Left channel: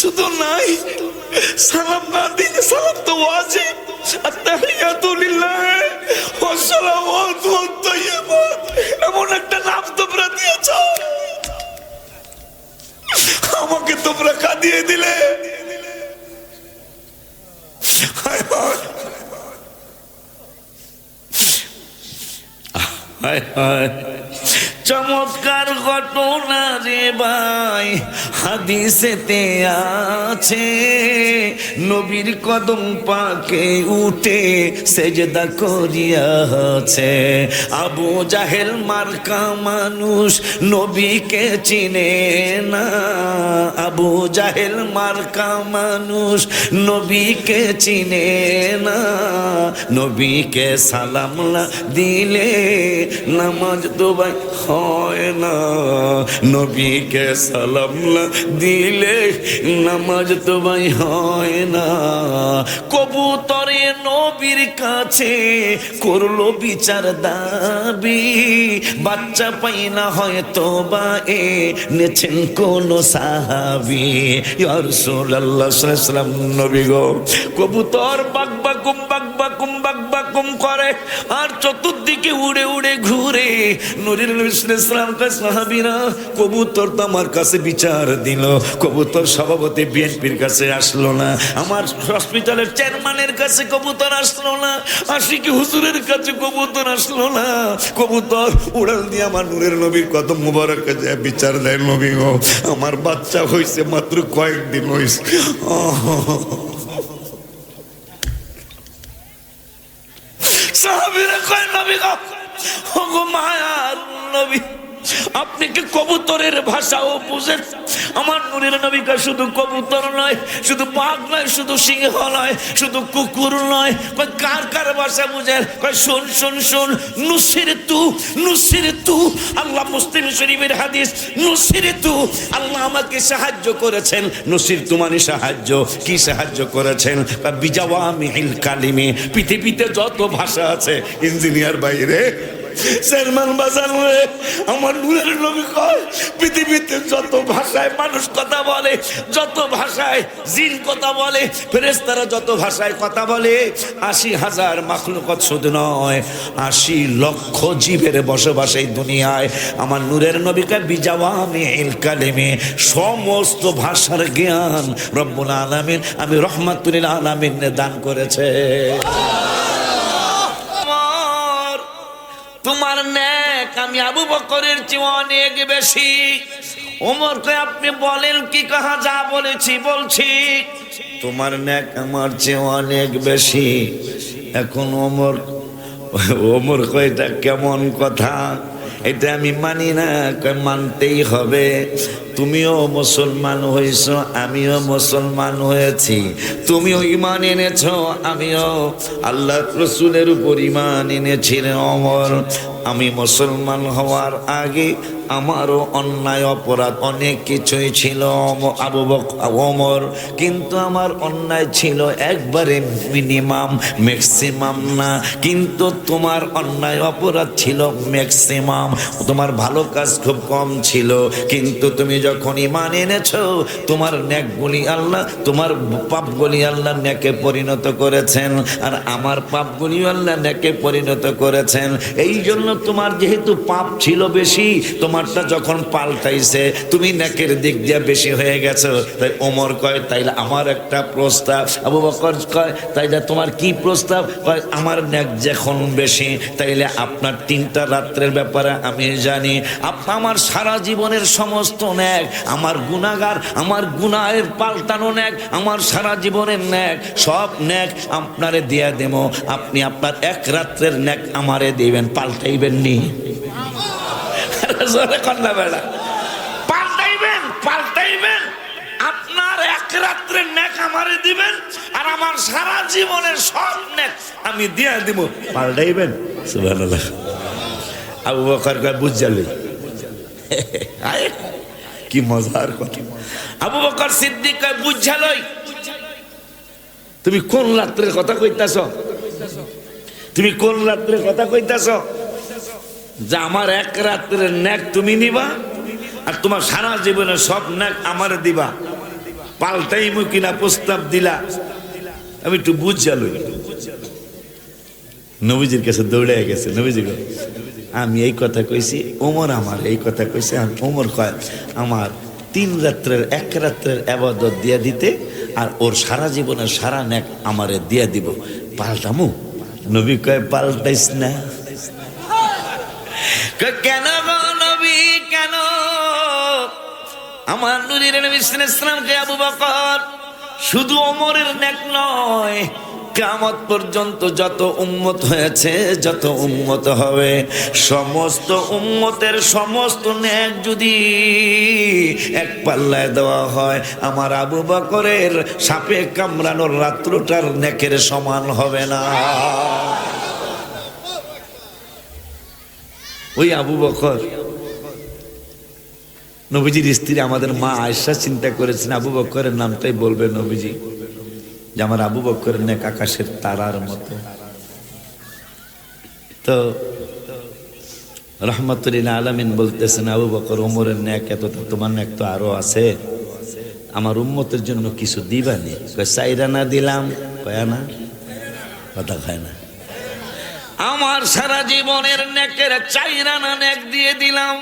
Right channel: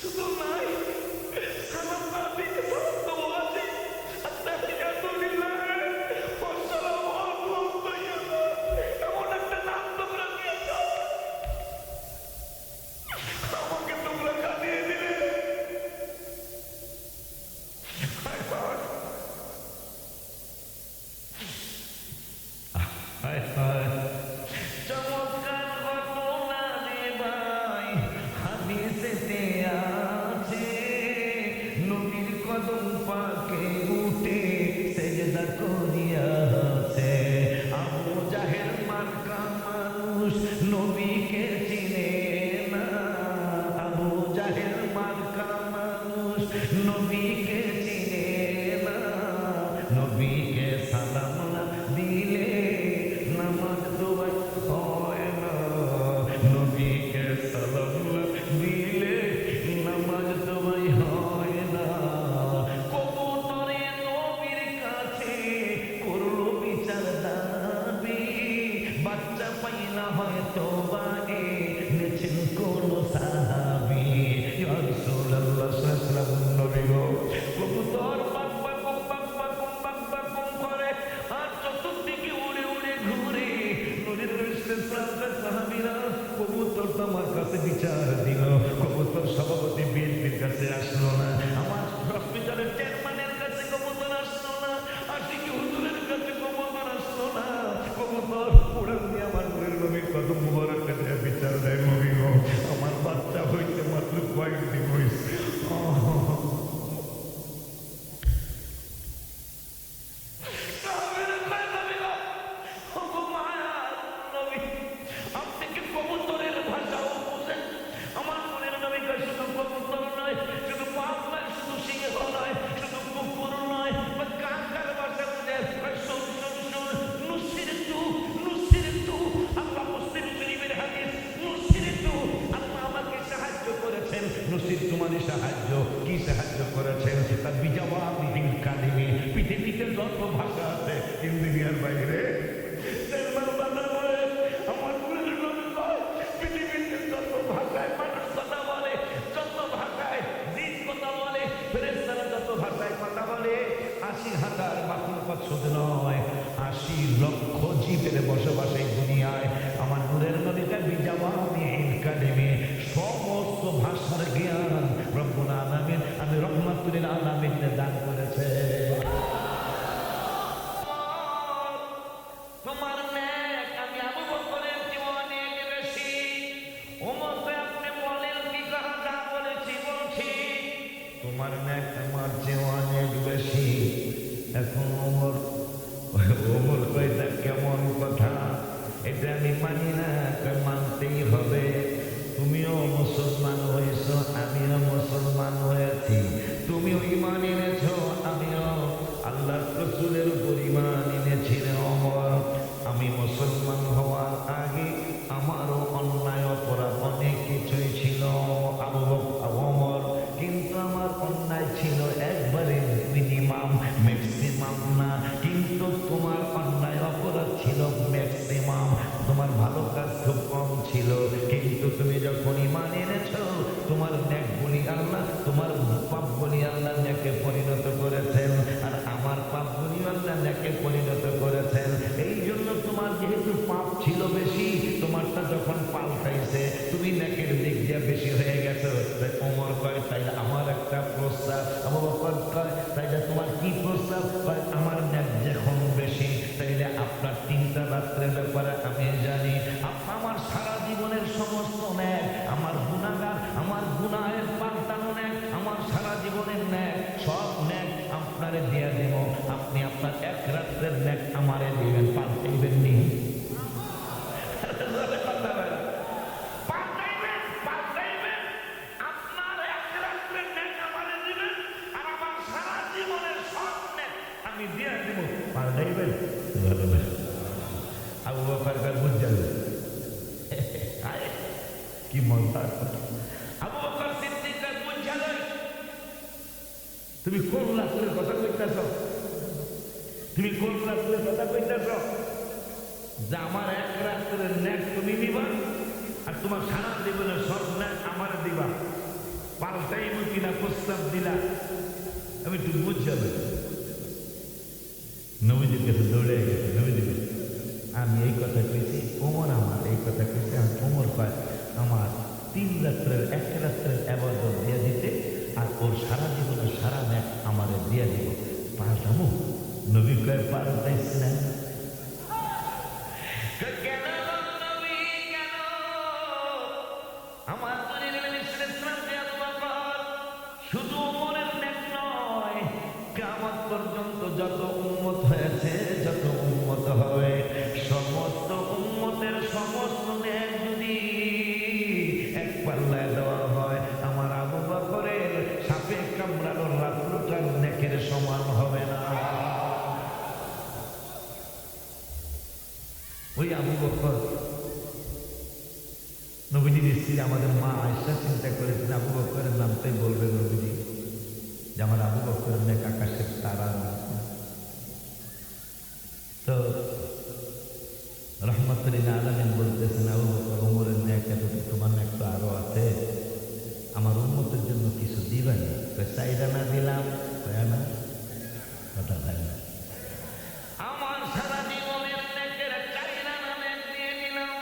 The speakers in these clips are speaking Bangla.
শুধু নাই, সালাম না দিলে সালাম তো ওয়াজিব। আত্তাহিয়াতু লিল্লাহ ওয়াস সালাওয়াতু ওয়াত তাইয়্যিবাত, এমন একটা নাম তোমরা দিয়েছ, আমাকে তোমরা কাঁদিয়ে দিলে। হায় হায় হায় হায়, চমৎকার ঘটনা রে ভাই, হাদিসেতে আছে নবীর কদম পাকে উঠে সেজদা করিয়াছে। আবু জাহেল মার্কা মানুষ নবীকে চিনে না, আবু জাহেল মার্কা মানুষ নবীকে চিনে না। নবীকে সালাম না দিলে নামাজ তো ভাই হয় না, নবীকে সালাম না দিলে নামাজ তো ভাই হয় না। কবুতরে নবীর কাছে করলো বিচার দাবি, বাচ্চা পাই না হয়তো বা এ নেছেন কোন সাহাবী। ইয়া রাসূলুল্লাহ সাল্লাল্লাহু আলাইহি ওয়াসাল্লাম, নবী গো, কবুতর বাকবাকুম বাকবাকুম বাকবাকুম করে আর চতুর্দিকে উড়ে উড়ে ঘুরে। নূরের নবী সাল্লাল্লাহু আলাইহি ওয়াসাল্লাম কয়, সাহাবীরা কবুতর তো আমার কাছে বিচার দিল, কবুতর সভাপতি বিএনপির কাছে আসলো না, আমার হসপিটালের চেয়ারম্যানের কাছে কবুতর আসলো না, আশিকি হুজুরের কাছে কবুতর আসলো না, কবুতর উড়াল দিয়ে আমার নূরের নবীর কদম মুবারক কাছে বিচার দেয়। নবী গো, আমার বাচ্চা হয়েছে মাত্র কয়েকদিন হয়েছে। সাহাবীরা কয়, নবী গো, ওগো মায়ার নবী, আপনি কি কবুতরের ভাষাও বুঝেন? আমার নূরের নবী কয়, শুধু কবুতর নয়, শুধু বাঘ নয়, শুধু সিংহ নয়, শুধু কুকুর নয়, কয় কার কার ভাষা বুঝেন? কয় শোন শোন শোন, নুসিরতু নুসিরতু, আল্লাহ মুসলিম শরীফের হাদিস, নুসিরতু, আল্লাহ আমাকে সাহায্য করেছেন। নুসিরতু মানে সাহায্য, কি সাহায্য করেছেন? বিজাওয়ামিল কালিমি, পৃথিবীতে যত ভাষা আছে, ইঞ্জিনিয়ার বাইরে চেয়ারম্যান বাজার রে, আমার নূরের নবী কয়, পৃথিবীতে যত ভাষায় মানুষ কথা বলে, যত ভাষায় জিন কথা বলে, ফেরেশতারা যত ভাষায় কথা বলে, ৮০,০০০ মাখলুকাত শুধু নয়, ৮০ লক্ষ জীবের বসবাস এই দুনিয়ায়। আমার নূরের নবী কয়, বিজাওয়ামিল কালিমি, সমস্ত ভাষার জ্ঞান রব্বুল আলামিন, আমি রহমাতুল লিল আলামিন দান করেছে। তোমার নেক আমি আবু বকরের চেয়ে অনেক বেশি। ওমর কয়, আপনি বলেন কি? কাহা যা বলেছি বলছি। তোমার নেক আমার চেয়ে অনেক বেশি। এখন ওমর কয়, এটা কেমন কথা? এটা আমি মানি না। মানতেই হবে, তুমিও মুসলমান হয়েছ, আমিও মুসলমান হয়েছি, তুমিও ঈমান এনেছ, আমিও আল্লাহ রাসূলের উপর ঈমান এনেছি। ওমর, আমি মুসলমান হওয়ার আগে আমারও অন্যায় অপরাধ অনেক কিছুই ছিল আবু বকর ওমর, কিন্তু আমার অন্যায় ছিল একবারে মিনিমাম, ম্যাক্সিমাম না। কিন্তু তোমার অন্যায় অপরাধ ছিল ম্যাক্সিমাম, তোমার ভালো কাজ খুব কম ছিল। কিন্তু তুমি যখন ঈমান এনেছো, তোমার নেকগুলি আল্লাহ, তোমার পাপগুলি আল্লাহ নেকে পরিণত করেছেন, আর আমার পাপগুলি আল্লাহ নেকে পরিণত করেছেন। এই জন্য তোমার যেহেতু পাপ ছিল বেশি, তোমারটা যখন পাল্টাইছে, তুমি নেকের দিক দিয়ে বেশি হয়ে গেছো। তাই ওমর কয়, তাইলে আমার একটা প্রস্তাব। আবু বকর কয়, তাইলে তোমার কি প্রস্তাব? কয়, আমার নেক যখন বেশি, তাইলে আপনার 3টা রাত্রের ব্যাপারে আমি জানি। আমার সারা জীবনের সমস্ত নেক, আমার গুনাহগার, আমার গুনাহের পাল্টানো নেক, আমার সারা জীবনের নেক, সব নেক আপনারে দিয়ে দেব। আপনি আপনার 1 রাত্রের নেক আমারে দিবেন, পাল্টাইবেন নি? পাল্টাইবেন, পাল্টাইবেন। আপনার 1 রাত্রের নেক আমারে দিবেন, আর আমার সারা জীবনের সব নেক আমি দিয়ে দিব, পাল্টাইবেন? সুবহানাল্লাহ। আবু বকর কয়, বুঝালি? কি মজার কথা। আবু বকর সিদ্দিক কয়, বুঝালই? তুমি কোন রাত্রের কথা কইতাছ? তুমি কোন রাত্রের কথা কইতাছ? যে আমার 1 রাত্রের নেক তুমি নিবা, আর তোমার সারা জীবনের সব নেক আমারে দিবা, পাল্টাই কিনা প্রস্তাব দিলা, আমি একটু বুঝালো। নবীজির কাছে দৌড়ে গেছে, নবীজি আমি এই কথা কইছি, ওমর আমার এই কথা কইছে। ওমর কয় আমার 3 রাত্রের 1 রাত্রের ইবাদত দিয়া দিতে, আর ওর সারা জীবনের সারা নেক আমারে দিয়া দিব, পাল্টামু? নবী কয় পাল্টাইস না। কেন গো নবী কেন? আমার নূরের নবী সাল্লাল্লাহু আলাইহি ওয়াসাল্লামকে আবু বকর শুধু ওমরের নেক নয়, কিয়ামত পর্যন্ত যত উম্মত হয়েছে, যত উম্মত হবে, সমস্ত উম্মতের সমস্ত নেক যদি এক পাল্লায় দেওয়া হয়, আমার আবু বকরের সাপে কামড়ানোর রাত্রটার নেকের সমান হবে না। ওই আবু বকর নবীজির স্ত্রী আমাদের মা আয়েশা চিন্তা করেছেন আবু বকরের নামটাই বলবে নবীজি, যে আমার আবু বকরের নেক আকাশের তারার মতো। তো রহমতুল্লিল আলামিন বলতেছেন আবু বকর ওমরের নেক এত, তোমার নেক তো আরো আছে, আমার উম্মতের জন্য কিছু দিবানি? কয় 4 আনা দিলাম। কয় আনা? কথা খায় না। আমার সারা জীবনের নেকের 4 আনা নেক দিয়ে দিলাম।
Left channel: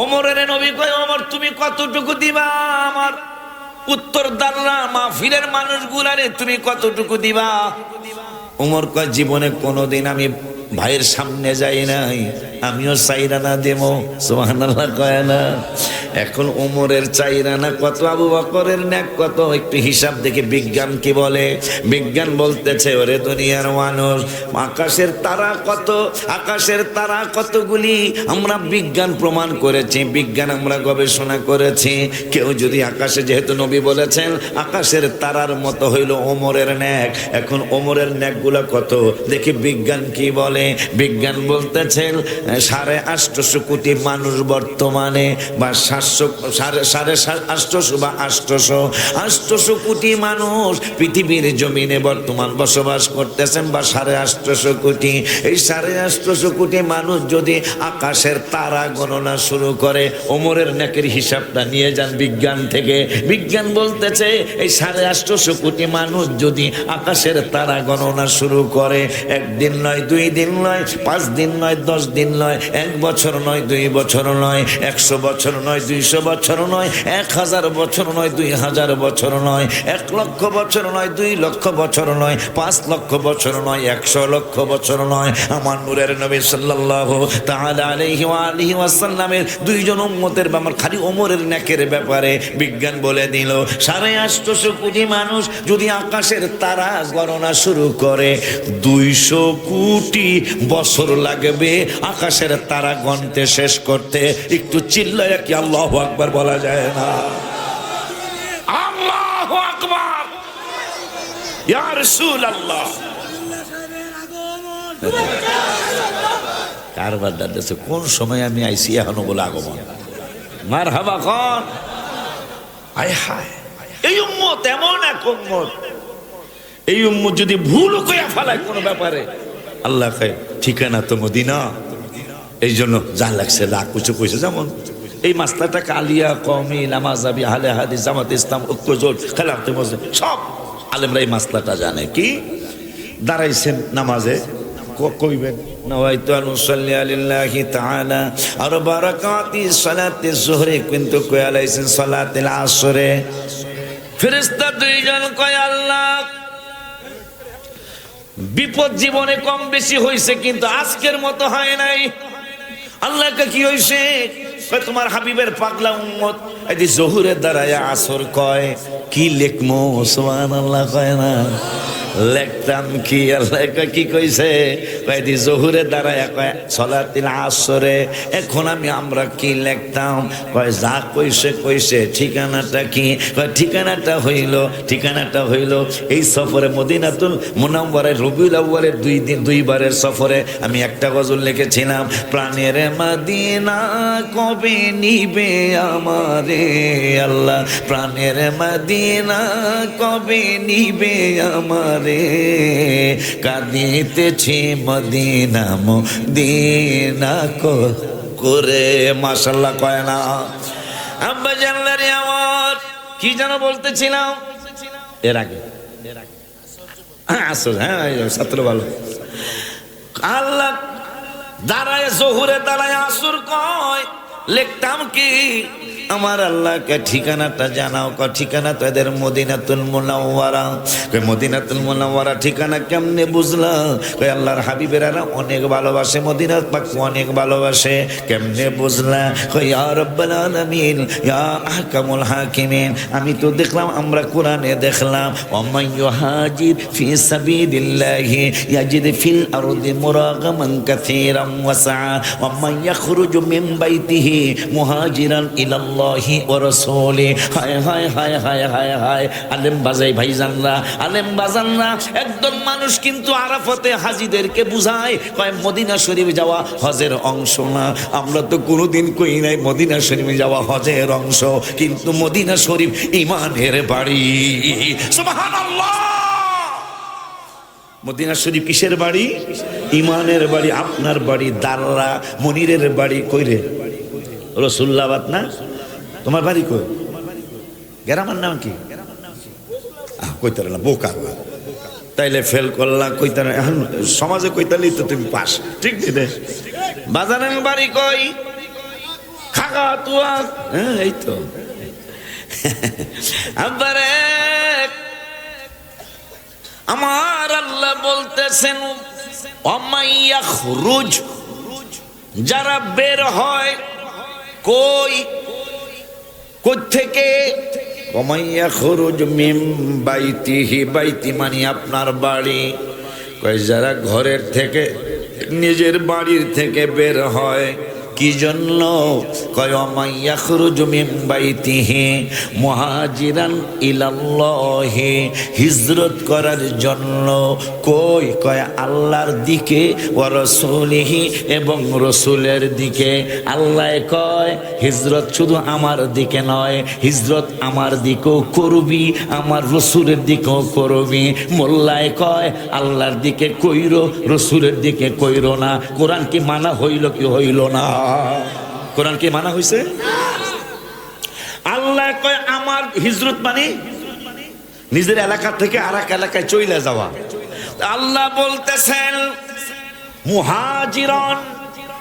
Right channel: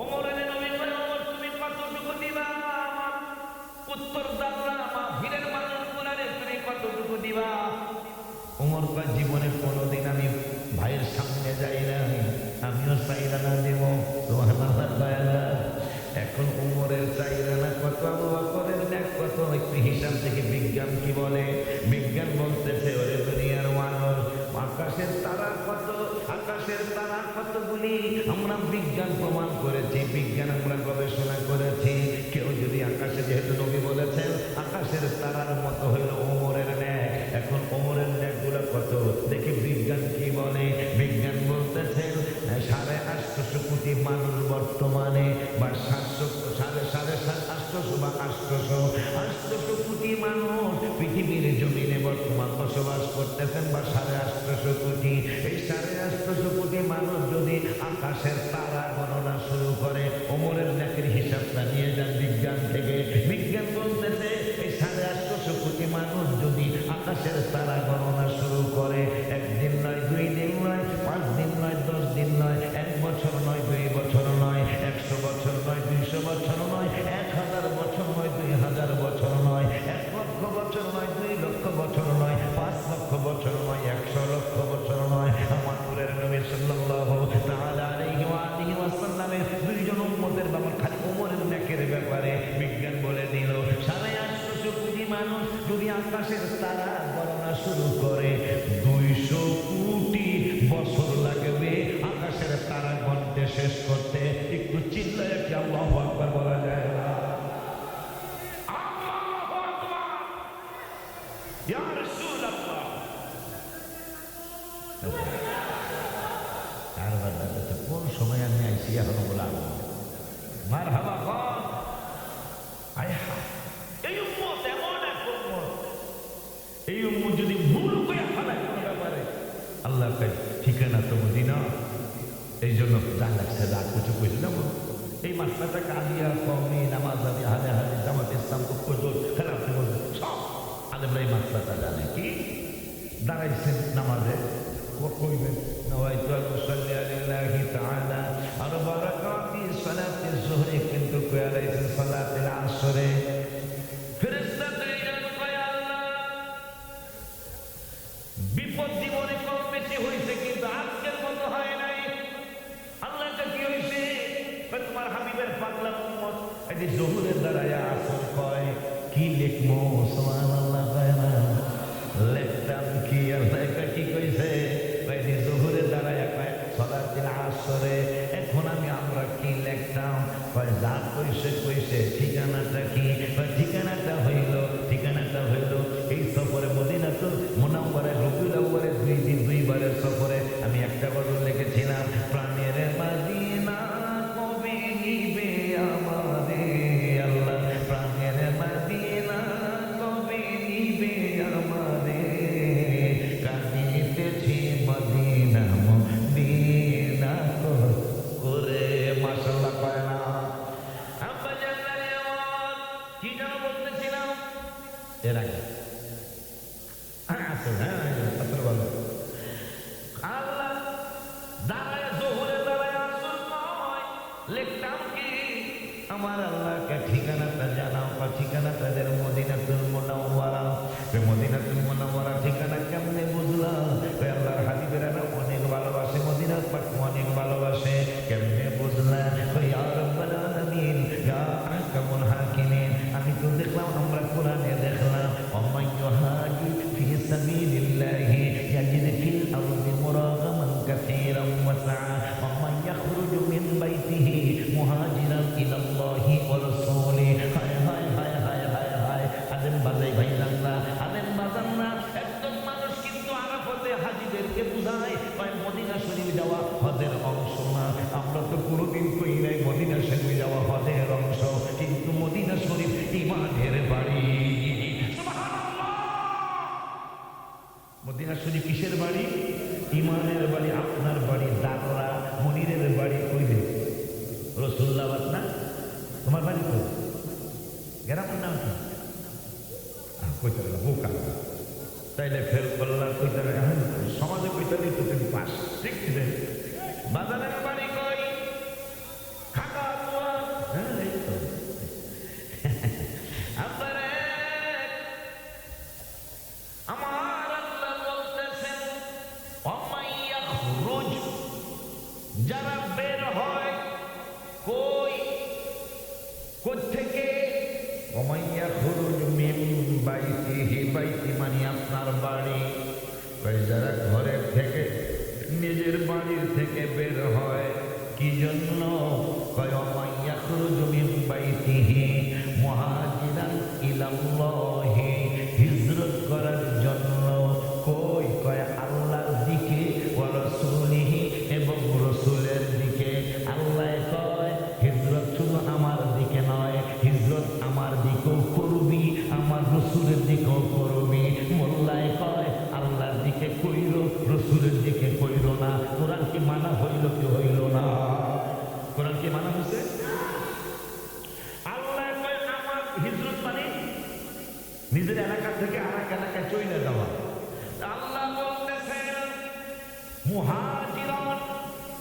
ওমরের নবী কয় ওমর তুমি কতটুকু দিবা? আমার উত্তর দাল্লা মাহফিলের মানুষগুলারে তুমি কতটুকু দিবা? ওমর কয় জীবনে কোনোদিন আমি ভাইয়ের সামনে যাই নাই, আমিও 4 আনা দেব। সুবহানাল্লাহ কয় না? এখন ওমরের 4 আনা কত, আবু বকরের নেক কত? একটু হিসাব দেখে বিজ্ঞান কি বলে। বিজ্ঞান বলতেছে ওরে দুনিয়ার মানুষ, আকাশের তারা কত, আকাশের তারা কতগুলি আমরা বিজ্ঞান প্রমাণ করেছি, বিজ্ঞান আমরা গবেষণা করেছি। কেউ যদি আকাশে, যেহেতু নবী বলেছেন আকাশের তারার মতো হইল ওমরের নেক, এখন ওমরের নেকগুলো কত দেখি বিজ্ঞান কি বলে। বিজ্ঞান বলতেছেন 850 কোটি মানুষ বর্তমানে, বা 850 বা 800 কোটি মানুষ পৃথিবীর জমিনে বর্তমান বসবাস করতেছেন, বা 850 কোটি। এই 850 কোটি মানুষ যদি আকাশের তারা গণনা শুরু করে, ওমরের নেকের হিসাবটা নিয়ে যান বিজ্ঞান থেকে। বিজ্ঞান বলতেছে এই 850 কোটি মানুষ যদি আকাশের তারা গণনা শুরু করে, 1 দিন নয়, 2 দিন নয়, 5 দিন নয়, 10 দিন নয়, 1 বছর নয়, 2 বছর নয়, 100 বছর নয়, 200 বছর নয়, 1000 বছর নয়, 2000 বছর নয়, 1 লক্ষ বছর নয়, 2 লক্ষ বছর নয়, 5 লক্ষ বছর নয়, 100 লক্ষ বছর নয়। আমার নূরের নবী সাল্লাল্লাহু তাআলা আলাইহি ওয়া আলিহি ওয়াসাল্লামের 2 জন উম্মতের, আমার খালি ওমরের নেকের ব্যাপারে বিজ্ঞান বলে দিল 850 কোটি মানুষ যদি আকাশের তারা গণনা শুরু করে, 200 কোটি বছর লাগবে আকাশের তারা গণতে শেষ করতে। একটু চিল্লায় কি আল্লাহু আকবার বলা যায় না? আল্লাহু আকবার, ইয়া রাসূলুল্লাহ। কারবার দাদাছে কোন সময় আমি আইসি, এখনো বলে আগমন। মারহাবা খান। আয় হায়, এই উম্মত এমন এক উম্মত, এই উম্মত যদি ভুল কইয়া ফেলায় কোনো ব্যাপারে, আল্লাহ কয় ঠিকানা তো মদিনা। এই জন্য যা লাগছে লাখ কিছু কইছে। যেমন এই মাসলাটা কালিয়া, কওমি, নামাজাবি, আহলে হাদিস, জামাত ইসলাম, ঐক্যজোট, খেলাফতে মসজিদ, সব আলেমরা এই মাসলাটা জানে। কি দাঁড়াইছেন নামাজে, কইবেন নাওয়াইতু আন উসাল্লি লিল্লাহি তাআলা আরবা রাকাতি সালাতি যুহরি, কিন্তু কই আলাইছেন সালাতিল আসরে। ফেরেশতা 2 জন কয় আল্লাহ বিপদ জীবনে কম বেশি হয়েছে, কিন্তু আজকের মতো হয় নাই। আল্লাহকে কি হয়েছে? তোমার হাবিবের পাগলা উম্মত এই জোহরের দ্বারায় আসর কয়, কি লেখমো? সুবহানাল্লাহ কয় না, লেখতাম কি? আল্লাহ কি কইছে? কয়দি জোহরের দ্বারায় কয় সালাতিল আসরে। এখন আমরা কি লিখতাম? কয় যা কইছে কইছে। ঠিকানাটা কি? কয় ঠিকানাটা হইল এই সফরে মদিনাতুল মুনাওয়ারায় রবিউল আউয়ালের 2 দিন 2 বারের সফরে আমি একটা গজল লিখেছিলাম, প্রাণের মদিনা কবে নিবে আমারে আল্লাহ, প্রাণের মদিনা কবে নিবে আমারে, কাঁদিতেছি মদিনা মদিনা করে। মাশাআল্লাহ কয় না? আব্বা জানলারে আমার কি যেন বলতেছিলাম এর আগে আসল, হ্যাঁ ছাত্র ভালো। আল্লাহ দাঁড়ায় জোহরে দাঁড়ায় আসর কয় লিখতাম কি আমার আল্লাহকে ঠিকানাটা জানাও। ঠিকানা তো এদের মদিনাতুল মুনাওয়ারা। মদিনাতুল মুনাওয়ারা ঠিকানা কেমনে বুঝলা? আল্লাহর হাবিবেরা অনেক ভালোবাসে, মদিনা পাক অনেক ভালোবাসে। কেমনে বুঝলা? ইয়া রাব্বাল আলামিন ইয়া আহকামুল হাকিমিন। আমি তো দেখলাম, আমরা কোরআনে দেখলাম ওয়ামান ইউহাজির ফি সাবিলিল্লাহি ইয়াজিদ ফিল আরদি মুরাগামান কাসীরান ওয়াসআ ওয়ামান ইয়াখরুজু মিন বাইতিহি মুহাজিরান ইলাল্লাহি ওয়া রাসূলি। হায় হায় হায় হায় হায় হায়। আলেম বাজাই ভাইজানরা, আলেম বাজানরা, একদল মানুষ কিন্তু আরাফাতে হাজীদেরকে বুঝায় কয় মদিনা শরীফ যাওয়া হজের অংশ না। আমরা তো কোনোদিন কই নাই মদিনা শরীফে যাওয়া হজের অংশ, কিন্তু মদিনা শরীফ ঈমানের বাড়ি। সুবহানাল্লাহ। মদিনা শরীফ কিসের বাড়ি? ঈমানের বাড়ি। আপনার বাড়ি দাররা, মনিরের বাড়ি কইরে রসুল্লাবাদ না? তোমার বাড়ি কই? গ্রামের নাম কি? কইতারে না, বোকা। তাইলে ফেল করলাম, কইতারে এখন সমাজে কইতালেই তো তুমি পাস, ঠিক রে? বাজারের বাড়ি কই? খাগা তুয়া। হ্যাঁ এই তো। আবারে আমার আল্লাহ বলতেছেন ওমাইয়া খুরুজ, যারা বের হয় কই থেকে? ওমাইয়া খুরুজ মিন বাইতিহি, বাইতি মানে আপনার বাড়ি। কই যারা ঘরের থেকে, নিজের বাড়ির থেকে বের হয় কি জন্য? কয় ওমাইয়া খুরুজ মিন বাইতিহি মুহাজিরান ইলাল্লাহি, হিজরত করার জন্য। কই? কয় আল্লাহর দিকে, ওয়া রাসূলিহি, এবং রসুলের দিকে। আল্লাহ কয় হিজরত শুধু আমার দিকে নয়, হিজরত আমার দিকেও করবি, আমার রসুলের দিকেও করবি। মোল্লায় কয় আল্লাহর দিকে কইরো, রসুলের দিকে কইরো না। কোরআন কি মানা হইল কি হইল না? কোরআন কি মানা হইছে? আল্লাহ কয় আমার হিজরত মানে নিজের এলাকা থেকে আর এক এলাকায় চলে যাওয়া। আল্লাহ বলতেছেন মুহাজিরন,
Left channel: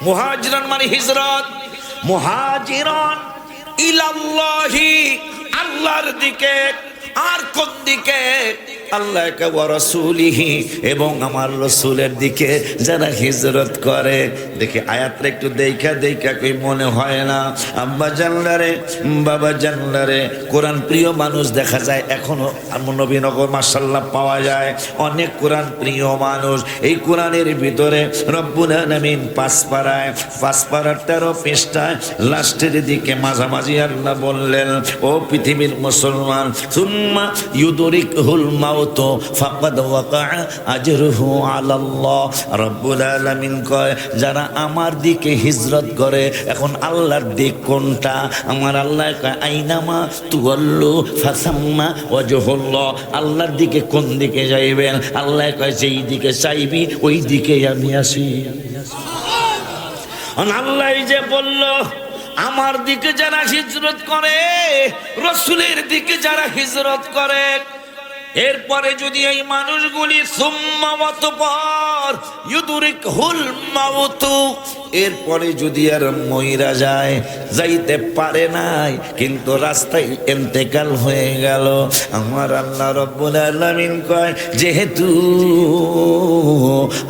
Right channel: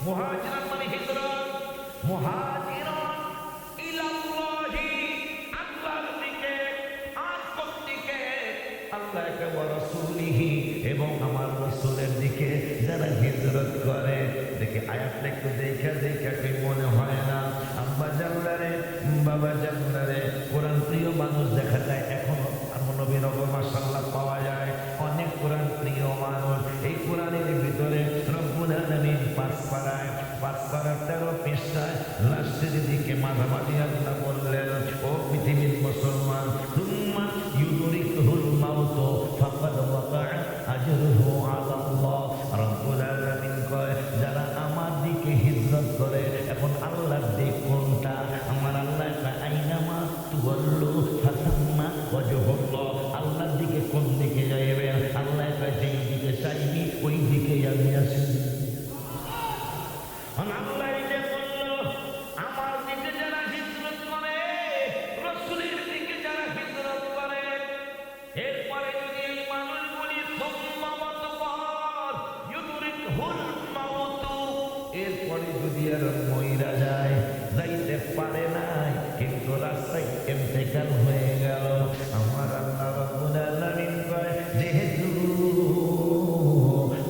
মুহাজিরন মানে হিজরত, মুহাজিরন ইলাল্লাহি, আল্লাহর দিকে। আর কোন দিকে? আল্লাহ ওয়া রাসূলিহি, এবং আমার রসুলের দিকে যারা হিজরত করে। দেখি আয়াতটা একটু দেখা দেখা কই মনে হয় না? আব্বা জানলারে, বাবা জানলারে, কোরআন প্রিয় মানুষ দেখা যায় এখনো নবীনগর মাশাআল্লাহ পাওয়া যায় অনেক কোরআন প্রিয় মানুষ। এই কোরআনের ভিতরে রব্বুল আলামিন 5 পারায় 13 পৃষ্ঠায় লাস্টের দিকে মাঝামাঝি আল্লাহ বললেন, ও পৃথিবীর মুসলমান, সুম্মা ইউদরিকুল মাউত ফাকাদ ওয়াকা আজরুহু আলাল্লাহ। রব্বুল আলামিন কয় যারা আমার দিকে হিজরত করে। এখন আল্লাহর দিক কোনটা? আমার আল্লাহ কয় আইনামা তুওয়াল্লু ফাসাম্মা ওয়াজহুল্লাহ। আল্লাহর দিকে কোন দিকে যাইবেন? আল্লাহ কয় যেই দিকে চাইবি ওই দিকে আমি আসি। আল্লাহ যে বলল আমার দিকে যারা হিজরত করে, রসুলের দিকে যারা হিজরত করে, এরপরে যদি এই মানুষগুলি সুম্মা অতঃপর ইউদরিকুল মাউত, এরপরে যদি আর মইরা যায়, যাইতে পারে নাই কিন্তু রাস্তায় ইন্তেকাল হয়ে গেল, আমার আল্লাহ রব্বুল আলামিন কয় যেহেতু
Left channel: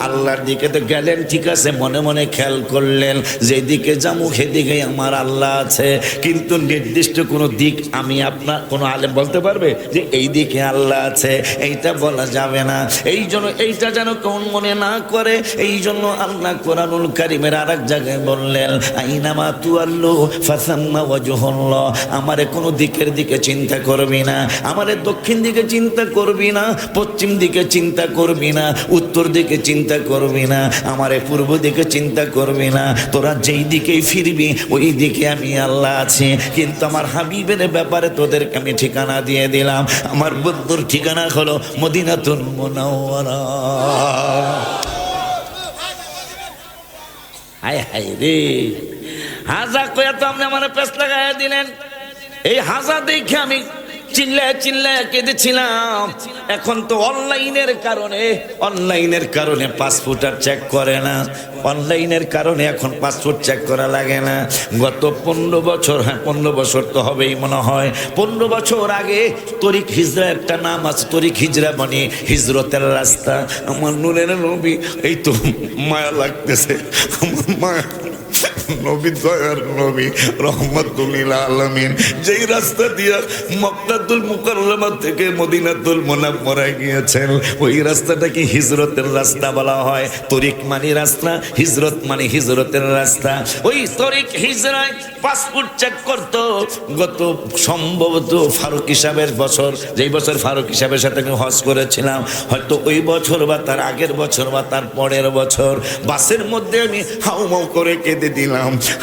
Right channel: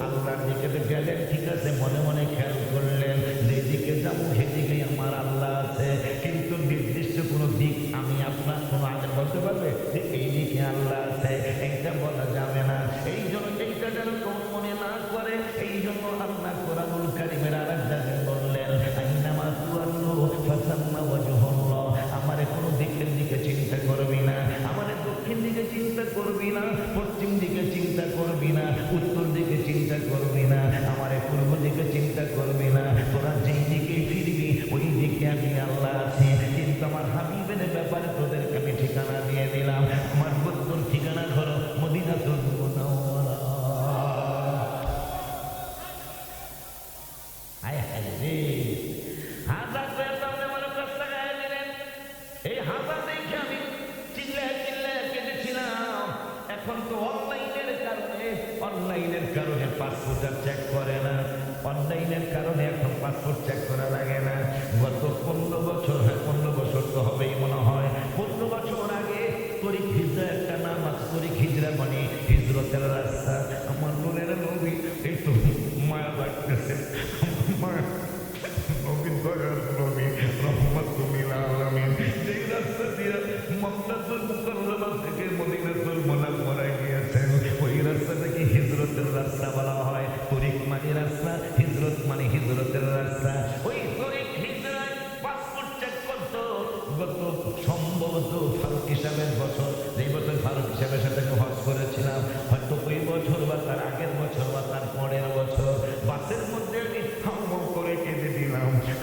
আল্লাহর দিকে তো গেলেন, ঠিক আছে, মনে মনে খেয়াল করলেন যেদিকে যাবো সেদিকে আমার আল্লাহ আছে, কিন্তু নির্দিষ্ট কোনো দিক আমি আপনার কোনো আলেম বলতে পারবে যে এই দিকে আল্লাহ আছে? এইটা বলা যাবে না। এই জন্য এইটা যেন কোন মনে না করে, এই জন্য আল্লাহ কোরআনুল কারীমের আরেক জায়গায় বললেন আইনামা তুআল্লু ফাসাম্মা ওয়াজহুল্লাহ। আমারে কোনো দিকের দিকে চিন্তা করবি না, আমারে দক্ষিণ দিকে চিন্তা করবি না, পশ্চিম দিকে চিন্তা করবি না, উত্তর দিকে চিন্তা করবি না, আমারে পূর্ব দিকে চিন্তা করবি না, তোরা যেই দিকেই ফিরবি ওই দিকে আমি আল্লাহ আছি। কিন্তু আমার হাবিবের ব্যাপারে তোদেরকে আমি ঠিকানা দিয়ে দিলাম, আমার বন্ধুর ঠিকানা হলো মদিনাতুল মুনাওয়ারা। হায় হায় রে, হাজা কয়া তো আপনি আমার পেছ লাগাইয়া দিলেন। এই হাজা দেখে আমি চিল্লায় চিল্লায় কেঁদেছিলাম। এখন তো অনলাইনের কারণে পাসপোর্ট আর চেক করে না, অনলাইনের কারণে এখন পাসপোর্ট চেক করা লাগে না। গত 15 বছর, 15 বছর তো হবেই মনে হয়, 15 বছর আগে তরিক হিজরা একটা নাম আছে, তরিক হিজরা মানে হিজরতের রাস্তা। আমার নূরের নবী, এই তো মায়া লাগতেছে আমার, মায়া নবী, দয়ার নবী রহমাতুল লিল আলামিন যেই রাস্তা দিয়া মক্কাতুল মুকাররমা থেকে মদিনাতুল মুনাওয়ারায় গিয়েছেন, ওই রাস্তাটা কি হিজরতের রাস্তা বলা হয়। তরিক মানে রাস্তা, হিজরত মানে হিজরতের রাস্তা। ওই তরিক হিজরায় পাসপোর্ট চেক করতো। গত সম্ভবত ফারুক সাহেবের বছর, যেই বছর ফারুক সাহেবের সাথে আমি হজ করেছিলাম, হয়তো ওই বছর বা তার আগের বছর বা তার পরের বছর, বাসের মধ্যে আমি হাউমাউ করে কেঁদে দিলাম।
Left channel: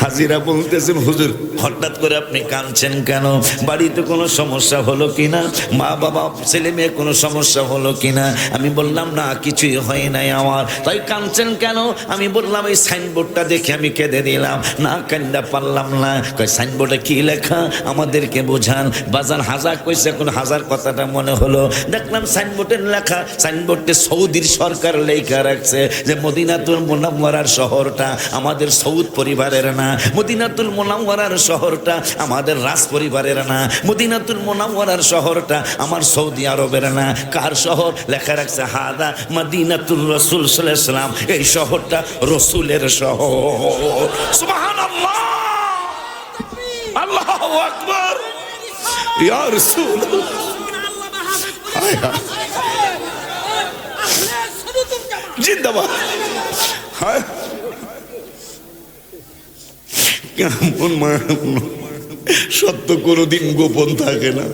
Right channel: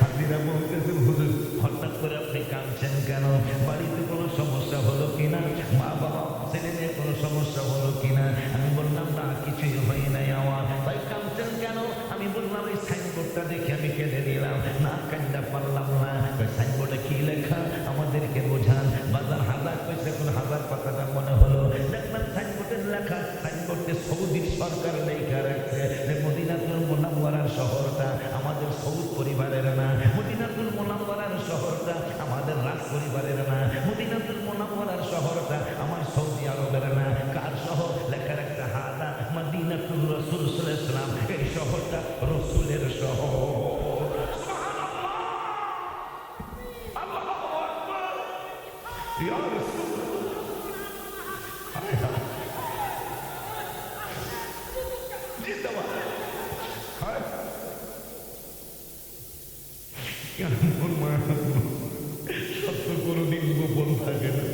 হাজিরা বলতেছেন, হুজুর হঠাৎ করে আপনি কাঁদছেন কেন? বাড়িতে কোনো সমস্যা হলো কিনা, মা বাবা ছেলে মেয়ে কোনো সমস্যা হলো কিনা? আমি বললাম না, কিছুই হয় নাই আমার। তাই কাঁদছেন কেন? আমি বললাম এই সাইনবোর্ডটা দেখে আমি কেঁদে দিলাম। না, কান্দা পারলাম না। কই সাইনবোর্ডে কি লেখা আমাদেরকে বোঝান। বাজান হাজার কইছে, এখন হাজার কথাটা মনে হলো। দেখলাম সাইনবোর্ডের লেখা, সাইনবোর্ডে সৌদির সরকার লেখা রাখছে যে মদিনাতুল মুনাওয়ারার শহরটা আমাদের সৌদ পরিবারের না, মদিনাতুল মুনাওয়ারার শহরটা আমাদের রাজ পরিবারের না, মদিনাতুল মুনাওয়ারার শহরটা আমার সৌদি আরবের না। কার শহর? লেখা রাখছে হাদা মদিনাতুল রাসূল সাল্লাল্লাহু আলাইহি ওয়াসাল্লাম, এই শহরটা রসুলের শহর। সুবহানাল্লাহ, আল্লাহু আকবার, ইয়া রাসূল। জিন্দাবাদ। হ্যাঁ, কেমন সত্য কোনোদিন গোপন থাকে না,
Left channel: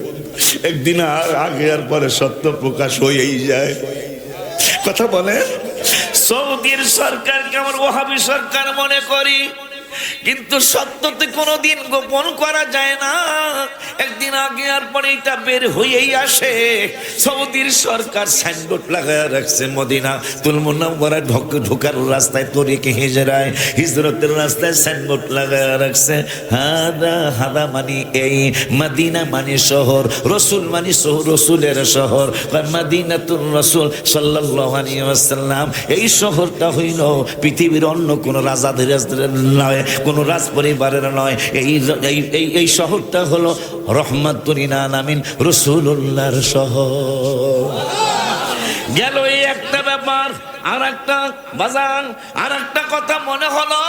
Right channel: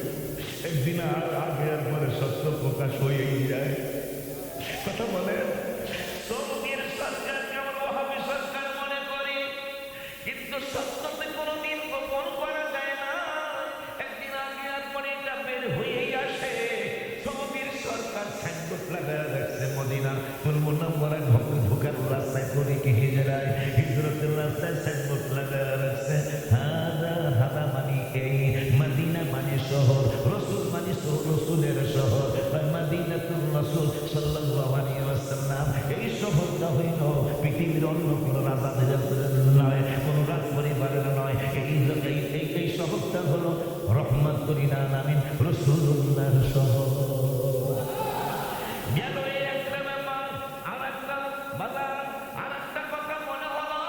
একদিন আর আগে আর পরে সত্য প্রকাশ হয়েই যায়। কথা বলে সৌদির সরকারকে আমার ওয়াহাবি সরকার মনে করি, কিন্তু সত্যতে কোনোদিন গোপন করা যায় না, একদিন আগে আর পরে এটা বের হয়েই আসে। সৌদির সরকার সাইনবোর্ড লাগায় রাখছে মদিনাতুল মুনাওয়ারা ঢোকার রাস্তায় তরিক হিজরায়, হিজরতের রাস্তায় সাইনবোর্ড লাগায় রাখছে হাদা মানে এই, মদিনা মানে শহর, রসুল মানে রসুলের শহর, মদিনাতুল রাসূল সাল্লাল্লাহু আলাইহি ওয়াসাল্লাম। এই শহরটা হইল পৃথিবীর অন্য কোন রাজাদের নয়, কোন রাজ পরিবারের নয়। এই শহরটা হলো রহমাতুল লিল আলামিন রাসূলুল্লাহর শহর। গেল এই একটা ব্যাপার। আর একটা বাজান, আর একটা কথা মনে হলো,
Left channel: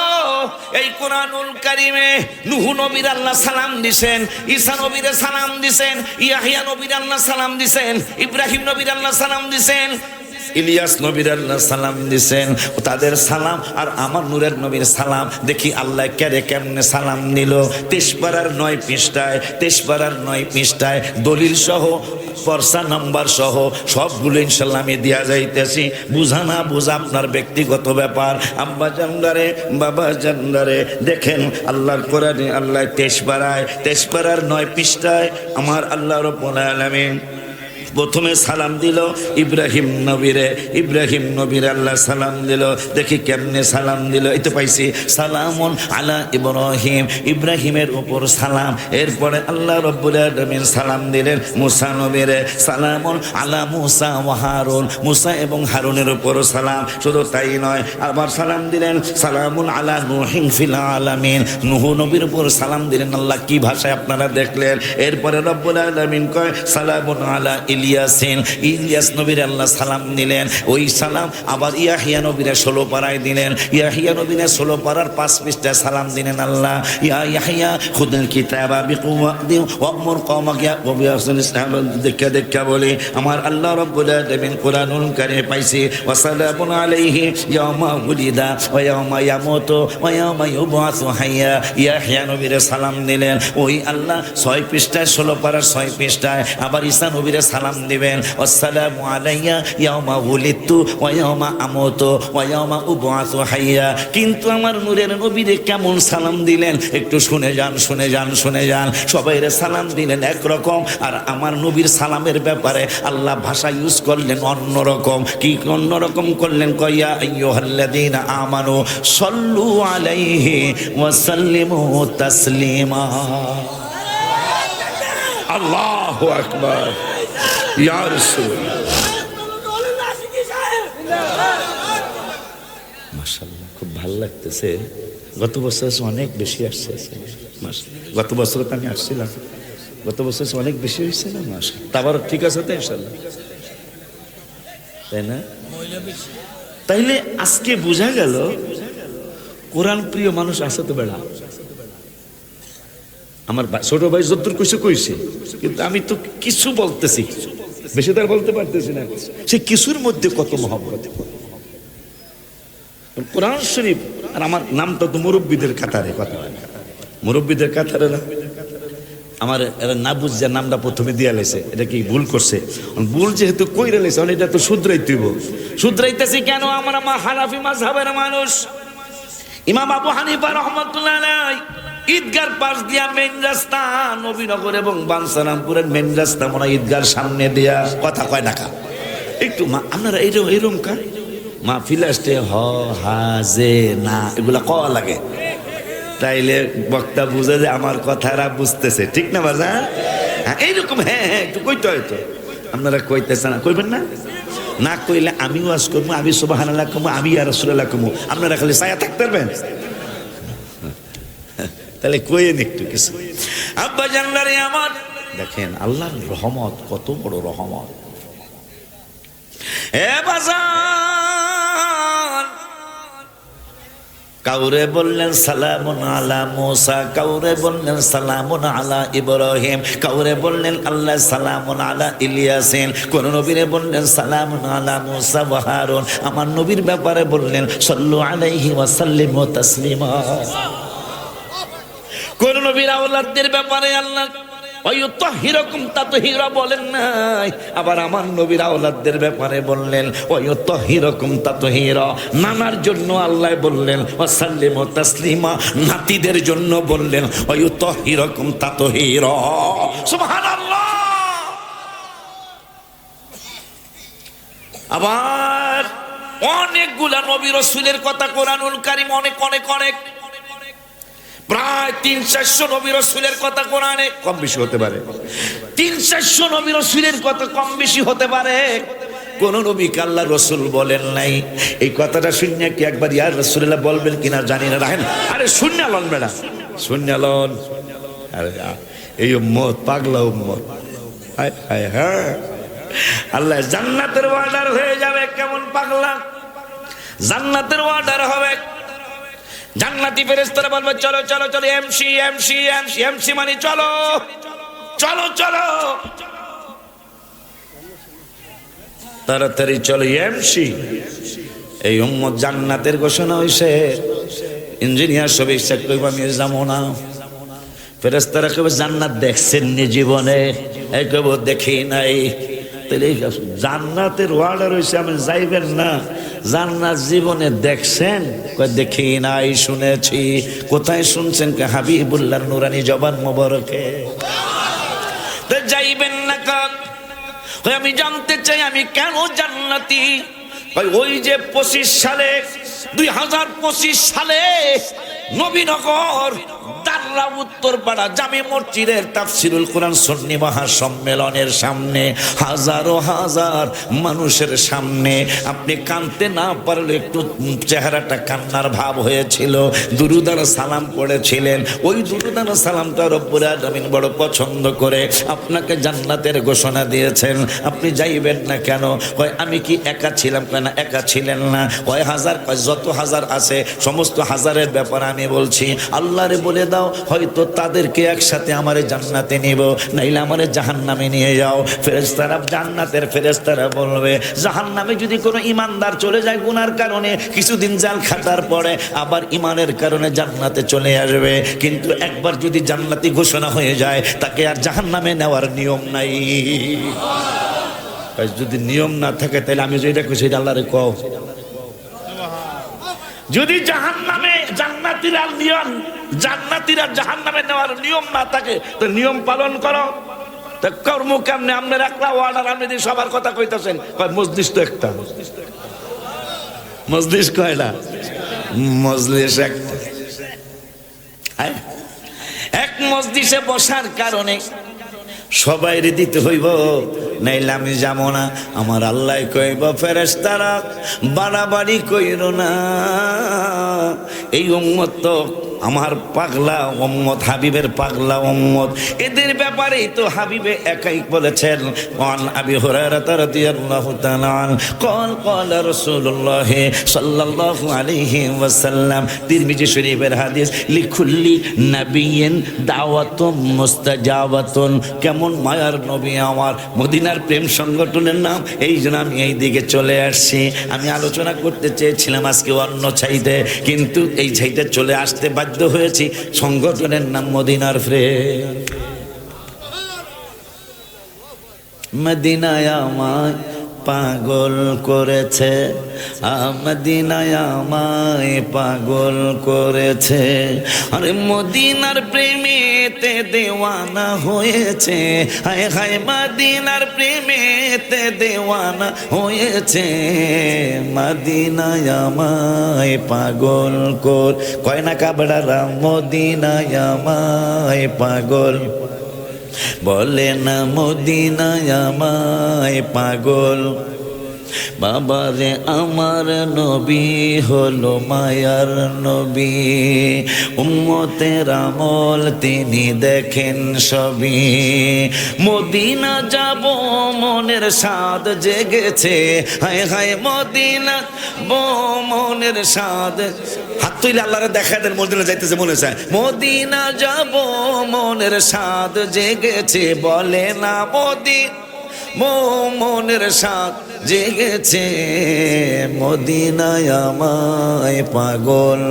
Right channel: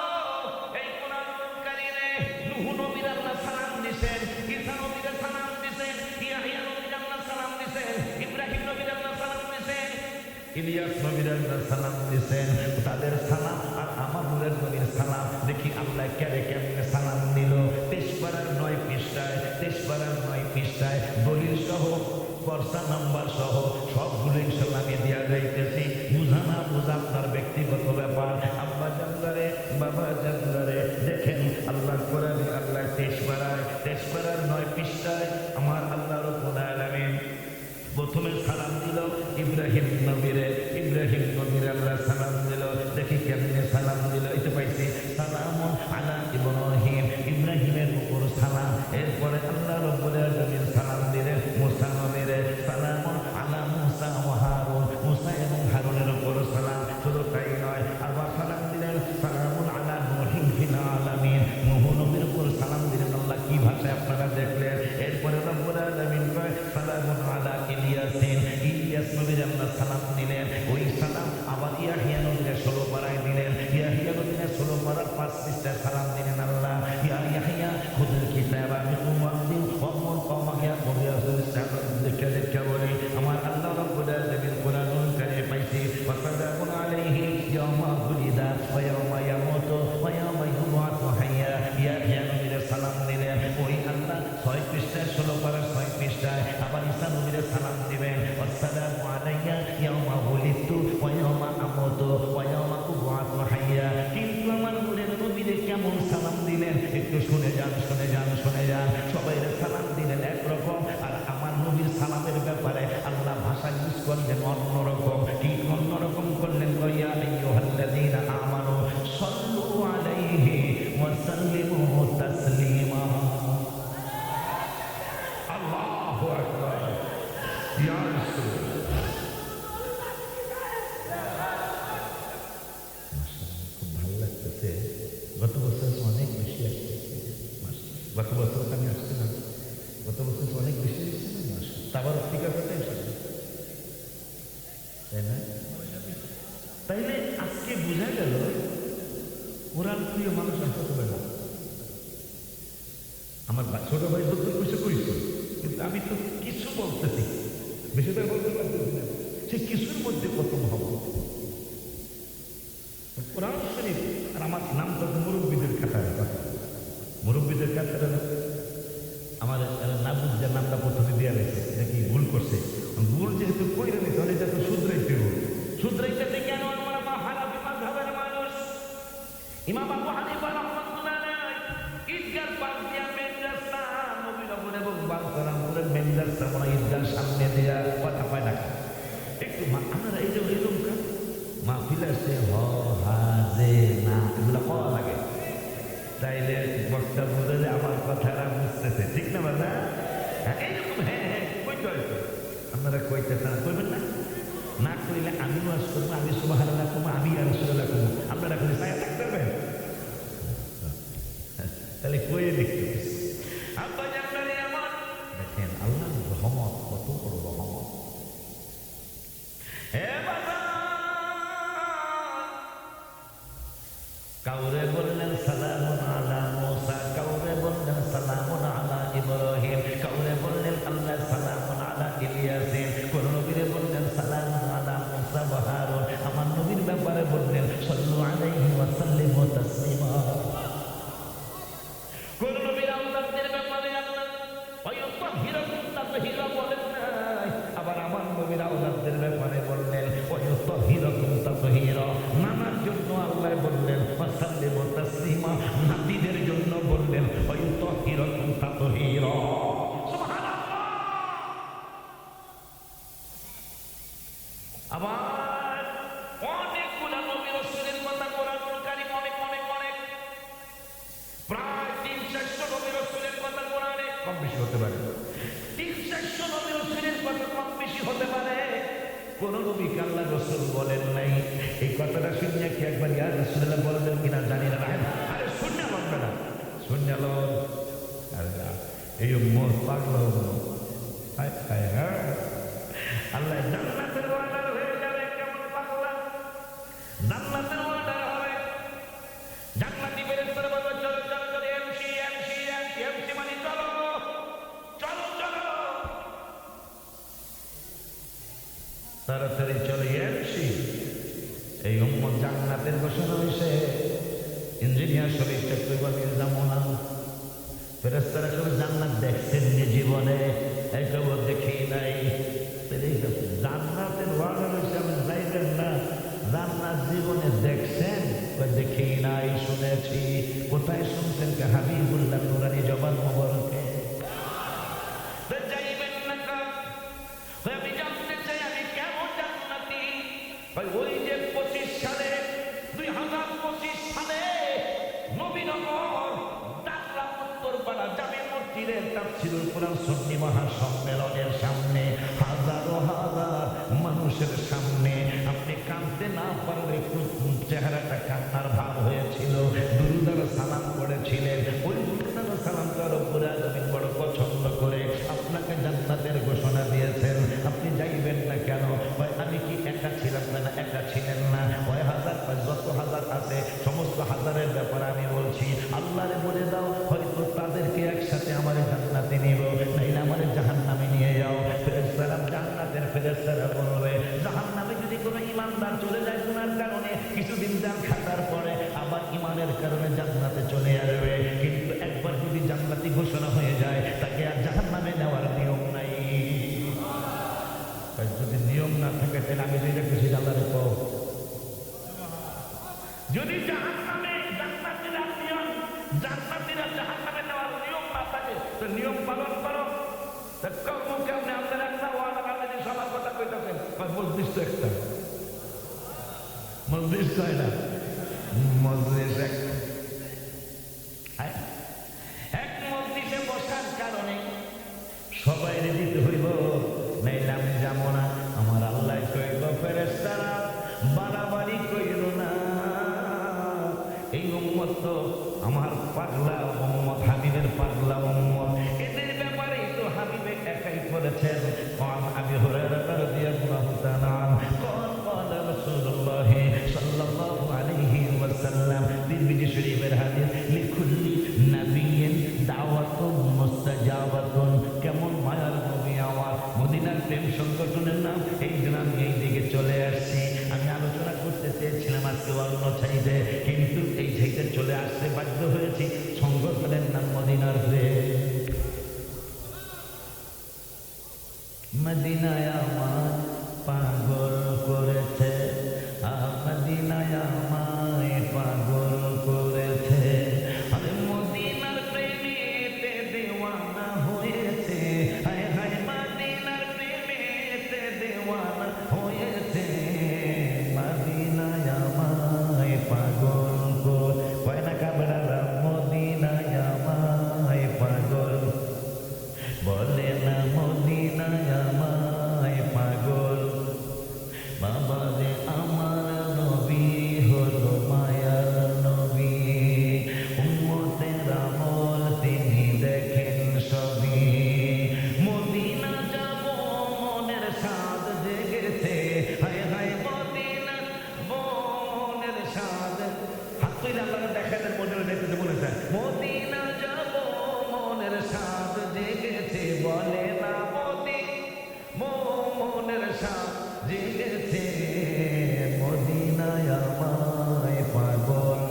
এই কোরআনুল কারিমে নূহ নবীর আল্লাহ সালাম দিছেন, ঈসা নবীর সালাম দিছেন, ইয়াহইয়া নবীর আল্লাহ সালাম দিছেন, ইব্রাহিম নবীর আল্লাহ সালাম দিছেন, ইলিয়াস নবীর আল্লাহ সালাম দিছেন। তাদের সালাম আর আমার নূরের নবীর সালাম দেখি আল্লাহ কেমনে সালাম নিল। 23 পারার 9 পৃষ্ঠায়, 23 পারার 9 পৃষ্ঠায় দলিল সহ, পর্সা নাম্বার সহ সবগুলো ইনশাল্লাহ আমি দিয়া যাইতেছি। বুঝা না বুঝা আপনার ব্যক্তিগত ব্যাপার। আব্বা জানদারে, বাবা জানদারে, দেখেন আল্লাহর কোরআনে আল্লাহ 23 পারার 9 পৃষ্ঠায় আমার আল্লাহ রাব্বুল আলামিন প্রথমে সালাম দিল ইব্রাহিম নবীরে, ইব্রাহিম নবীর আল্লাহ সালাম দিল। দেখি কেমনে সালাম দিল, এই তো পাইছি, সালামুন আলা ইব্রাহিম, ইব্রাহিমের উপর সালাম। এরপরে আল্লাহ রাব্বুল আলামিন সালাম দিলেন মুসা নবীরে, সালামুন আলা মুসা ওয়া হারুন, মুসা এবং হারুনের উপর সালাম। শুধু তাই নয়, আবার সালাম দিলেন সালামুন আলা নূহিন ফিল আলামিন, নূহ নবীর উপর সালাম দিলেন। আল্লাহ কি ভাষায় আপনারা দেখলেন। এরপরে রব্বুল আলামিন কয় সালামুন আলা ইলিয়াসিন, ইলিয়াস নবীর আল্লাহ সালাম দিলেন। ওই সালাম আবার ইয়াহিয়া নবীরে 16 পারায় দিলেন, ইয়াহিয়া নবীরে 16 পারার 5 পৃষ্ঠায় সালাম দিলেন আল্লাহ, ইয়া ইয়াহিয়া খুযুল কিতাবা বিকুওয়াতি ওয়া'মুর কওমাকা বিআহসানিহি। দেখা বলি আমার আল্লাহ রাব্বুল আলামিন কোরআনুল কারীমে পাইছি, ওয়া সালামুন আলাইহি ইয়াওমা উলিদা ওয়া ইয়াওমা ইয়ামুতু ওয়া ইয়াওমা ইউবআসু হাইয়া। ইয়াহিয়া নবীরে সালাম দিলেন। ওই আল্লাহ 6 পৃষ্ঠায় 16 পারার 6 পৃষ্ঠায় আবার ঈসা নবীরে সালাম দিবেন, আসসালামু আলাইয়া ইয়াউমা উলিদতু ওয়া ইয়াউমা আমুতু ওয়া ইয়াউমা উবআসু হাইয়া। কিন্তু আমার নূরের নবীরে কেমন সালাম দিলেন একটু শুনে যান, শুনে যান, শুনে যান। সবাইরে সালাম দিলেন একরকম, আর আমার নবীর সালামের ব্যাপারে আল্লাহ ভাষা ইউজ করলেন অন্যরকম। কি অন্যরকম করলেন? কয়া আইয়ুহাল্লাযীনা আমানু সাল্লু আলাইহি ওয়া সাল্লিমু তাসলিমা। আল্লাহু আকবার, ইয়া রাসূলুল্লাহ। মাশাআল্লাহ, খুব ভালো লাগতেছে। গত বছর অনেক বেশি আসছে, গত বছর তো আমি আসছিলাম, গত বছর অনেক বেশি হয়েছে না? মাশাআল্লাহ, আবার ঠিক আছে তো ইনশাআল্লাহ, তাই না? তাইলে আজকে বোঝা গেল কোরআন প্রিয় মানুষ আছে তো বেড়া। আমার ছোট ভাই যদ্দুর কইছে, কিন্তু আমি তো কিছু বলতেছি, বেশি তার বলতে পারতেছি না। সে কিছুর মধ্যে কত মহব্বত। কোরআন শরীফ আর আমার নামটা তো মুরব্বীদের কাতারে, কথা মুরব্বীদের কাতারে না। আমার এরা না বুঝছে নামটা প্রথমে দিয়া লেছে, এটা কি ভুল করছে? ভুল যেহেতু কইরা লেছে, এটা তো শুধরাইতেইব। শুধরাইতেছি কেন? আমরা হানাফি মাযহাবের মানুষ। ইমাম আবু হানিফা রাহমাতুল্লাহ আলাইহি ঈদগার পাশ দিয়া মেন রাস্তা, নবীনগর এবং বাঞ্ছারামপুরের মেন রাস্তা মনে ঈদগার সামনে দিয়া, কথা কয় না কা একটু আপনারা এরকম কা মাহফিল আসতে হ হাজে না এগুলা কওয়া লাগে, তাইলে বক্তা বুঝে যে আমার কথারা বুঝতেছে, ঠিক না বাজার? হ্যাঁ এইরকম, হ্যাঁ হ্যাঁ একটু কইতে হয়তো। আপনারা কইতেছে না, কইবেন না? না কইলে আমিও ওয়াজ করবো, আমি সুবহানাল্লাহ কমু, আমি ইয়া রাসূলুল্লাহ কমু, আপনারা খালি ছায়া থাকতে পারবেন? তাহলে কইেন একটু কিছু। আব্বা জানলারে আমার দেখেন আল্লাহর রহমত কত বড় রহমত। এ বাজার, কাউরে বললেন সালামুন আলা মুসা, কাউরে বললেন সালামুন আলা ইব্রাহিম, কাউরে বললেন আল্লাহ সালামুন আলা ইলিয়াসিন, কোন নবীরে বললেন সালামুন আলা মুসা ওয়া হারুন, আমার নবীর ব্যাপারে বললেন সাল্লু আলাইহি ওয়া সাল্লিমু তাসলিমা। কোন নবীর আওলাদদের ব্যাপারে আল্লাহ ওয়ায়ুতাহহিরুকুম তাতহীরা বলেন নাই, আবার আমার নবীর আওলাদদের ব্যাপারে বললেন ওয়ায়ুতাহহিরুকুম তাতহীরা। নানার জন্য আল্লাহ বললেন ওয়াসাল্লিমু তাসলিমা, নাতিদের জন্য বললেন ওয়ায়ুতাহহিরুকুম তাতহীরা। সুবহানাল্লাহ। আবার অনেকগুলা নবী রাসূলের কথা কোরআনুল কারীম অনেক অনেক অনেক প্রায় ৩০০-৪০০ নবী রাসূলের কথা কোরআনে কম বেশি হতে পারে, ৩০০-৪০০ নবী রাসূলের কথা কম বেশি হতে পারে। কোন নবীকে আল্লাহ রাসূল বলেন নাই। এই কথাটা শুনে কি একবার ইয়া রাসূলুল্লাহ বলবেন কিনা জানি না। রাখেন, আরে শুনে লন বেড়া, শুনে লন। আরে এই উম্মত পাগলা উম্মত, হায় হায় হ্যাঁ। আল্লাহ জান্নাতের ওয়ার্ডার হয়ে যাবে, কেমন পাগলা। জান্নাতের ওয়ার্ডার হবে, জান্নাতি ফেরেশতারা বলবে চলো চলো চলো, এমসি এমসি এমসি এমসি মানে চলো চলো চলো, তাড়াতাড়ি চলো এমসি। এই উম্মত জান্নাতের ঘোষণা হইছে, ইঞ্জিনিয়ার সব ইচ্ছা করবে আমি যাবো না। ফেরেশতারা কবে জান্নাত দেখছেন নি জীবনে? এই কব দেখি নাই। তাহলে জান্নাতের ওয়ার্ডার হইছে আমি যাইবেন না। জান্নাত জীবনে দেখছেন? কয় দেখি নাই, শুনেছি। কোথায় শুনছেন? হাবিবুল্লাহর নুরানি জবান মোবারকে। তো যাইবেন না কাক? আমি জানতে চাই আমি কেন জান্নাতি? ওই যে 25 সালে 2025 সালে নবীনগর দাররা উত্তরপাড়া জামে মসজিদের তাফসিরুল কোরআন সুন্নি মহাসম্মেলনের সামনে হাজারো হাজার মানুষের সামনে আপনি কাঁদতে না পারলে একটু চেহারাটা কান্নার ভাব হয়েছিল, দুরূদ আর সালাম পড়েছিলেন। ওই দুরূদ আর সালামটা রব্বুল আলামিন বড় পছন্দ করে আপনাকে জান্নাতের ঘোষণা দিয়েছেন। আপনি যাইবেন না কেন? কয় আমি কি একা ছিলাম? কেন একা ছিলেন না। কয় হাজার? কয় যত হাজার আছে সমস্ত হাজারের ব্যাপার আমি বলছি। আল্লাহরে বলে দাও হয়তো তাদেরকে একসাথে আমারে জান্নাতে নিব, নাইলে আমারে জাহান্নামে নিয়ে যাও। ফেরেশতারা, জান্নাতের ফেরেশতারা বলবে জাহান্নামে যদি কোনো ইমানদার চলে যায় গুনার কারণে, কিছুদিন জাল খাটার পরে আবার ইমানের কারণে জান্নাতে চলে আসবে। কিন্তু একবার যদি জান্নাতি ঘোষণা হয়ে যায় তাকে আর জাহান্নামে নেওয়ার নিয়ম নাই। যদি নিয়ম না থাকে তাহলে আমি যেটা কইছি আল্লাহরে কও, যদি জাহান্নামে জান্নাতীরা নিয়ম, জান্নাতীরা জাহান্নামে নেওয়ার নিয়ম না থাকে তো নিয়ম পালন করো। তা কর্ম কেমনে? আপনার একটা ওয়ার্ডার, আপনি যদি সবার কথা কইতেছেন, কয় মজলিস তো একটা, মজলিস কয় না, মজলিস একটা। এক মজলিসে বসার কারণে সবাইরে দিতে হইব, নাইলে আমি যাবো না। আমার আল্লাহ কইব ফেরেশতারা বাড়াবাড়ি কইরো না, এই উম্মত তো আমার পাগলা উম্মত, হাবিবের পাগলা উম্মত, এদের ব্যাপারেই তো হাবিবে একাই বলেছেন। قال أبي هريرة رضي الله تعالى عنه قال রাসূলুল্লাহ সাল্লাল্লাহু আলাইহি ওয়াসাল্লাম, তিরমিজি শরীফের হাদিস, লিকুল্লি নাবিয়্যিন দাওয়াতুম মুস্তাজাবাতুন। কেমন মায়ার নবী আমার, মদিনার প্রেম সংগঠনের নাম, এই জন্য আমি এই দিকে চলে আসছি। আমি আলোচনা করতে চেয়েছিলাম আজকে অন্য ছাইতে, কিন্তু এই ছাইতে চলে আসতে বাধ্য হয়েছি। সংগঠনের নাম মদিনার প্রেম। মদিনায় আমায় পাগল করেছে, মদিনায় আমায় পাগল করেছে, আরে মদিনার প্রেমেতে দেওয়ানা হয়েছে, হায় হায় মদিনার প্রেমেতে দেওয়ানা হয়েছে, মদিনায় আমায় পাগল কয় না কাবড়ারা, মদিনায় আমায় পাগল বলে না, মদিনায় আমায় পাগল। বাবা রে আমার নবী হলো মায়ার নবী, উম্মতের আমল তিনি দেখেন সবই। মদিনা যাব মনের স্বাদ জেগেছে, হায় হায় মদিনা মনের স্বাদ। হাত তুইলে আল্লাহরে দেখা দেন, মদিনা যাইতেছে মনে চায়। মদিনা যাব মনের স্বাদ জেগেছে, বলে না মনের স্বাদ জেগেছে, মদিনায় আমায় পাগল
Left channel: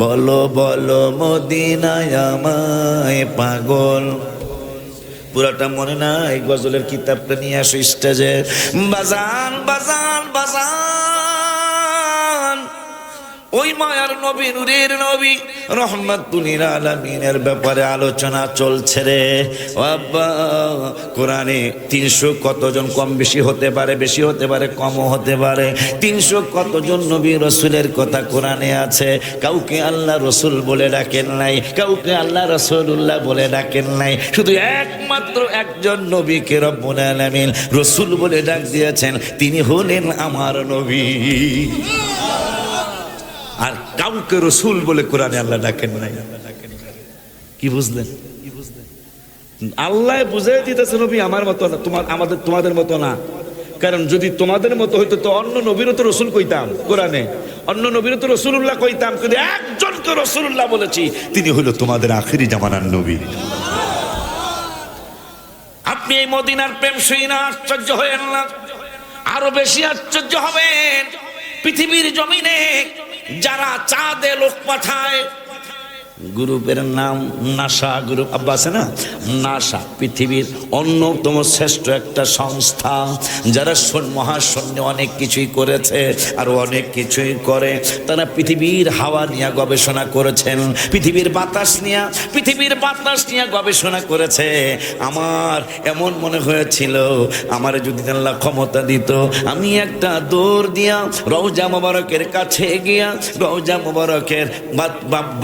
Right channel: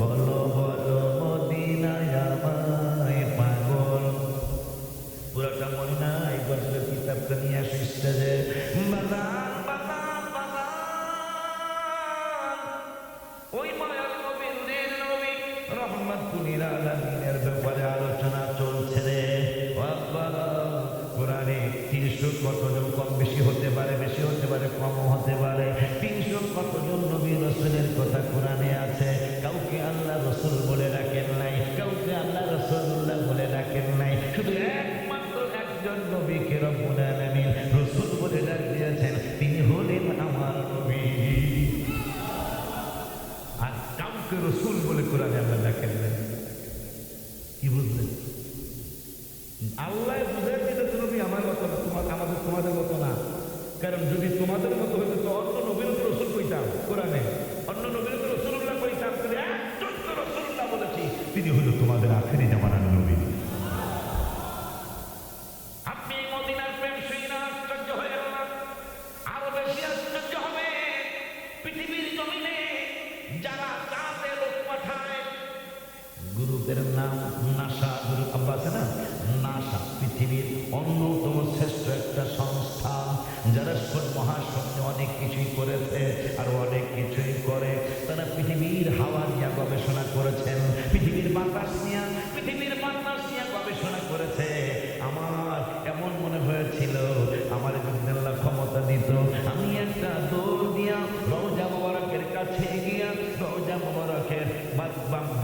বলো বলো, মদিনায় আমায় পাগল। পুরাটা মনে নাই, গজলের কিতাবটা নিয়ে আসো স্টেজে। বাজান বাজান বাজান, ওই মায়ার নবী, নূরের নবী, রহমাতুল আলামিনের ব্যাপারে আলোচনা চলছে রে বাবা। কোরআনে 300 কতজন, কম বেশি হতে পারে, বেশি হতে পারে, কমও হতে পারে, 300 কতজন নবী রসুলের কথা কোরআনে আছে। কাউকে আল্লাহ রসুল বলে ডাকেন নাই, কাউকে আল্লাহ রাসূলুল্লাহ বলে ডাকেন নাই, শুধু একমাত্র একজন নবীকে রব্বুল আলামিন রসুল বলে ডাক দিয়েছেন, তিনি হলেন আমার নবী। আর কাউকে রসুল বলে কোরআনে আল্লাহ ডাকেন নাই। কি বুঝলেন? আল্লাহ বুঝিয়ে দিতেছে নবী আমার মতো না, তোমাদের মতো না। কারণ যদি তোমাদের মতো হইতো তো অন্য নবীরও তো রসুল কইতাম, কোরআনে অন্য নবীরও তো রসুল্লাহ কইতাম, কিন্তু একজনকে রসুল্লাহ বলেছি, তিনি হইল তোমাদের আখিরি জামানার নবী। আপনি এই মদিনার প্রেম শুনে না আশ্চর্য হয়েন না, আরো বেশি আশ্চর্য হবেন। পৃথিবীর জমিনে যারা চাঁদে লোক পাঠায়, গ্রুপের নাম নাসা গ্রুপ, আব্বা আছে না, নাসা পৃথিবীর অন্যতম শ্রেষ্ঠ একটা সংস্থা, যারা মহাশূন্যে অনেক কিছুই করেছে আর অনেক কিছুই করে। তারা পৃথিবীর হাওয়া নিয়ে গবেষণা করেছেন, পৃথিবীর বাতাস নিয়ে গবেষণা করেছে। আমার এমন মনে হয়েছিল, আমার যদি আল্লাহ ক্ষমতা দিত, আমি একটা দৌড় দিয়া রওজা মোবারকের কাছে গিয়া, রওজা মোবারকের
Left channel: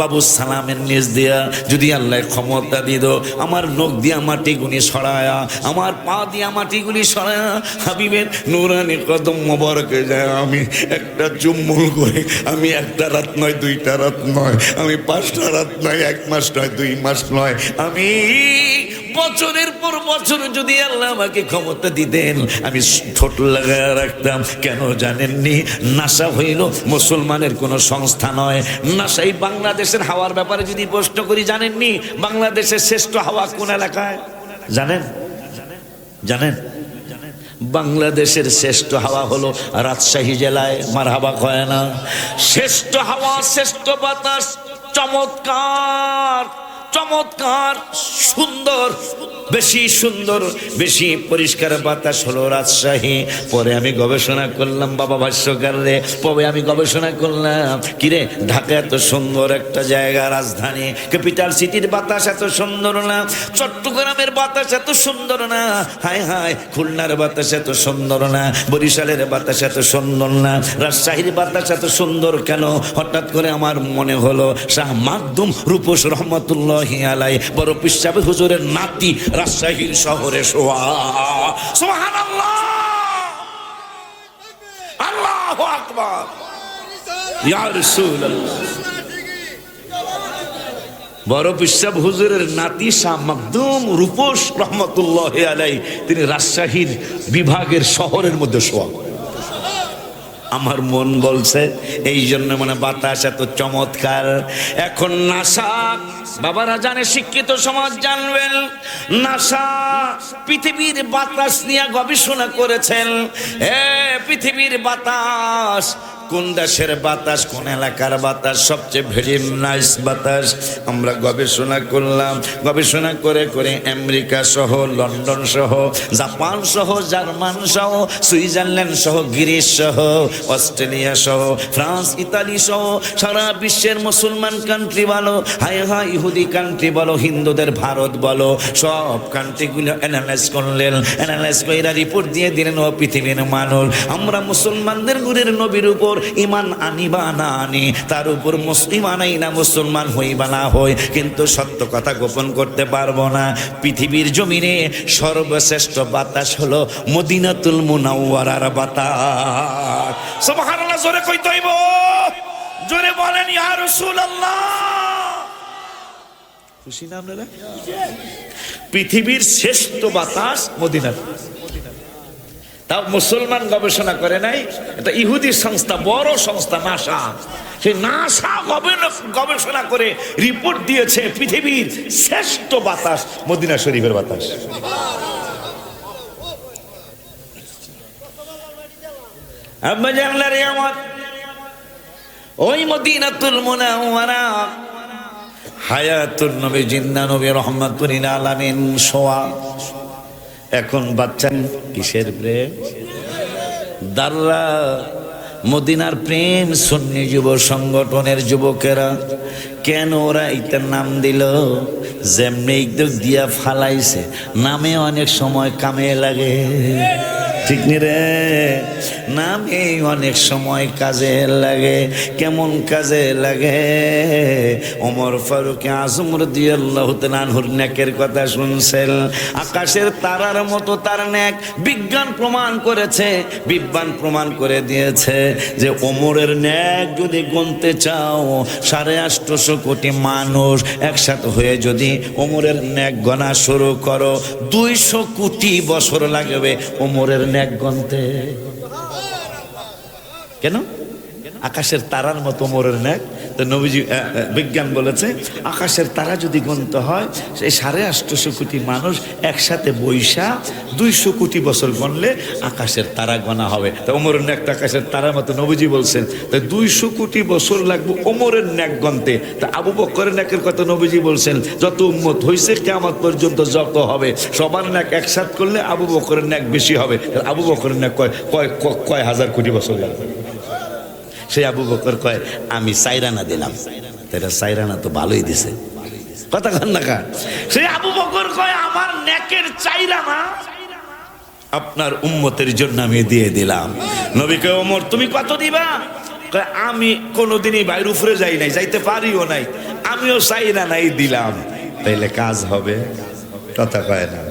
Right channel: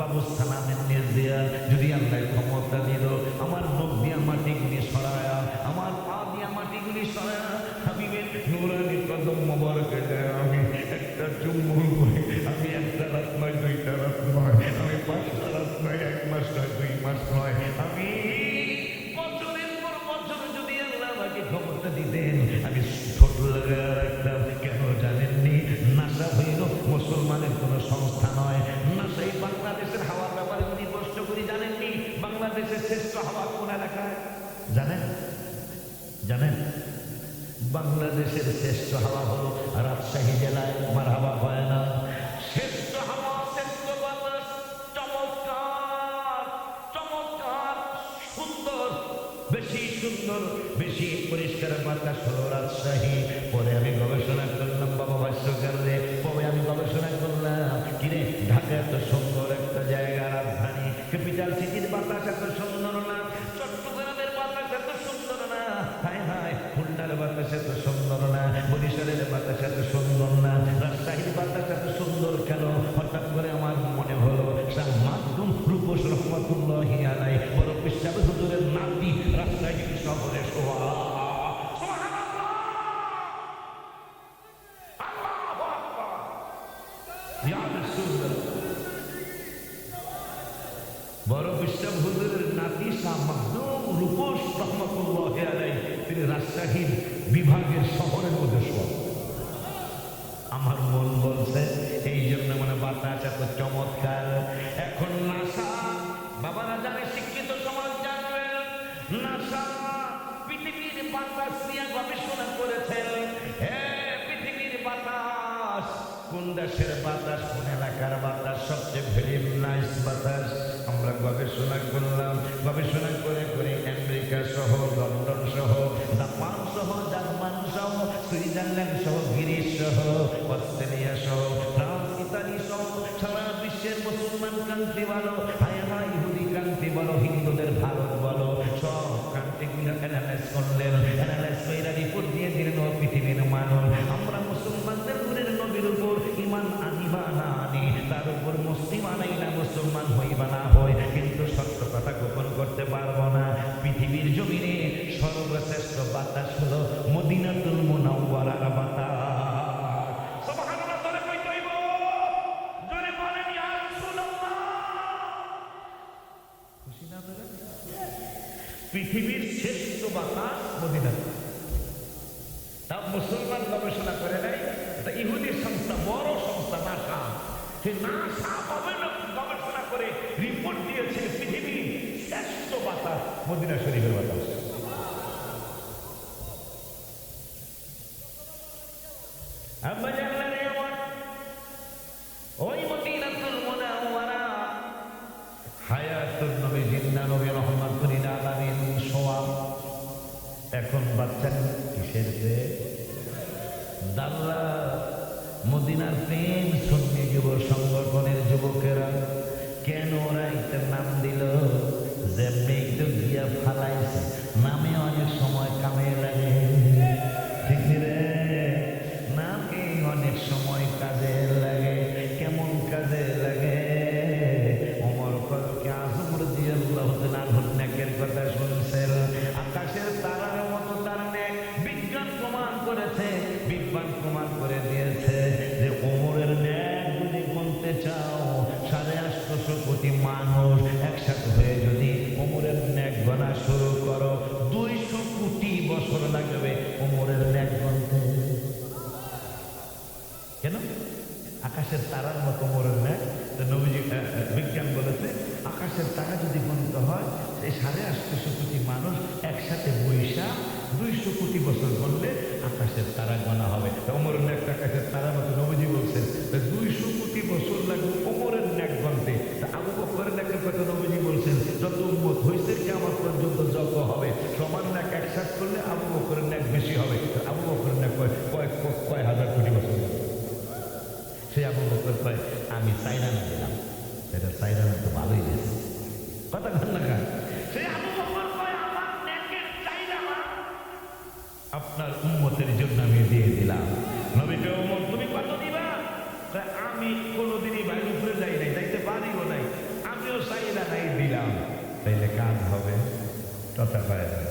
বাবু সালাম নিজ দিয়া যদি আল্লাহ ক্ষমতা দিত, আমার নখ দিয়া মাটিগুলি সরায়া, আমার পা দিয়া মাটিগুলি সরায়া, হাবিবের নুরানি কদম মোবারকে যায় আমি একটা চুম্বন করে, আমি একটা রাত নয়, 2টা রাত নয়, আমি 5টা রাত নয়, 1 মাস নয়, 2 মাস নয়, আমি বছরের পর বছর যদি আল্লাহ আমাকে ক্ষমতা দিতেন, আমি ঠোঁট লাগায় রাখতাম। কেন জানেননি? নাসা হইল মুসলমানের কোনো সংস্থা নয়। নাসাই বাংলাদেশের হাওয়ার ব্যাপারে যদি প্রশ্ন করি, জানেননি বাংলাদেশের শ্রেষ্ঠ হাওয়া কোন এলাকায়? জানেন? বাংলাদেশের শ্রেষ্ঠ হাওয়া হলো রাজশাহী জেলায়, মারহাবা কয় না? শ্রেষ্ঠ হাওয়া, শ্রেষ্ঠ বাতাস, চমৎকার সুন্দর, বেশি পরিষ্কার বাতাস হলো রাজশাহী। পরে আমি গবেষণা করলাম, বাবা ভাষ্যকার রে, পরে আমি গবেষণা করলাম, কিরে ঢাকা এত সুন্দর একটা জায়গা, রাজধানী, ক্যাপিটাল সিটির বাতাস এত সুন্দর না, চট্টগ্রামের বাতাস এত সুন্দর না, হায় হায় খুলনার বাতাস এত সুন্দর না, বরিশালের বাতাস এত সুন্দর না, রাজশাহীর বাতাস এত সুন্দর কেন? হঠাৎ করে আমার মনে হলো শাহ মাকদুম রূপস রহমতুল্লাহি আলাইহি, বড় পীর সাহেব হুজুরের নাতি রাজশাহীর শহরে শোয়া। সুবহানাল্লাহ, আল্লাহু আকবার, ইয়া রাসূলুল্লাহ। বড় পিসাব হুজুরের নাতি শাহ মাকদুম রূপস রহমতুল্লাহি আলাইহি তিনি রাজশাহীর বিভাগের শহরের মধ্যে শোয়া। আমার মন বলছে এই জন্য মানে বাতাস এত চমৎকার। এখন নাসা বাবারা জানে, শিক্ষিত সমাজ জানবেন, নাসা পৃথিবীর বাতাস নিয়ে গবেষণা করেছেন। পৃথিবীর বাতাস, কোন দেশের বাতাস, কোন এলাকার বাতাস সবচেয়ে ভেরি নাইস বাতাস আমরা গবেষণা করলাম। গবেষণা করে করে আমেরিকা সহ, লন্ডন সহ, জাপান সহ, জার্মান সহ, সুইজারল্যান্ড সহ, গ্রিস সহ, অস্ট্রেলিয়া সহ, ফ্রান্স, ইতালি সহ সারা বিশ্বের মুসলমান কান্ট্রি বলো, হায় হায় ইহুদি কান্ট্রি বলো, হিন্দুদের ভারত বলো, সব কান্ট্রিগুলো অ্যানালাইজ করলেন। অ্যানালাইজ করে রিপোর্ট দিয়ে দিলেন, ও পৃথিবীর মানুষ, আমরা মুসলমানদের গুরের নবীর উপর ইমান আনিবা না আনি, তার উপর ইমান আই না মুসলমান হইবা না হই, কিন্তু সত্য কথা গোপন করতে পারবো না। পৃথিবীর জমিনে সর্বশ্রেষ্ঠ বাতাস হলো মদিনাতুল মুনাওয়ারার বাতাস। সুবহানাল্লাহ, জোরে কইতে হইব, জোরে বলেন ইয়া রাসূলুল্লাহ। খুশি না আপনারা? পৃথিবীর শ্রেষ্ঠ বাতাস মদিনা। তাও মুসলমান গবেষণা করে নাই, এটা ইহুদি সংস্থা, বড় সংস্থা নাসা। সেই নাসা গবেষণা করে রিপোর্ট দিয়েছে পৃথিবীর শ্রেষ্ঠ বাতাস মদিনা শরীফের বাতাস। ওই মদিনাতুল মুনাওয়ারা হায়াতুন নবী জিন্দা নবী রহমাতুল আলামিন শোয়া। এখন বাচ্চান কিসের প্রেম? দাররা মদিনার প্রেম সুন্নি যুব সংগঠনের যুবকেরা কেন ওরা এটার নাম দিল? যেমনি দিয়া ফালাইছে, নামে অনেক সময় কামে লাগে, ঠিক নি রে? নামে অনেক সময় কাজে লাগে। কেমন কাজে লাগে? ওমর ফারুক আজম রাদিয়াল্লাহু তাআলা আনহুর নেকের কথা শুনছেন। আকাশের তারার মতো তার নেক। বিজ্ঞান প্রমাণ করেছে, বিজ্ঞান প্রমাণ করে দিয়েছে যে ওমরের নেক যদি গুনতে চাও 850 কোটি মানুষ একসাথে হয়ে যদি ওমরের নেক গণা শুরু করো, 200 কোটি বছর লাগবে ওমরের নেক গুনতে। কেন? আকাশের তারার মতো ওমরের নেক। তো নবীজি বিজ্ঞান বলেছে আকাশের তারা যদি গুনতে হয়, সেই 850 কোটি মানুষ একসাথে বৈশা 200 কোটি বছর গণলে আকাশের তারা গণা হবে। তো ওমরের নেক আকাশের তারার মতো নবীজি বলছেন, তাই 200 কোটি বছর লাগবে ওমরের নেক গণতে। তা আবু বকরের নেকের কথা নবীজি বলছেন, যত উম্মত হয়েছে কিয়ামত পর্যন্ত যত হবে সবার নেক একসাথ করলে আবু বকরের নেক বেশি হবে। আবু বকরের নেক কয় হাজার কোটি বছর লাগবে। সেই আবু বকর কয় আমি সাইরানা দিলাম। তাইরা সাইরানা তো ভালোই দিছে, কথা কন না কা? সেই আবু বকর কয় আমার নেকের চাইরানা আপনার উম্মতের জন্য আমি দিয়ে দিলাম। নবী কয় ওমর তুমি কত দিবা? কয় আমি কোনোদিনই বাইরে উপরে যাই নাই, যাইতে পারিও নাই, আমিও সাইরানাই দিলাম। তাইলে কাজ হবে, কথা কয় না?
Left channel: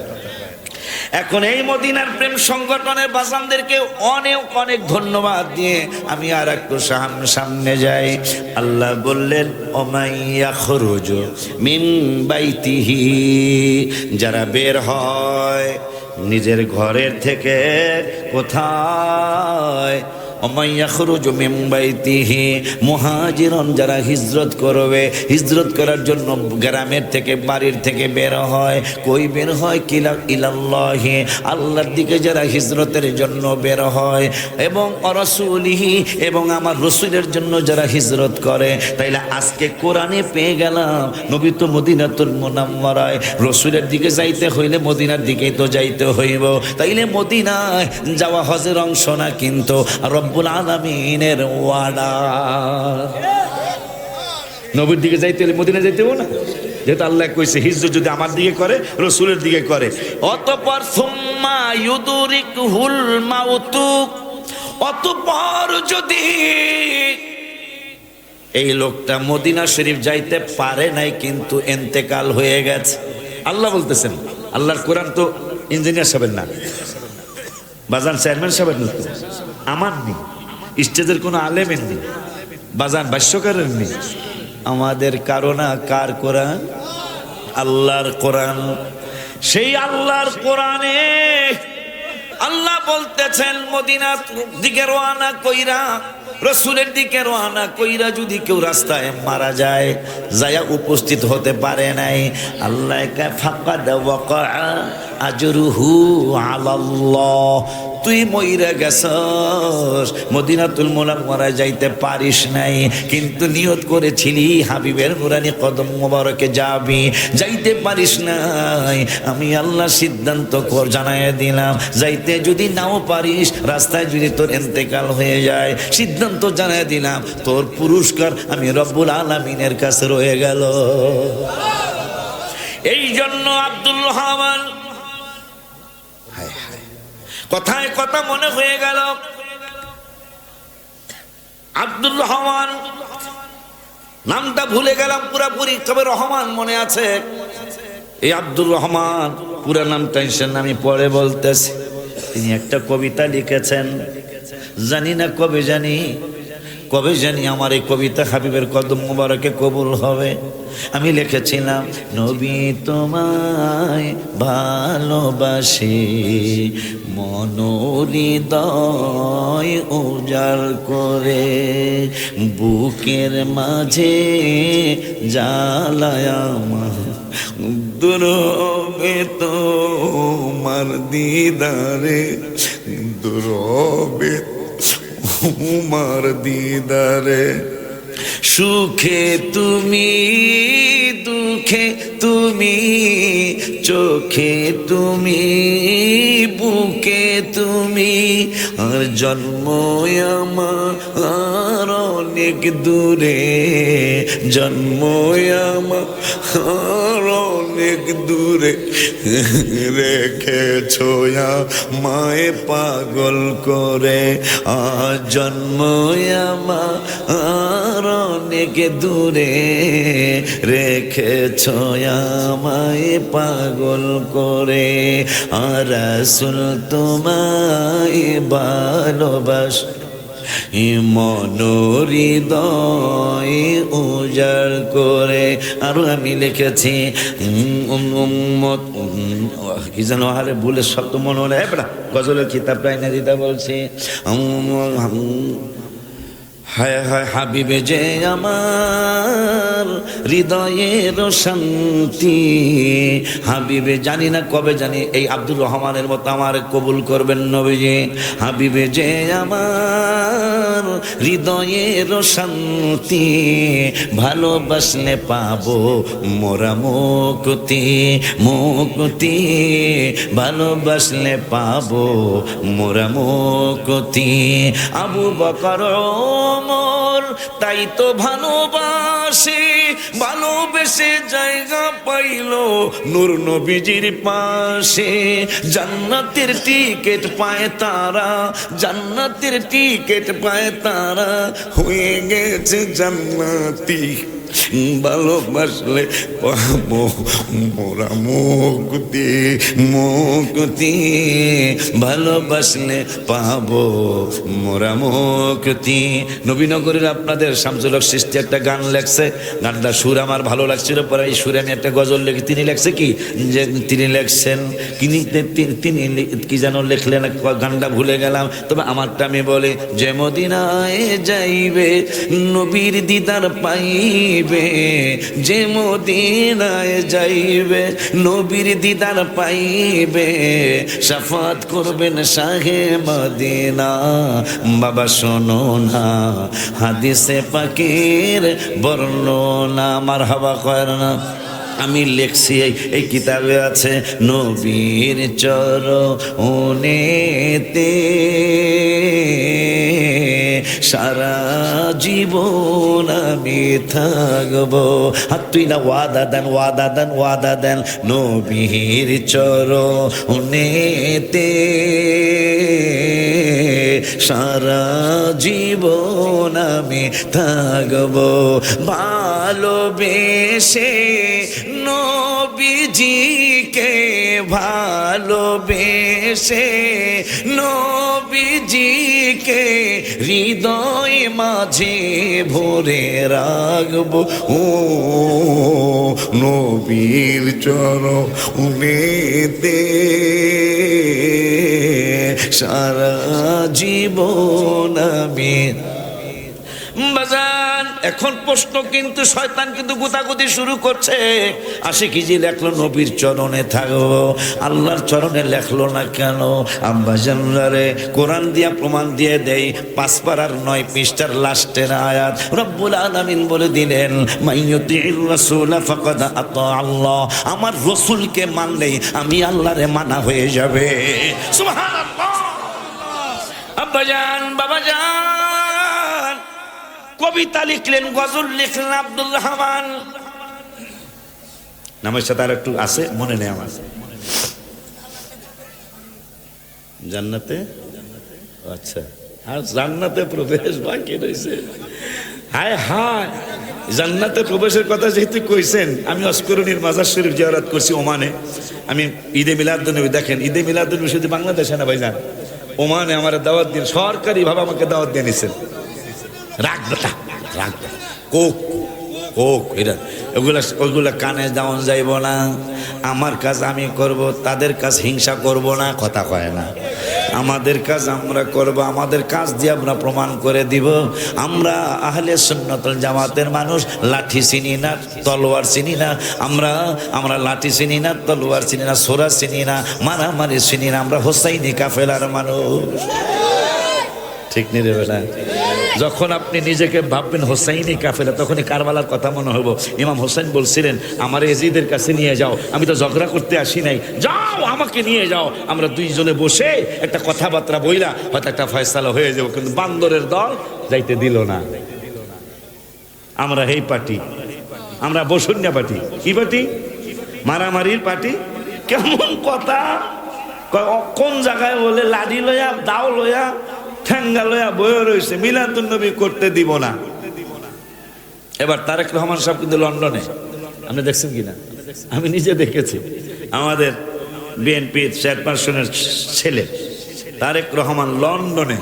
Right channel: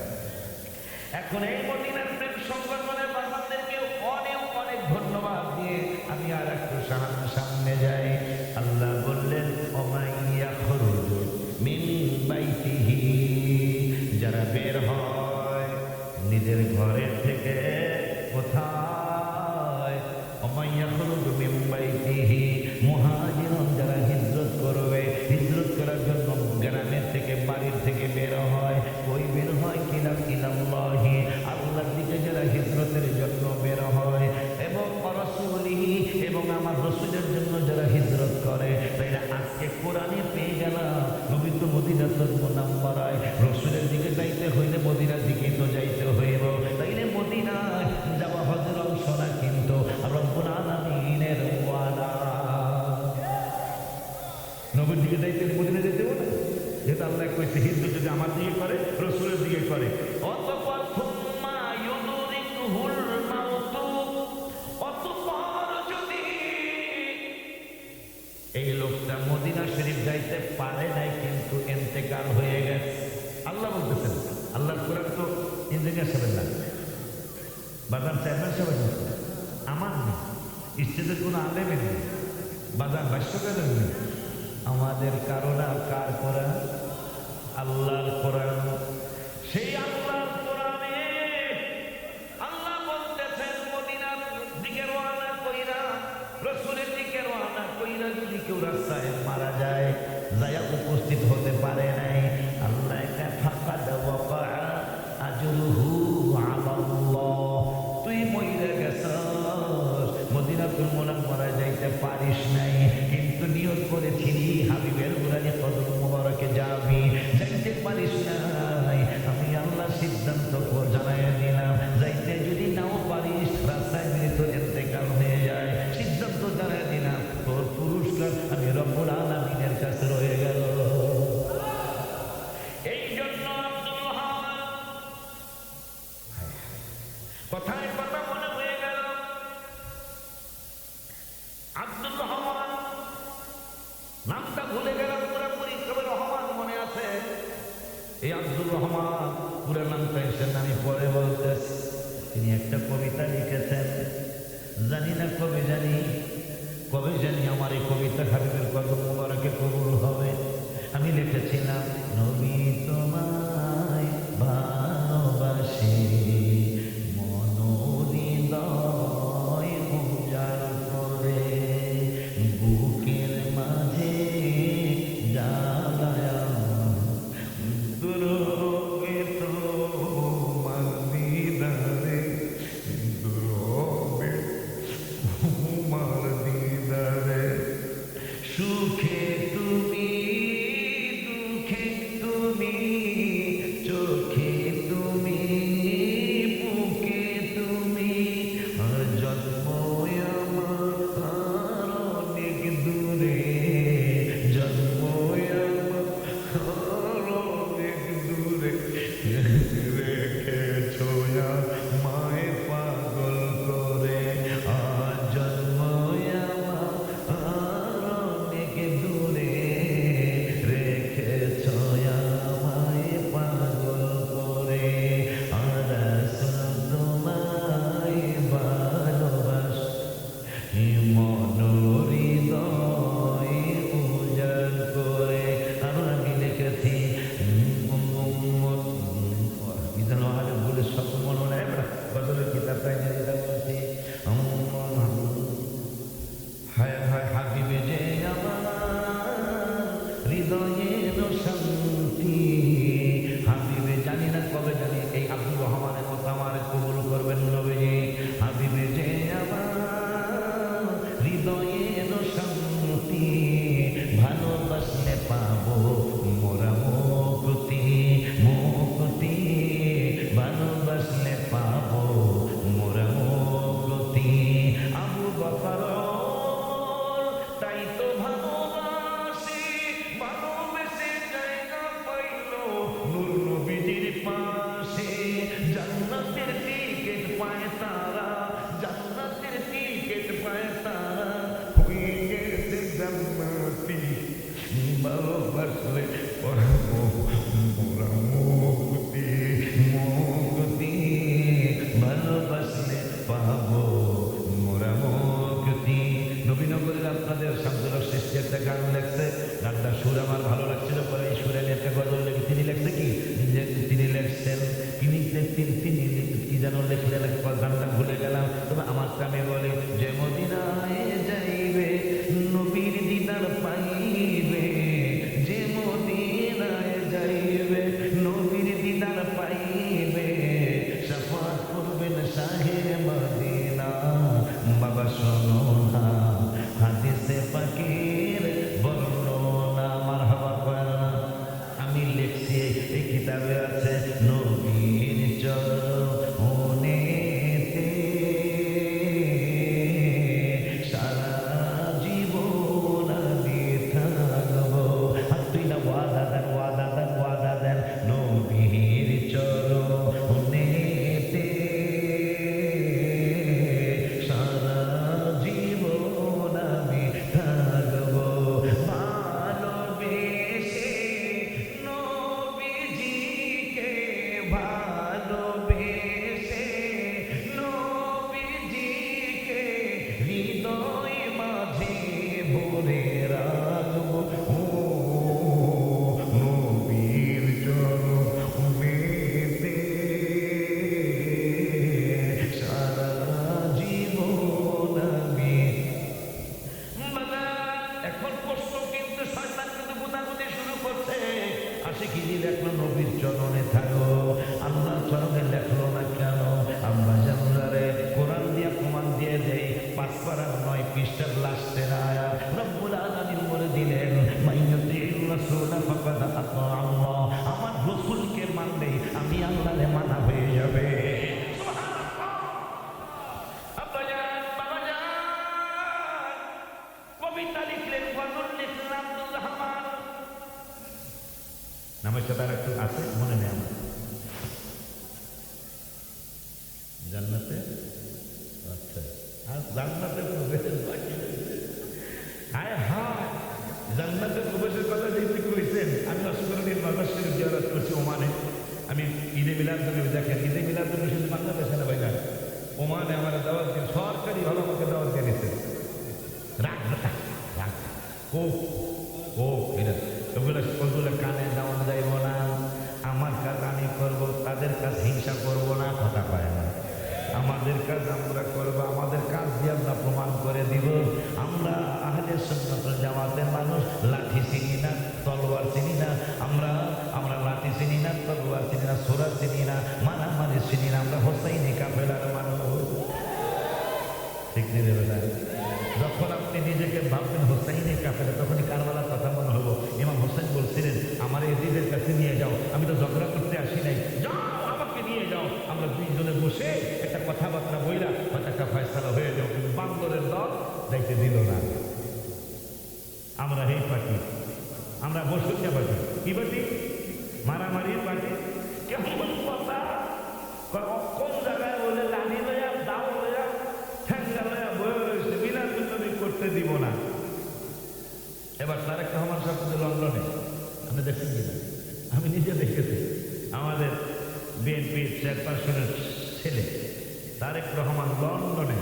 এখন এই মদিনার প্রেম সংগঠনের বাজানদেরকে অনেক অনেক ধন্যবাদ দিয়ে আমি আর একটু সামনে যাই। আল্লাহ বললেন ওমাইয়া খরুজু মিন বাইতিহি, যারা বের হয় নিজের ঘরের থেকে কোথায়? ওমাইয়া খরুজু মিন বাইতিহি মুহাজিরন, যারা হিজরত করবে, হিজরত করার জন্য গ্রামের থেকে বাড়ির থেকে বের হয়। কই বের হয়? কিলা ইলাল্লাহি, আল্লাহর দিকে যারা হিজরতের জন্য বের হয়, এবং রাসূলিহি, এবং আমার রাসূলের জন্য যারা হিজরত করে। তাইলে আজকে কোরআনে পেয়ে গেলাম নবী তো মদিনাতুল মুনাওয়ারায়, রাসূলের দিকে যাইতে হইলে মদিনার দিকেই তো যাইতে হইব। তাইলে মদিনায় যাওয়া হজের অংশ না, কিন্তু রব্বুল আলামিনের ওয়াদা। নবীর দিকে যাইতে হলে মদিনা যাইতে হবে না, যেহেতু আল্লাহ কইছে হিজরত যদি আমার দিকে করে রাসূলের দিকে করে। অতঃপর সুম্মা ইউদরিকুহুল মাউতু, অতঃপর যদি এই লোকটা মদিনা শরীফ যাইতে পারে নাই কিন্তু ইন্তেকাল হয়ে গেছে, আল্লাহ বলতেছেন আল্লাহর কোরআন তো ইঞ্জিনিয়ার সাহেবের না, বাজান চেয়ারম্যান সাহেবের না, আমার নেই, স্টেজের কোনো আলেমের নেই, বাজান ভাষ্যকারের নেই, আমাদের কারণা কার কোরআন? আল্লাহর কোরআন। সেই আল্লাহর কোরআনে আল্লাহ বলতেছেন মদিনার দিকে রওনা কইরা, রসুলের দিকে রওনা কইরা যদি কেউ রাস্তায় মারা যায়, যায়া উপস্থিত হতে পারে নাই, আল্লাহ ফাকাদ ওয়াকা আজরুহু আলাল্লাহ, তুই মইরা গেছস, মদিনাতুল মুনাওয়ারায় যাইতে পারিস নাই, কিন্তু নিয়ত করেছিলি হাবিবের নুরানি কদম মোবারকে যাবি, যাইতে পারিস নাই, আমি আল্লাহ সিদ্ধান্ত জানায় দিলাম, যাইতে যদি নাও পারিস, রাস্তায় যদি তোর ইন্তেকাল হয়ে যায়, সিদ্ধান্ত জানায় দিলাম, তোর পুরস্কার আমি রব্বুল আলামিনের কাছে রয়ে গেল। এই জন্য আব্দুল রহমান, কথায় কথা মনে হয়ে গেল, আব্দুল রহমান নামটা ভুলে গেলাম পুরাপুরি, তবে রহমান মনে আছে। এই আব্দুল রহমান পুরা নামটা আমি পরে বলতেছি। তিনি একটা কবিতা লিখেছেন, জানি না কবে জানি আমার এই কবিতা হাবিবের কদম মোবারকে কবুল হবে। আমি লিখেছিলাম, নবী তোমায় ভালোবাসি, মনোহৃদয় উজাড় করে, বুকের মাঝে জ্বালায় আমার, দুরবে তোমার দিদারে, দুরবে তোমার দিদারে, সুখে তুমি দুঃখে তুমি, চোখে তুমি বুকে তুমি, আর জন্ম আমার অনেক দূরে, জন্ম আমার অনেক দূরে, রেখেছো মায়ে পাগল করে, আর জন্ম আমার অনেক দূরে, রেখেছো আমায় পাগল করে, আর রাসূল তোমায় ভালোবাস, মনোহৃদয় উজাড় করে। আরো আমি লিখেছি, কি যেন আরে ভুলে শব্দ মনে হলে গজলের কিতাবটা এনে দিতে বলছি, হায় হায় হাবিবে যে আমার হৃদয়ের শান্তি, হাবিবে জানি না কবে জানি এই আব্দুর রহমানের মতো আমার কবুল করবেন নবীজি, হাবিবে যে আমার হৃদয়ের শান্তি, ভালোবাসলে পাবো মোরা মুক্তি, মুক্তি, ভালোবাসলে পাবো মোরা মুক্তি। আবু বকর ওমর তাই তো ভালোবাসে, ভালোবেসে জায়গা পাইল নূর নবীজির পাশে, জান্নাতের টিকিট পায় তারা, জান্নাতের টিকিট পায় তারা, হয়ে গেছে জান্নাতি, ভালোবাসলে পাবো মোরা মুক্তি, মুক্তি, ভালোবাসলে পাবো মোরা মুক্তি। নবীনগরের আপনাদের শামসুল হক সৃষ্টি একটা গান লেখছে, গানটা সুর আমার ভালো লাগছিল, পরে এই সুরে আমি একটা গজল লিখি। তিনি লেখছে কি, যে তিনি লেখছেন তিনি কি যেন লিখলেন, গানটা ভুলে গেলাম, তবে আমারটা আমি বলে, যে মদিনায় যাইবে নবীর দিদার পাইবে, যে মদিনায় যাইবে নবীর দিদার পাইবে, শাফাত করবেন শাহে মদিনা। বাবা শোনো না হাদিসে পাকের বর্ণনা, মারহাবা কর না। আমি লিখছি এই কিতাবে আছে, নবীর চরণেতে সারা জীবন আমি থাকবো। হাত তুই না ওয়াদা দেন, ওয়াদা দেন, ওয়াদা দেন, নবীর চরণেতে সারা জীবন আমি থাকবো, ভালোবেসে নবীজিকে এসে নবীজিকে হৃদয় মাঝে ভরে রাখবো ও নবীর চরণেতে সারা জীবন আমি বাজান। এখন প্রশ্ন কিন্তু শয়তান কিন্তু গুতাগুতি শুরু করছে, আশিকি জি লেখলো নবীর চরণে থাকবো, আল্লাহর চরণে লেখলো না কেন? আম্বাজানরে কোরআন দিয়া প্রমাণ দিয়ে দেই, 5 পারার 9 পৃষ্ঠার লাস্টের আয়াত রব্বুল আলামিন বলে দিলেন মাইয়ুতির রাসূল ফাকাদ আতা আল্লাহ, আমার রাসূলকে মানলেই আমি আল্লাহরে মানা হয়ে যাবে। সুবহানাল্লাহ। আব্বাজান বাবাজান কবিতা লিখলেন, গজল লিখলেন আব্দুর রহমান, নামের সাথে আর একটু আছে মনে নেই আমার, জান্নাতে, আচ্ছা আর জান্নাতে প্রবেশ বাকি রয়েছে। হায় হায়, জান্নাতে প্রবেশের কথা যেহেতু কইছেন, আমি অস্করণীর মাজার শরীফ জিয়ারত করছি ওমানে। আমি ঈদে মিলাদুন্নবী, দেখেন ঈদে মিলাদুন্নবী শুধু বাংলাদেশে না ভাইজান, ওমানে আমার দাওয়াত দিন, সরকারি ভাবে আমাকে দাওয়াত দিয়ে নিছেন। রাখবে রাখবে কোক কোক এটা ওইগুলা কানে দেওয়া যাইব না। আমার কাজ আমি করব, তাদের কাজ হিংসা করব না, কথা কয় না। আমাদের কাজ আমরা করব, আমাদের কাজ দিয়ে আমরা প্রমাণ করে দিব আমরা আহলে সুন্নাতুল জামাতের মানুষ। লাঠি চিনি না, তলোয়ার চিনি না, আমরা লাঠি চিনি না, তলোয়ার চিনি না, সোরা চিনি না, মারামারি চিনি না, আমরা হোসাইনি কাফেলার মানুষ। ঠিক নেই রে বেলা? যখন আপনি নিজেকে ভাববেন হোসাইনি কাফেলা, তখনই কারবালার কথা মনে হইব। ইমাম হোসেন বলছিলেন আমার এজিদের কাছে নিয়ে যাও, আমি তো ঝগড়া করতে আসি নাই, যাও আমাকে নিয়ে যাও, আমরা দুইজনে বসে একটা কথাবার্তা বইলা হয়তো একটা ফয়সালা হয়ে যাবো। কিন্তু বান্দরের দল যাইতে দিল না। আমরা এই পার্টি, আমরা বসুনিয়া পার্টি। কি পার্টি? মারামারির পার্টি। কেমন কথা, কোন জায়গায় বলে লাঠি লইয়া, দাও লইয়া, ঠেঙ্গা লইয়া বয়ে রয়েছে, মিলাদুন্নবী করতে দিব না। এবার তারেক রহমান সাহেব কিন্তু লন্ডনে, আপনি দেখছেন কিনা? আমি নিজে দেখেছি। আমাদের বিএনপির চেয়ারপারসনের ছেলে তারেক রহমান লন্ডনে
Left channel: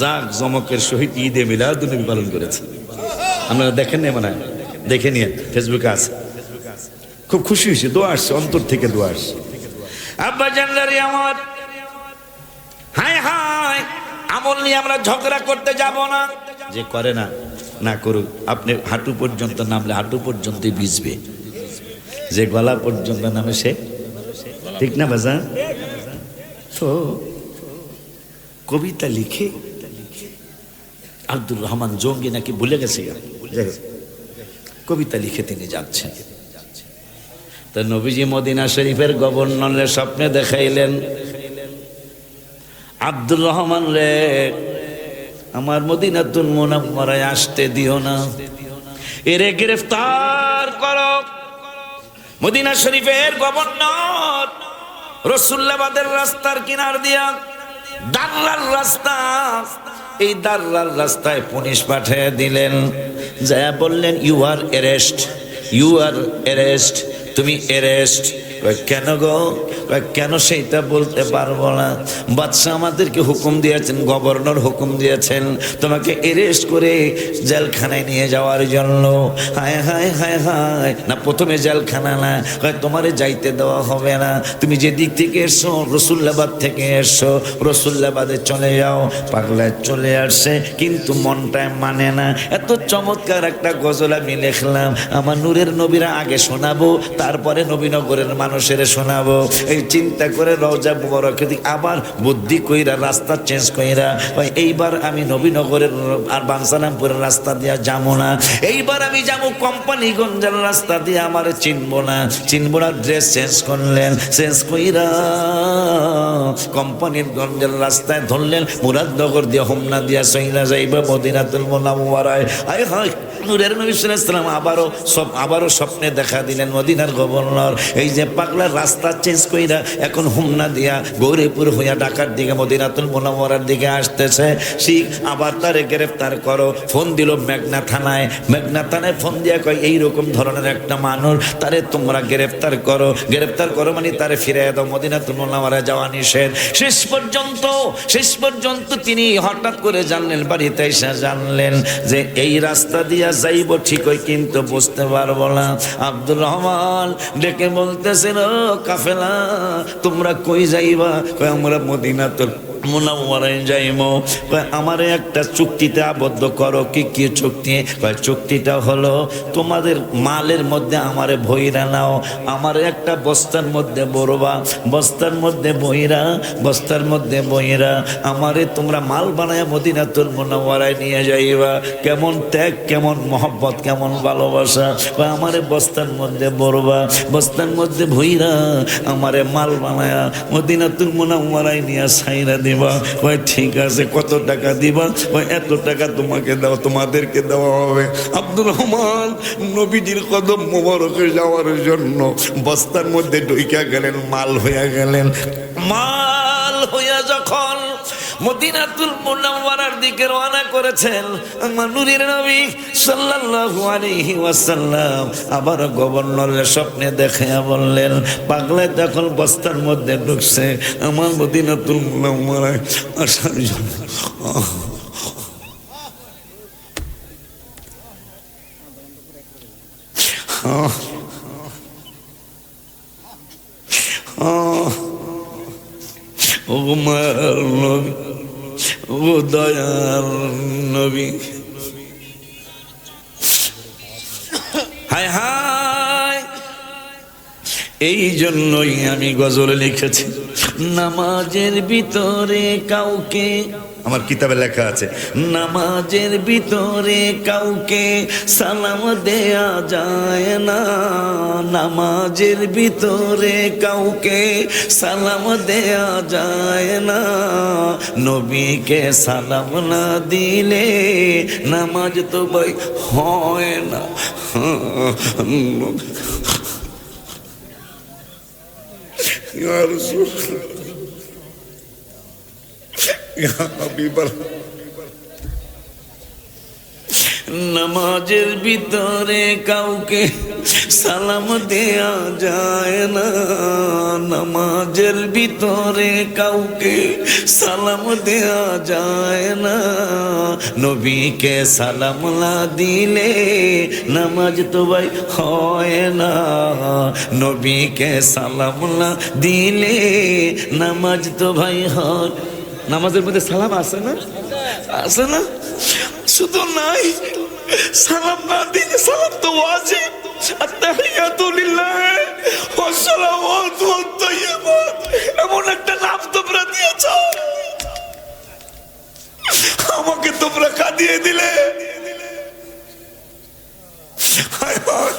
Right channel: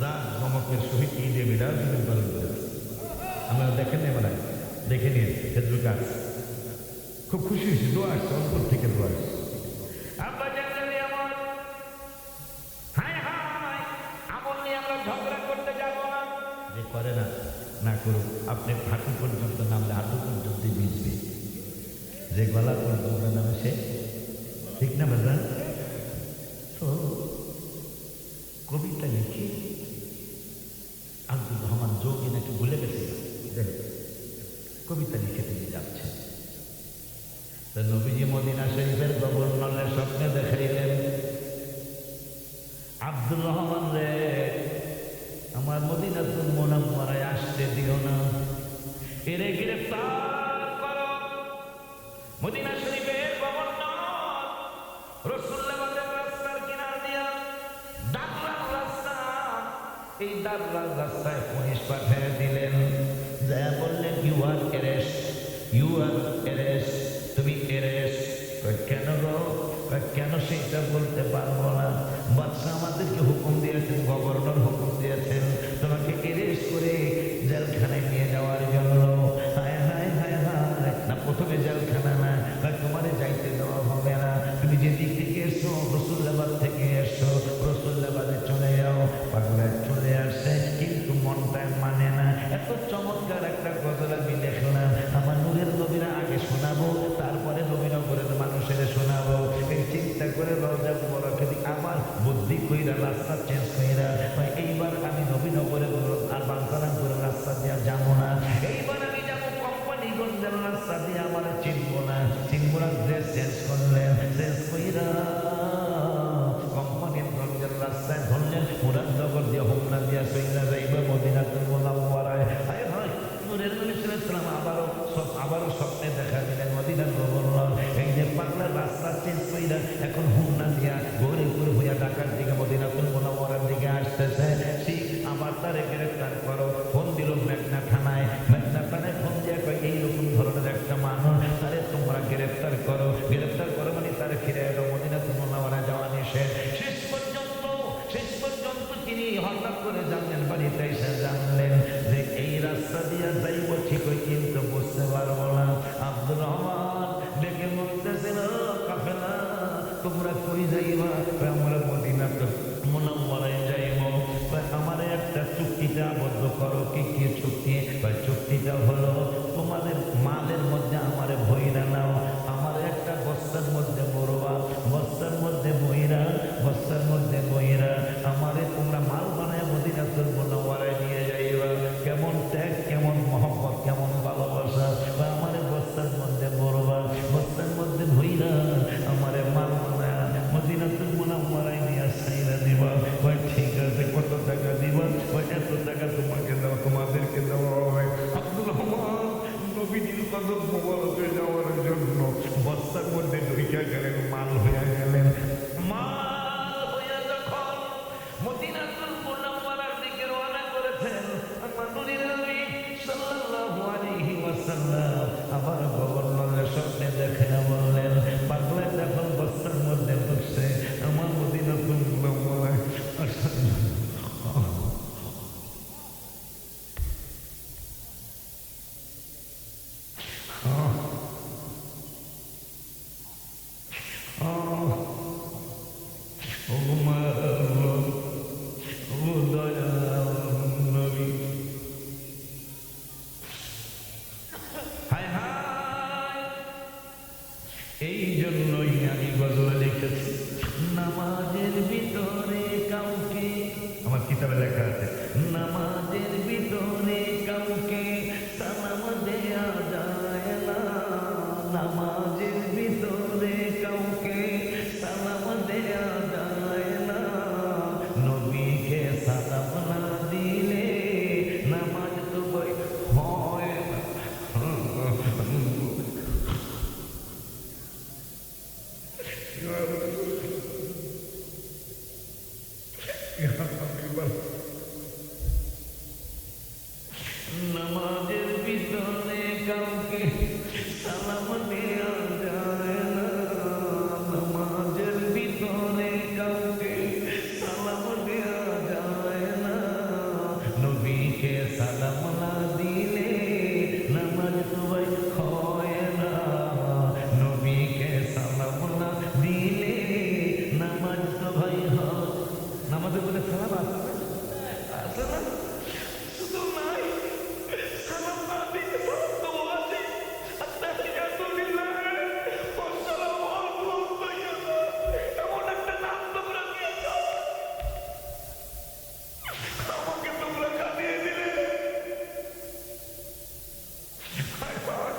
জাক জমকের সহিত ঈদে মিলাদুন্নবী পালন করেছে। আপনারা দেখেন না? মনে হয় দেখে নিয়ে, ফেসবুকে আছে। খুব খুশি হয়েছে, দোয়া আসছে, অন্তর থেকে দোয়া আসছে। আব্বা জানলারি আমার, হায় হায়, আমল নিয়ে আমরা ঝগড়া করতে যাব না। যে করে না, না করুক। আপনি হাঁটু পর্যন্ত নামলে হাঁটু পর্যন্তই ভিজবে, যে গলা পর্যন্ত নামে সে, ঠিক না বাজা? তো কবিতা লিখে আব্দুর রহমান জঙ্গি নাকি ভুলে গেছে, কবিতা লিখে তিনি যাচ্ছেন। তো নবীজি মদিনা শরীফের গভর্নরের স্বপ্নে দেখাইলেন, আব্দুর রহমান রে, আমার মদিনাতুল মুনাওয়ারায় আসতে দিও না, এরে গ্রেফতার করো। মদিনা শরীফের গভর্নর রসুল্লাবাদের রাস্তার কিনার দিয়া দাররার রাস্তা, এই দাররার রাস্তায় পুলিশ পাঠিয়ে দিলেন, যা বললেন you are arrest, you are arrest, তুমি অ্যারেস্ট। কেন গো? কেন সেইটা বলতে পারবো না। বাদশাহ আমাদেরকে হুকুম দিয়েছেন, গভর্নর হুকুম দিয়েছেন তোমাকে অ্যারেস্ট করে জেলখানায় নিয়ে যাওয়ার জন্য। হায় হায় হায় হায়, না প্রথমে জেলখানা না, তোমারে যাইতে দেওয়া হবে না, তুমি যে দিক থেকে এসছো, রসুল্লাবাদ থেকে এসছো, রসুল্লাবাদে চলে যাও। পাগলায় চলে আসছে, কিন্তু মনটায় মানে না। এত চমৎকার একটা গজল আমি লিখলাম, আমার নূরের নবীরা আগে শোনাবো, তারপরে নবীনগরের মানুষের শোনাবো। এই চিন্তা করে রওজা মুবারকের দিকে আবার বুদ্ধি কইরা রাস্তা চেঞ্জ কইরা, এইবার আমি নবীনগরের আর বাঞ্ছারামপুরের রাস্তা দিয়া যাবো না, এইবার আমি যাবো কোম্পানিগঞ্জের রাস্তা দিয়ে, আমার চিনবো না, চিনবো না। ড্রেস চেঞ্জ করলেন, চেঞ্জ কইরা কোম্পানির গঞ্জের রাস্তায় ধরলেন, মুরাদনগর দিয়ে হোমনা দিয়া সইলা যাইবা মদিনাতুল মুনাওয়ারায়। আয় হায়, নূরের নবী সাল্লাল্লাহু আলাইহি ওয়াসাল্লাম আবারও স্বপ্নে দেখা দিলেন, মদিনার গভর্নর এই যে পাগলা রাস্তা চেঞ্জ কইরা এখন হোমনা দিয়া গৌরীপুর হইয়া ঢাকার দিকে মদিনাতুল মুনাওয়ারার দিকে আসতেছে। শিখ আবার তারে গ্রেফতার করো। ফোন দিল মেঘনা থানায়, মেঘনা থানায় ফোন দিয়া কয় এইরকম ধরনের একটা মানুষ, তারে তোমরা গ্রেফতার করো। গ্রেফতার করো মানে তারে ফিরে দাও, মদিনাতুল মুনাওয়ারায় যাওয়া নিষেধ। করেছেন। শেষ পর্যন্ত তিনি হঠাৎ করে জানলেন, বাড়িতে এসে জানলেন যে এই রাস্তা দিয়া যাইব ঠিকই, কিন্তু বুঝতে পারবো না। আব্দুর রহমান ডেকে বলতেছেন, ও কাফেলা, তোমরা কই যাইবা? আমরা মদিনাতুল মুনাওয়ারায় যাইবো। আমারে একটা চুক্তিতে আবদ্ধ করো। কি চুক্তি? চুক্তিটা হলো তোমাদের মালের মধ্যে আমারে ভইরা নাও, আমার একটা বস্তার মধ্যে বড়বা, বস্তার মধ্যে বইরা আমারে তোমরা মাল বানায় মদিনাতুল মুনাওয়ারায় নিয়ে যাইবা। কেমন ত্যাগ, কেমন মহব্বত, কেমন ভালোবাসা। আমারে বস্তার মধ্যে বড়বা, বস্তার মধ্যে ভইরা আমারে মাল বানায় মদিনাতুল মুনাওয়ারায় নিয়ে সাইরা দিবা। ঠিক আছে, কত টাকা দিবা? এত টাকা তোমাকে দাও, তোমাদেরকে দেওয়া হবে। আব্দুর রহমান নবীজির কদম মোবারকে যাওয়ার জন্য বস্তার মধ্যে ঢুইকা গেলেন, মাল হইয়া গেলেন। মাল হইয়া যখন মদিনাতুল মুনাওয়ারার দিকে রওনা করেছেন, আমার নূরের নবী সাল্লাল্লাহু আলাইহি ওয়াসাল্লাম আবার গভর্নরের স্বপ্নে দেখে বললেন, পাগলা তখন বস্তার মধ্যে ঢুকছে আমার মদিনাতুল মুনাওয়ারায় আসার জন্য। ও মার নবী, ও দয়ার নবী, হায় হায়। এই জন্যই আমি গজল লিখেছি, নামাজের ভিতরে কাউকে, আমার কিতাবে লেখা আছে, নামাজের ভিতরে কাউকে সালাম দেয়া যায় না, নামাজের ভিতরে কাউকে সালাম দেয়া যায় না, নবীকে সালাম না দিলে নামাজ তো ভাই হয় না। ইয়া রাসূলুল্লাহ, ইয়া হাবিবাল্লাহ, নামাজের ভিতরে কাউকে সালাম দেয়া যায় না, নামাজের ভিতরে কাউকে সালাম দেয়া যায় না, নবীকে সালাম না দিলে নামাজ তো ভাই হয় না, নবীকে সালাম না দিলে নামাজ তো ভাই হয়। নামাজের মধ্যে সালাম আছে না? আছে না? শুধু নাই, সালাম না দিলে সালাম তো ওয়াজিব। আত্তাহিয়াতু লিল্লাহ ওয়াস সালাওয়াতু ওয়াত তাইয়্যিবাত, এমন একটা নাম তোমরা দিয়েছ, আমাকে তোমরা কাঁদিয়ে দিলে। হায় হায়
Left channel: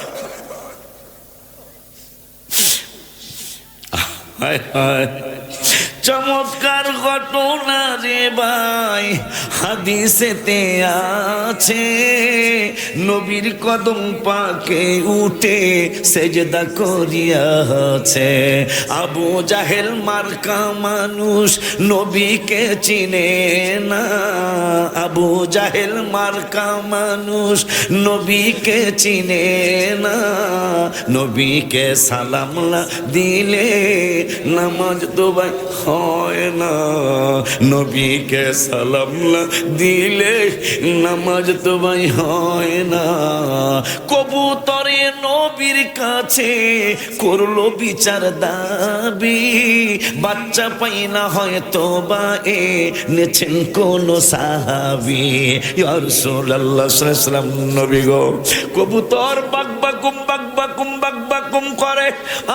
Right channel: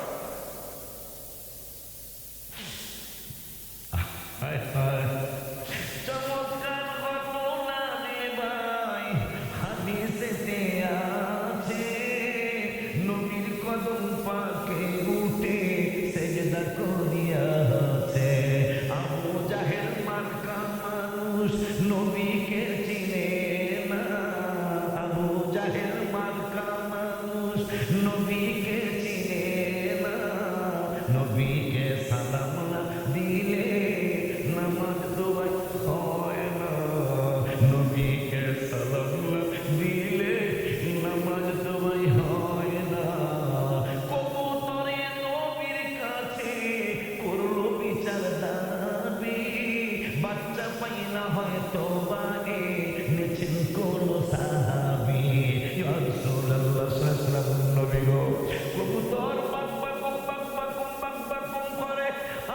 হায় হায়, চমৎকার ঘটনা রে ভাই, হাদিসেতে আছে, নবীর কদম পাকে উঠে সেজদা করিয়াছে। আবু জাহেল মার্কা মানুষ নবীকে চিনে না, আবু জাহেল মার্কা মানুষ নবীকে চিনে না, নবীকে সালাম না দিলে নামাজ তো ভাই হয় না, নবীকে সালাম না দিলে নামাজ তো ভাই হয় না। কবুতরে নবীর কাছে করলো বিচার দাবি, বাচ্চা পাই না হয়তো বা নেছেন কোন সাহাবি। ইয়া রাসূলুল্লাহ সাল্লাল্লাহু আলাইহি ওয়াসাল্লাম, নবী গো, কবুতর বাকবাকুম বাকবাকুম বাকবাকুম করে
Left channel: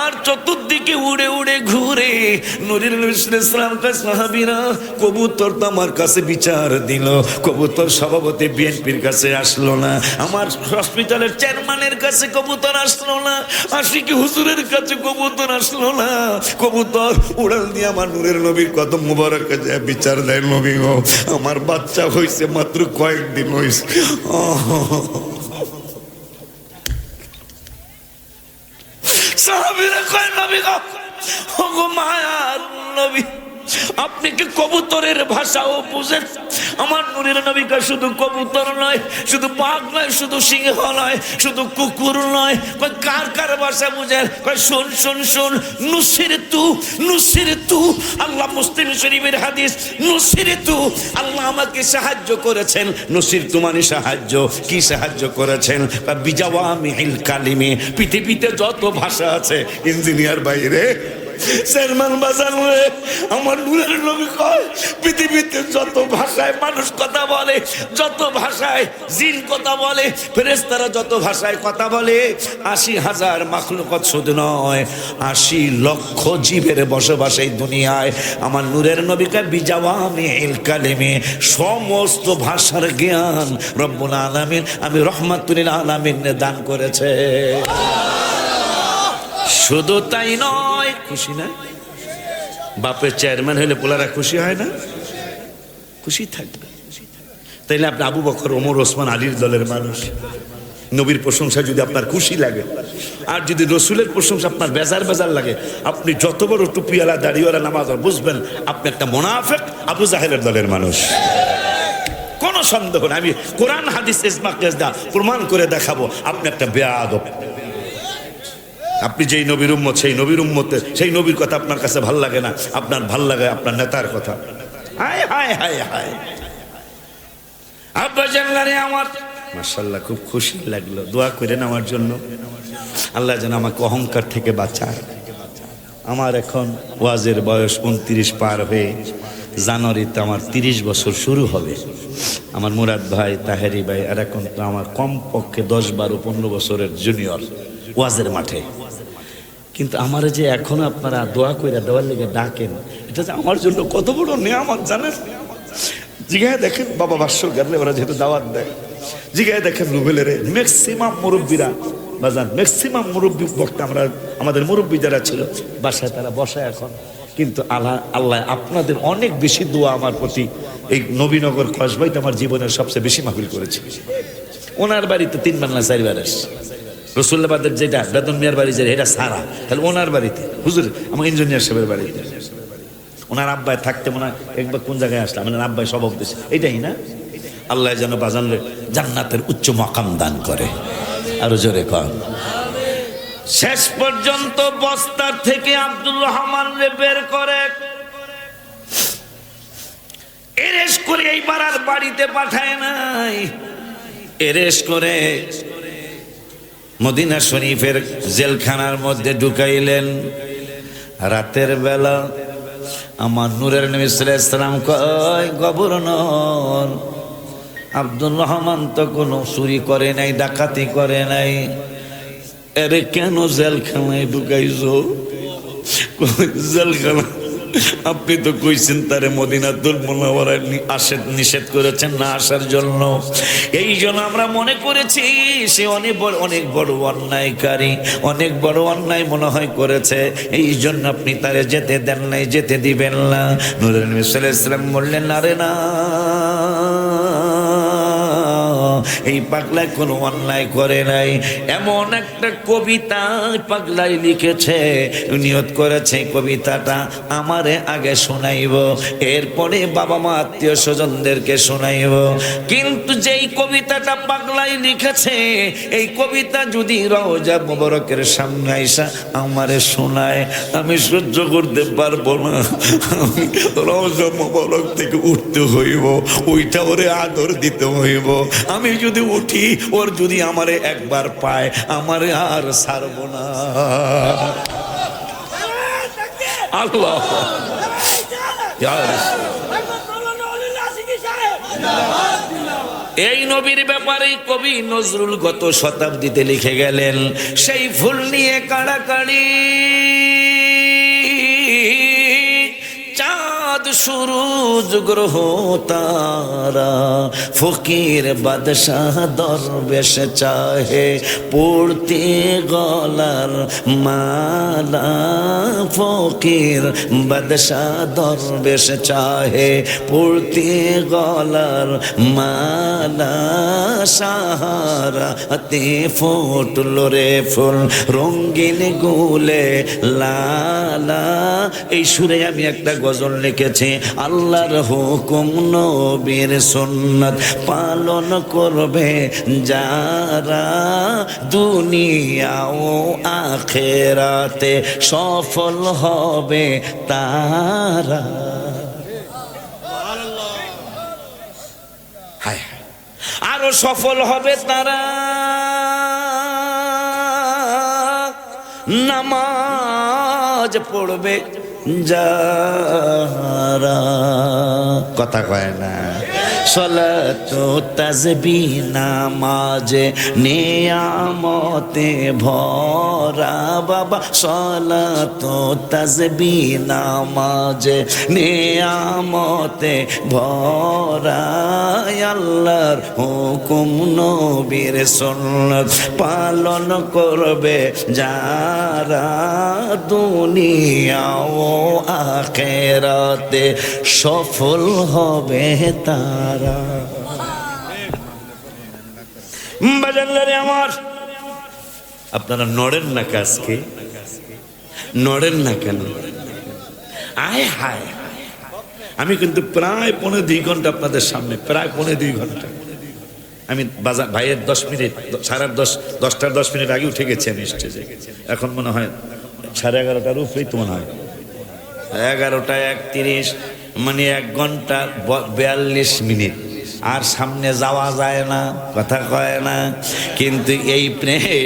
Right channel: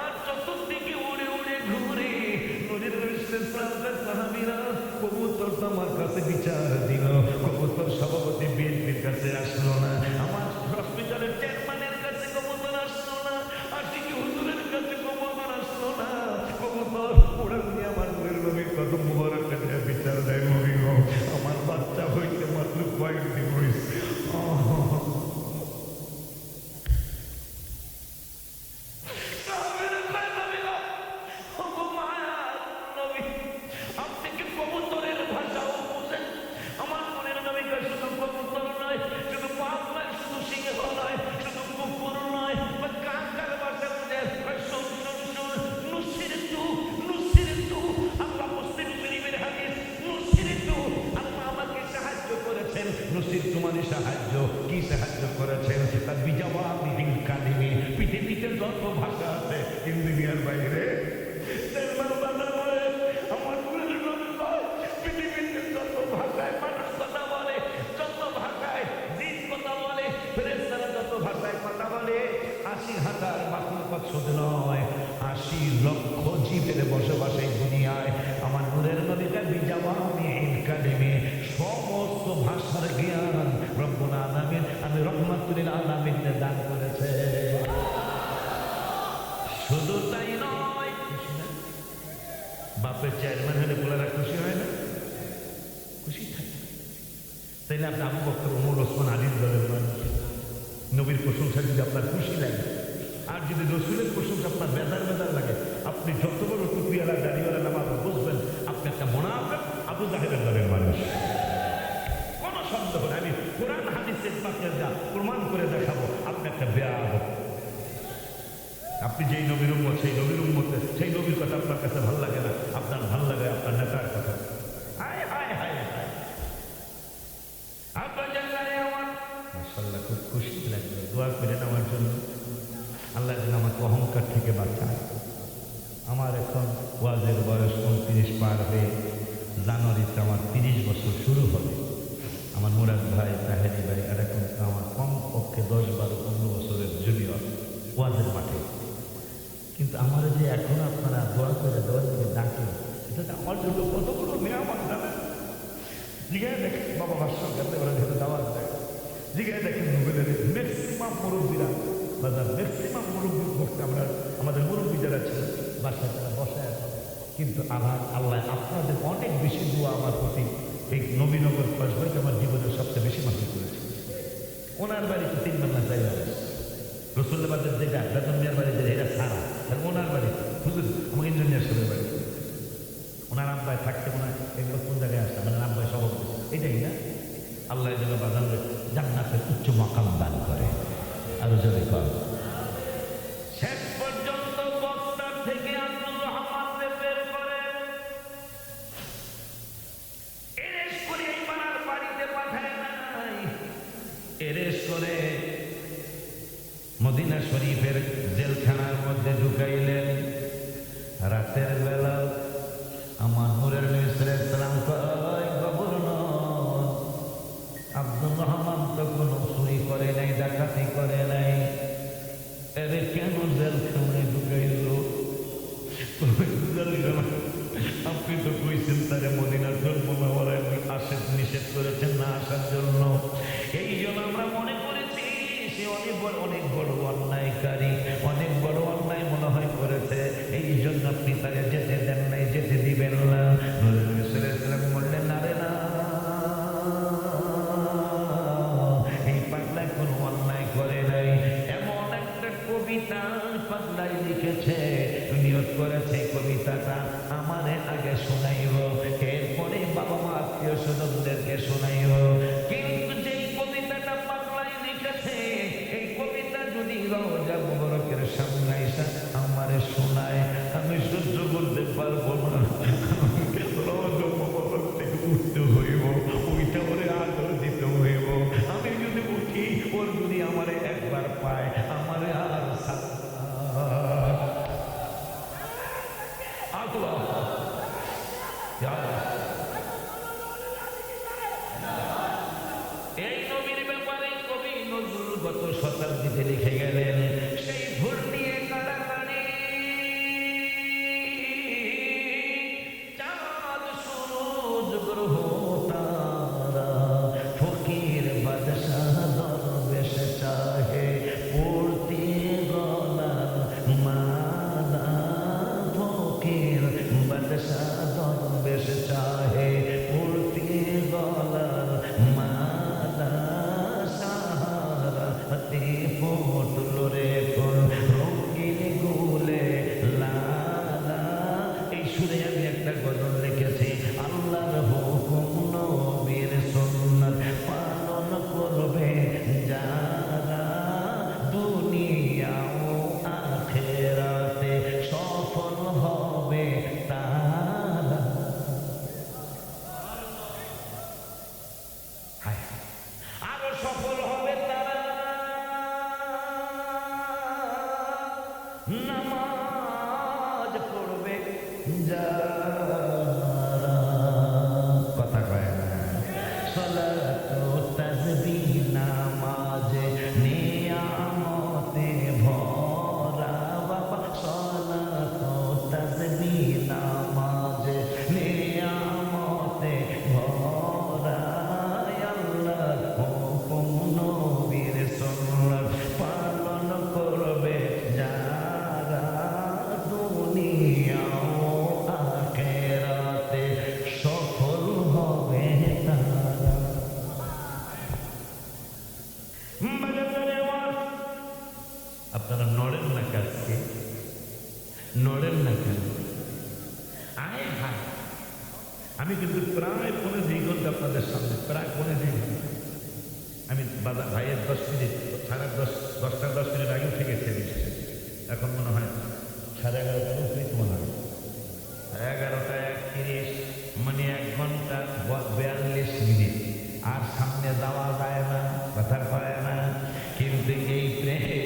আর চতুর্দিকে উড়ে উড়ে ঘুরে। নূরের নবী সাল্লাল্লাহু আলাইহি ওয়াসাল্লাম কে সাহাবীরা, কবুতর তো আমার কাছে বিচার দিল, কবুতর সভাপতি বিএনপির কাছে আসলো না, আমার হসপিটালের চেয়ারম্যানের কাছে কবুতর আসলো না, আশিকি হুজুরের কাছে কবুতর আসলো না, কবুতর উড়াল দিয়ে আমার নূরের নবীর কদম মুবারক কাছে বিচার দেয়। নবী গো, আমার বাচ্চা হয়েছে মাত্র কয়েকদিন হয়েছে। সাহাবীরা কয়, নবী গো, ওগো মায়ার নবী, আপনি কি কবুতরের ভাষাও বুঝেন? আমার নূরের নবী কয় শুধু কবুতর নয়, শুধু বাঘ নয়, শুধু সিংহ নয়, শুধু কুকুর নয়, কয় কার কার ভাষা বুঝেন? কয় শুন শুন শুন, নুসিরতু, আল্লাহ মুসলিম শরীফের হাদিস, নুসিরতু, আল্লাহ আমাকে সাহায্য করেছেন। নুসিরতু মানে সাহায্য। কি সাহায্য করেছেন? বিজাওয়ামিল কালিমে, পৃথিবীতে যত ভাষা আছে, ইঞ্জিনিয়ার বাইরে চেয়ারম্যান বাজার হয়ে আমার নূরের নবী কয় পৃথিবীতে যত ভাষায় মানুষ কথা বলে, যত ভাষায় জিন কথা বলে, ফেরেশতারা যত ভাষায় কথা বলে, ৮০,০০০ মাখলুকাত শুধু নয়, ৮০ লক্ষ জীবের বসবাস এই দুনিয়ায়। আমার নূরের নবীকে বিজাওয়ামিল কালিমে, সমস্ত ভাষার জ্ঞান রব্বুল আলামিন আমি রহমাতুল আলামিন দান করেছে। শুধু তাই নয়, খুশি না? বাপের চেয়ারম্যান হলে পোলারা খুশি হয় না? খুশি থাকবে। তাইলে আপনি আবু বকর, ওমর, ওসমান, আলীর দলের মানুষ। নবীর প্রশংসা যদি আপনার খুশি লাগে, আর যদি রসুলের প্রশংসা আপনার বেজার বেজার লাগে, আপনি যত বড় টুপিওয়ালা দাড়িওয়ালা নামাজ বুঝবেন আপনি একটা মুনাফিক, আবু জাহেলের দলের মানুষ। কোনো সন্দেহ না। আমি কোরআন হাদিস ইজমা কিয়াস দা প্রমাণ করে দেখাবো আপনি একটা বেয়াদব। আপনি যেই নবীর উম্মত, সেই নবীর উম্মতে, সেই নবীর কথা আপনার কাছে ভাল লাগে না, আপনার ভাল লাগে আপনার নেতার কথা। হায় হায় হায় হায়। আব্বা জানলারে আমার মাশাআল্লাহ খুব খুশি লাগলো। দোয়া করেন আমার জন্য, আল্লাহ যেন আমাকে অহংকার থেকে বাঁচায়। আমার এখন ওয়াজের বয়স 29 পার হয়ে জানুয়ারিতে আমার 30 বছর শুরু হবে। আমার মুরাদ ভাই, তাহেরি ভাই, আর এখন তো আমার কমপক্ষে 10, 12, 15 বছরের জুনিয়র ওয়াজের মাঠে। কিন্তু আমার যে এখন আপনারা দোয়া কইরা দেওয়ার লেগে ডাকেন, এটা যে আমার জন্য কত বড় নিয়ামত জানেন। জিগায় দেখেন বাবা ভাষ্য গেলে ওরা যেহেতু দাওয়াত দেয়, জিগায় দেখেন রুবেলের ম্যাক্সিমাম মুরব্বীরা বাজান, ম্যাক্সিমাম মুরব্বী বক্তা আমরা, আমাদের মুরব্বী যারা ছিল বাসায় তারা বসায় এখন। কিন্তু আল্লাহ আপনাদের অনেক বেশি দোয়া আমার প্রতি। এই নবীনগর কসবাইতে আমার জীবনের সবচেয়ে বেশি মাহফিল করেছি। ওনার বাড়িতে 3 বার না 4 বার আসে। রসুল্লাবাদের যেটা বেতন মিয়ার বাড়ি যে এটা সারা, তাহলে ওনার বাড়িতে হুজুর আমার ইঞ্জিনিয়ার সাহেবের বাড়িতে ওনার আব্বায় থাকতে মনে হয় একবার কোন জায়গায় আসলাম, ওনার আব্বাই স্বভাব দিয়েছে এটাই না। আল্লাহ যেন বাজানলে জান্নাতের উচ্চ মাকাম দান করে, আরো জোরে কন। শেষ পর্যন্ত বস্তার থেকে আব্দুর রহমান রে বের করে এরেস করে এইবার আর বাড়িতে পাঠায় নাই, এরেস করে মদিনা শরীফের জেলখানার মধ্যে ঢুকাইলেন। রাতের বেলা আমার নূরের নবী সাল্লাল্লাহু আলাইহি ওয়াসাল্লাম কয়, গভর্নর আব্দুর রহমান তো কোনো চুরি করে নাই, ডাকাতি করে নাই, এরে কেন জেলখানায় ঢুকাইছো? জেলখানা আপনি তো কইছেন তারে মদিনাতুল মুনাওয়ারায় নিষেধ করেছেন না আসার জন্য। এই জন্য আমরা মনে করেছি সে অনেক বড় অন্যায়কারী, অনেক বড় অন্যায় মনে হয় করেছে, এই জন্য আপনি তারে যেতে দেন নাই, যেতে দিবেন না। নূরের নবী সাল্লাল্লাহু আলাইহি ওয়াসাল্লাম বললেন, আরে না, এই পাগলায় কোনো অন্যায় করে নাই। এমন একটা কবিতা পাগলাই লিখেছে, নিয়ত করেছে কবিতাটা আমারে আগে শোনাইব, এরপরে বাবা মা আত্মীয় স্বজনদেরকে শোনাইব। কিন্তু যেই কবিতাটা পাগলাই লিখেছে, এই কবিতা যদি রওজা মুবারকের সামনে আইসা আমারে শোনায়, আমি সহ্য করতে পারবো না। আমি রওজা মুবারক থেকে উঠতে হইব, ওইটা ওরে আদর দিতে হইব। আমি যদি উঠি, ওর যদি আমারে একবার পায়, আমারে আর ছাড়ব না। আল্লাহ এই নবীর ব্যাপারে কবি নজরুল গত শতাব্দীতে লিখে গেলেন, সেই ফুল নিয়ে কাড়াকাড়ি, চাঁদ চাঁদ সূরজ গ্রহ তারা, ফকির বাদশাহ দরবেশ চাহে পড়তে গলার মালা, ফকির বাদশাহ দরবেশ চাহে পড়তে গলার মালা, সাহারাতে ফুটল রে ফুল রঙিন গুলে লালা। এই সুরে আমি একটা গজল লিখেছি, আল্লাহর হুকুম নবীর সুন্নাত পালন করবে যারা, দুনিয়া ও আখিরাতে সফল হবে তারা। হায় আরো সফল হবে তারা, নামাজ পড়বে যারা। কথা কয় না, সলাতু তাসবিহ নামাজে নিয়ামতে ভরা বাবা, সলাতু তাসবিহ নামাজে নিয়ামতে ভরা, আল্লাহর হুকুম নবীর সুন্নাত পালন করবে যারা, দুনিয়া ও আখিরাতে সফল হবে তারা। বাজানরে আমার, আপনারা নড়েন না কাজকে, নড়েন না কেন? আয় হায়, আমি কিন্তু প্রায় 2.5 ঘন্টা আপনাদের সামনে, প্রায় 2.5 ঘন্টা। আমি বাজার ভাইয়ের 10 মিনিট, 10:30 10 মিনিট আগে উঠে গেছি আমি স্টেজে। এখন মনে হয় 11:30টার উপরেই তো মনে হয়, 11:31, মানে 1 ঘন্টা 42 মিনিট। আর সামনে যাওয়া যায় না, কথা কয় না। কিন্তু এই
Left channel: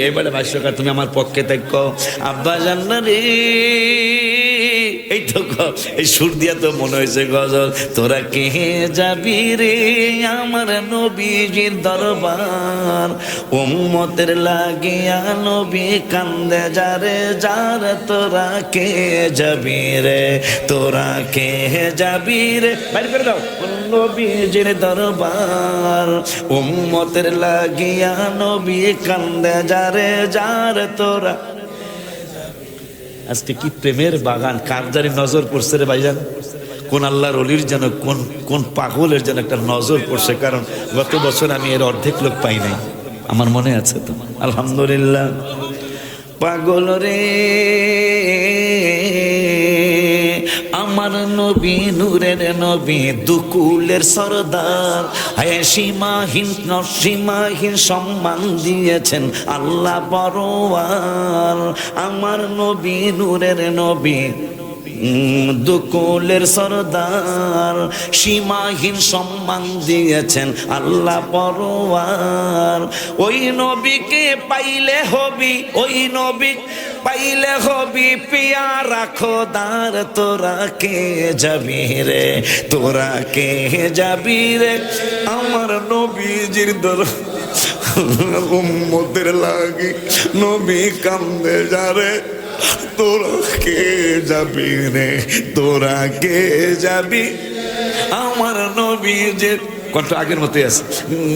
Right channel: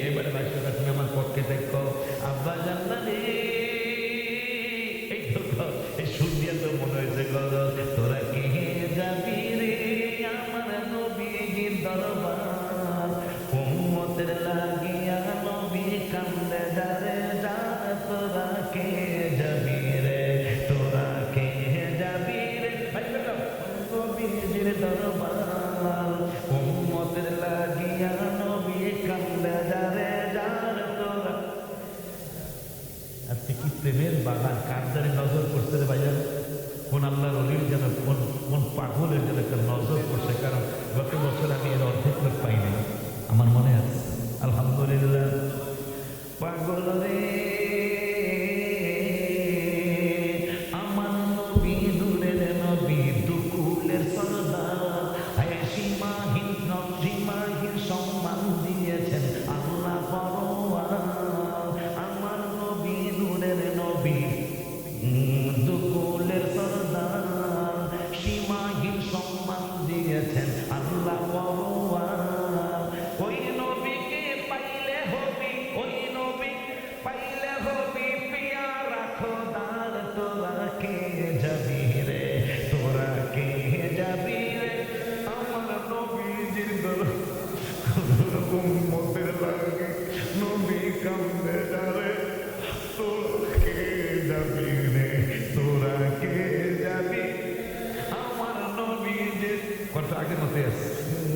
এবারে ভাষ্যকার, তুমি আমার পক্ষে থাকো আব্বা জান্নারে, এই তো এই সুর দিয়া তো মনে হয়েছে গজল। তোরা কে যাবি রে আমার নবীজির দরবার, উম্মতের লাগিয়া নবী কান্দে যারে যার, তোরা কে যাবি রে, তোরা কে যাবি রে, বাইরে করে দাও, নবীজির দরবার, উম্মতের লাগিয়া নবী কান্দে যারে যার, তোরা। আজকে কি প্রেমের বাগান, কার জানি নজর পড়ছে রে ভাইজান, কোন আল্লাহর ওলির যেন, কোন পাগলের যেন একটা নজর পড়ছে। কারণ গত বছর আমি এর অর্ধেক লোক পাই নাই, আমার মনে আছে তো, আলহামদুলিল্লাহ। পাগল রে আমার নবী, নূরের নবী, দুকুলের সরদার, সীমাহীন সীমাহীন সম্মান দিয়েছেন আল্লাহ পরওয়ার। আমার নবী, নূরের নবী, দুকুলের সরদার, সীমাহীন সম্মান দিয়েছেন আল্লাহ পরওয়ার। ওই নবীকে পাইলে হবি, ওই নবী পাইলে হবি পিয়ারা খোদার, তোরা কে যাবি রে, তোরা কে যাবি রে আমার নবীজির দরবার, উম্মতের লাগি নবী কান্দে যারে, তোরা কে যাবি রে, তোরা কে যাবি আমার নবীজির। কত আগের মতোই আছে,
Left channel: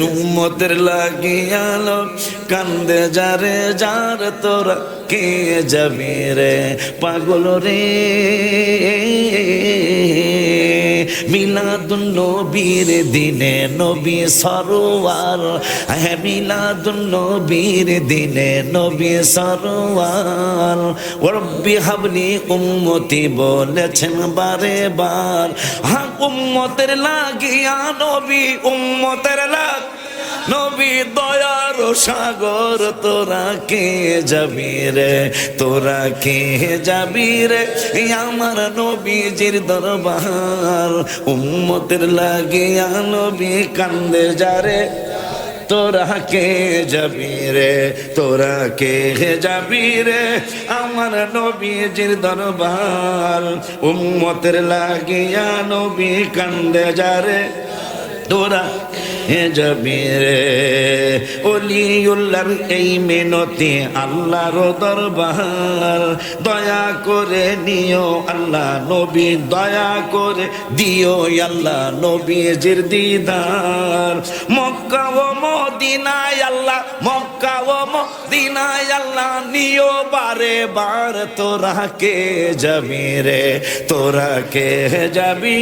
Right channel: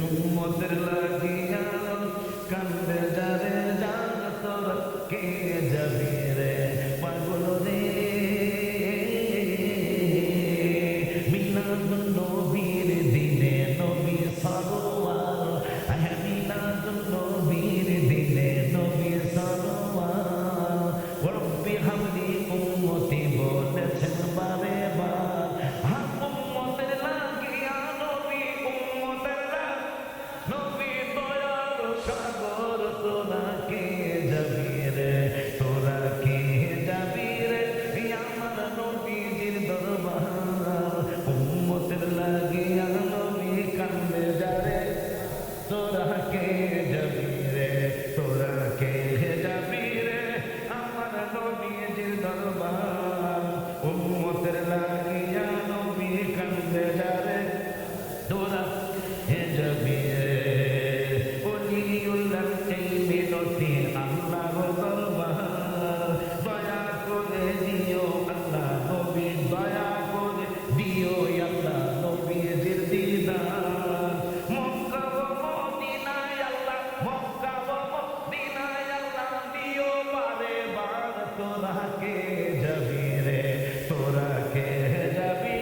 উম্মতের লাগিয়ালো কান্দে যারে যার, তোরা কে যাবি রে পাগল রে। মিলাদুন নবীর দিনে নবী সরোয়ার, হ্যাঁ মিলাদুন নবীর দিনে নবী সরোয়ার। রব্বি হাবলি উম্মতি বলেছেন বারে বার, হ্যাঁ উম্মতের লাগিয়া নবী, উম্মতের লাগ নবী দয়ার সাগর, তোরা কে যাবি রে, তোরা কে যাবি রে আমার নবীজির দরবার, উম্মতের লাগিয়া নবী কান্দে যারে, তোরা কে যাবি রে, তোরা কে যাবি রে আমার নবীজির দরবার, উম্মতের লাগিয়া নবী কান্দে যারে, তোরা হে যাবি রে। ওলিউল্লাহর এই মিনতি আল্লাহর দরবার, দয়া করে নিও আল্লাহ নবী, দয়া করে দিও আল্লাহ নবীজির দিদার। মক্কা ও মদিনায় আল্লাহ, মক্কা ও মদিনায় আল্লাহ নিও বারে বার। তোরা কে যাবি রে, তোরা কে যাবি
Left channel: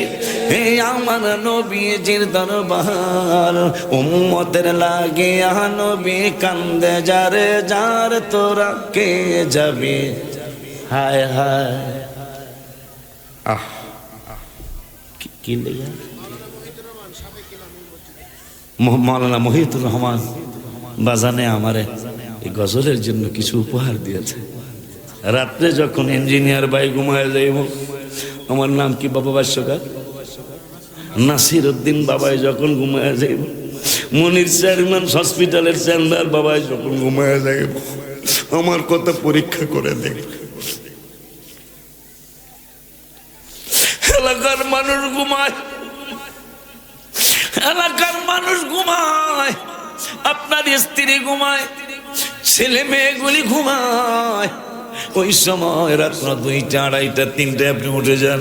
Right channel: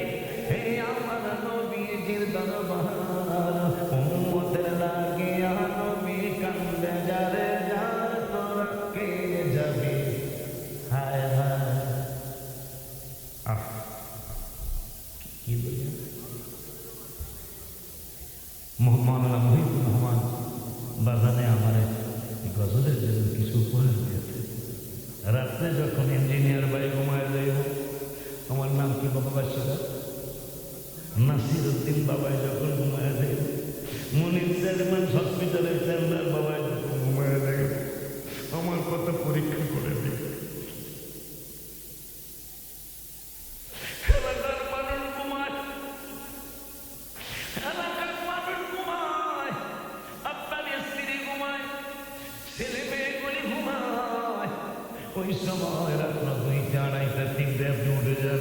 হে আমার নবীজির দরবার। উম্মতের লাগিয়া নবী কান্দে যারে যার, তোরা কে যাবি। হায় হায় আহ কি লেগা মৌলানা মহিউদ্দিন রহমান বাজানে আমারে এই গজলের জন্য কিছু উপহার দিয়েছে। রাত্রে যখন ইঞ্জিনিয়ার ভাই ঘুমায় যাইব, আমার নাম কি বাবা ভাষ্যকার নাসির উদ্দিন বাবাই যখন ঘুমায় যাইব, মনির চেয়ারম্যান হসপিটালের চেয়ারম্যান বাবাই যখন ঘুমায় যাইব, আমার কথা পরীক্ষা করে দেখ। এলাকার মানুষ ঘুমায়, এলাকার মানুষ ঘুমায়, আপনার স্ত্রী ঘুমায়, ছেলে মেয়েগুলি ঘুমায়। ওই সময় রাত্র 2টা 2:30 3টে আপনি উঠে যান।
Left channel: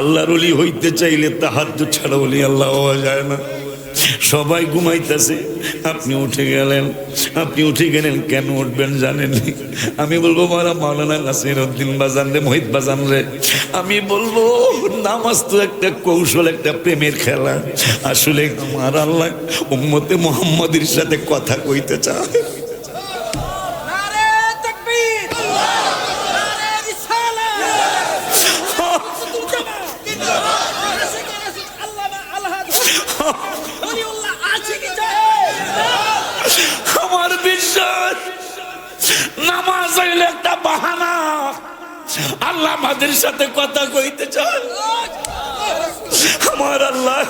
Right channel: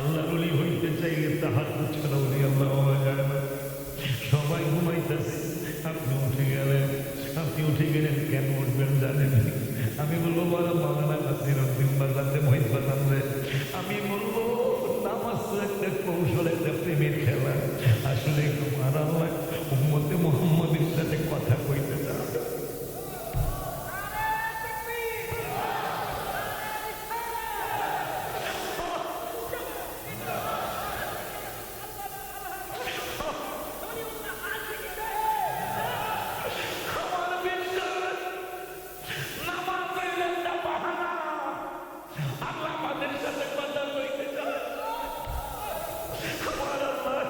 আল্লাহর ওলি হইতে চাইলে তাহাজ্জুদ ছাড়া ওলি আল্লাহ হওয়া যায় না। সবাই ঘুমাইতেছে, আপনি উঠে গেলেন। আপনি উঠে গেলেন, কেন উঠবেন জানেন? আমি বলবো মারা মাওলানা নাসির উদ্দিন বাজান রে, মহিত বাজান রে, আমি বলবো নামাজ তো একটা কৌশল, একটা প্রেমের খেলা। আসলে আমার আল্লাহ উম্মতে মুহাম্মাদের সাথে কথা কইতে চায়। আমার বিশ্বাস নামাজ হইলে একটা বাহানা, আল্লাহ আমাদের সাথে কথা কইতে চায়। আমার আল্লাহ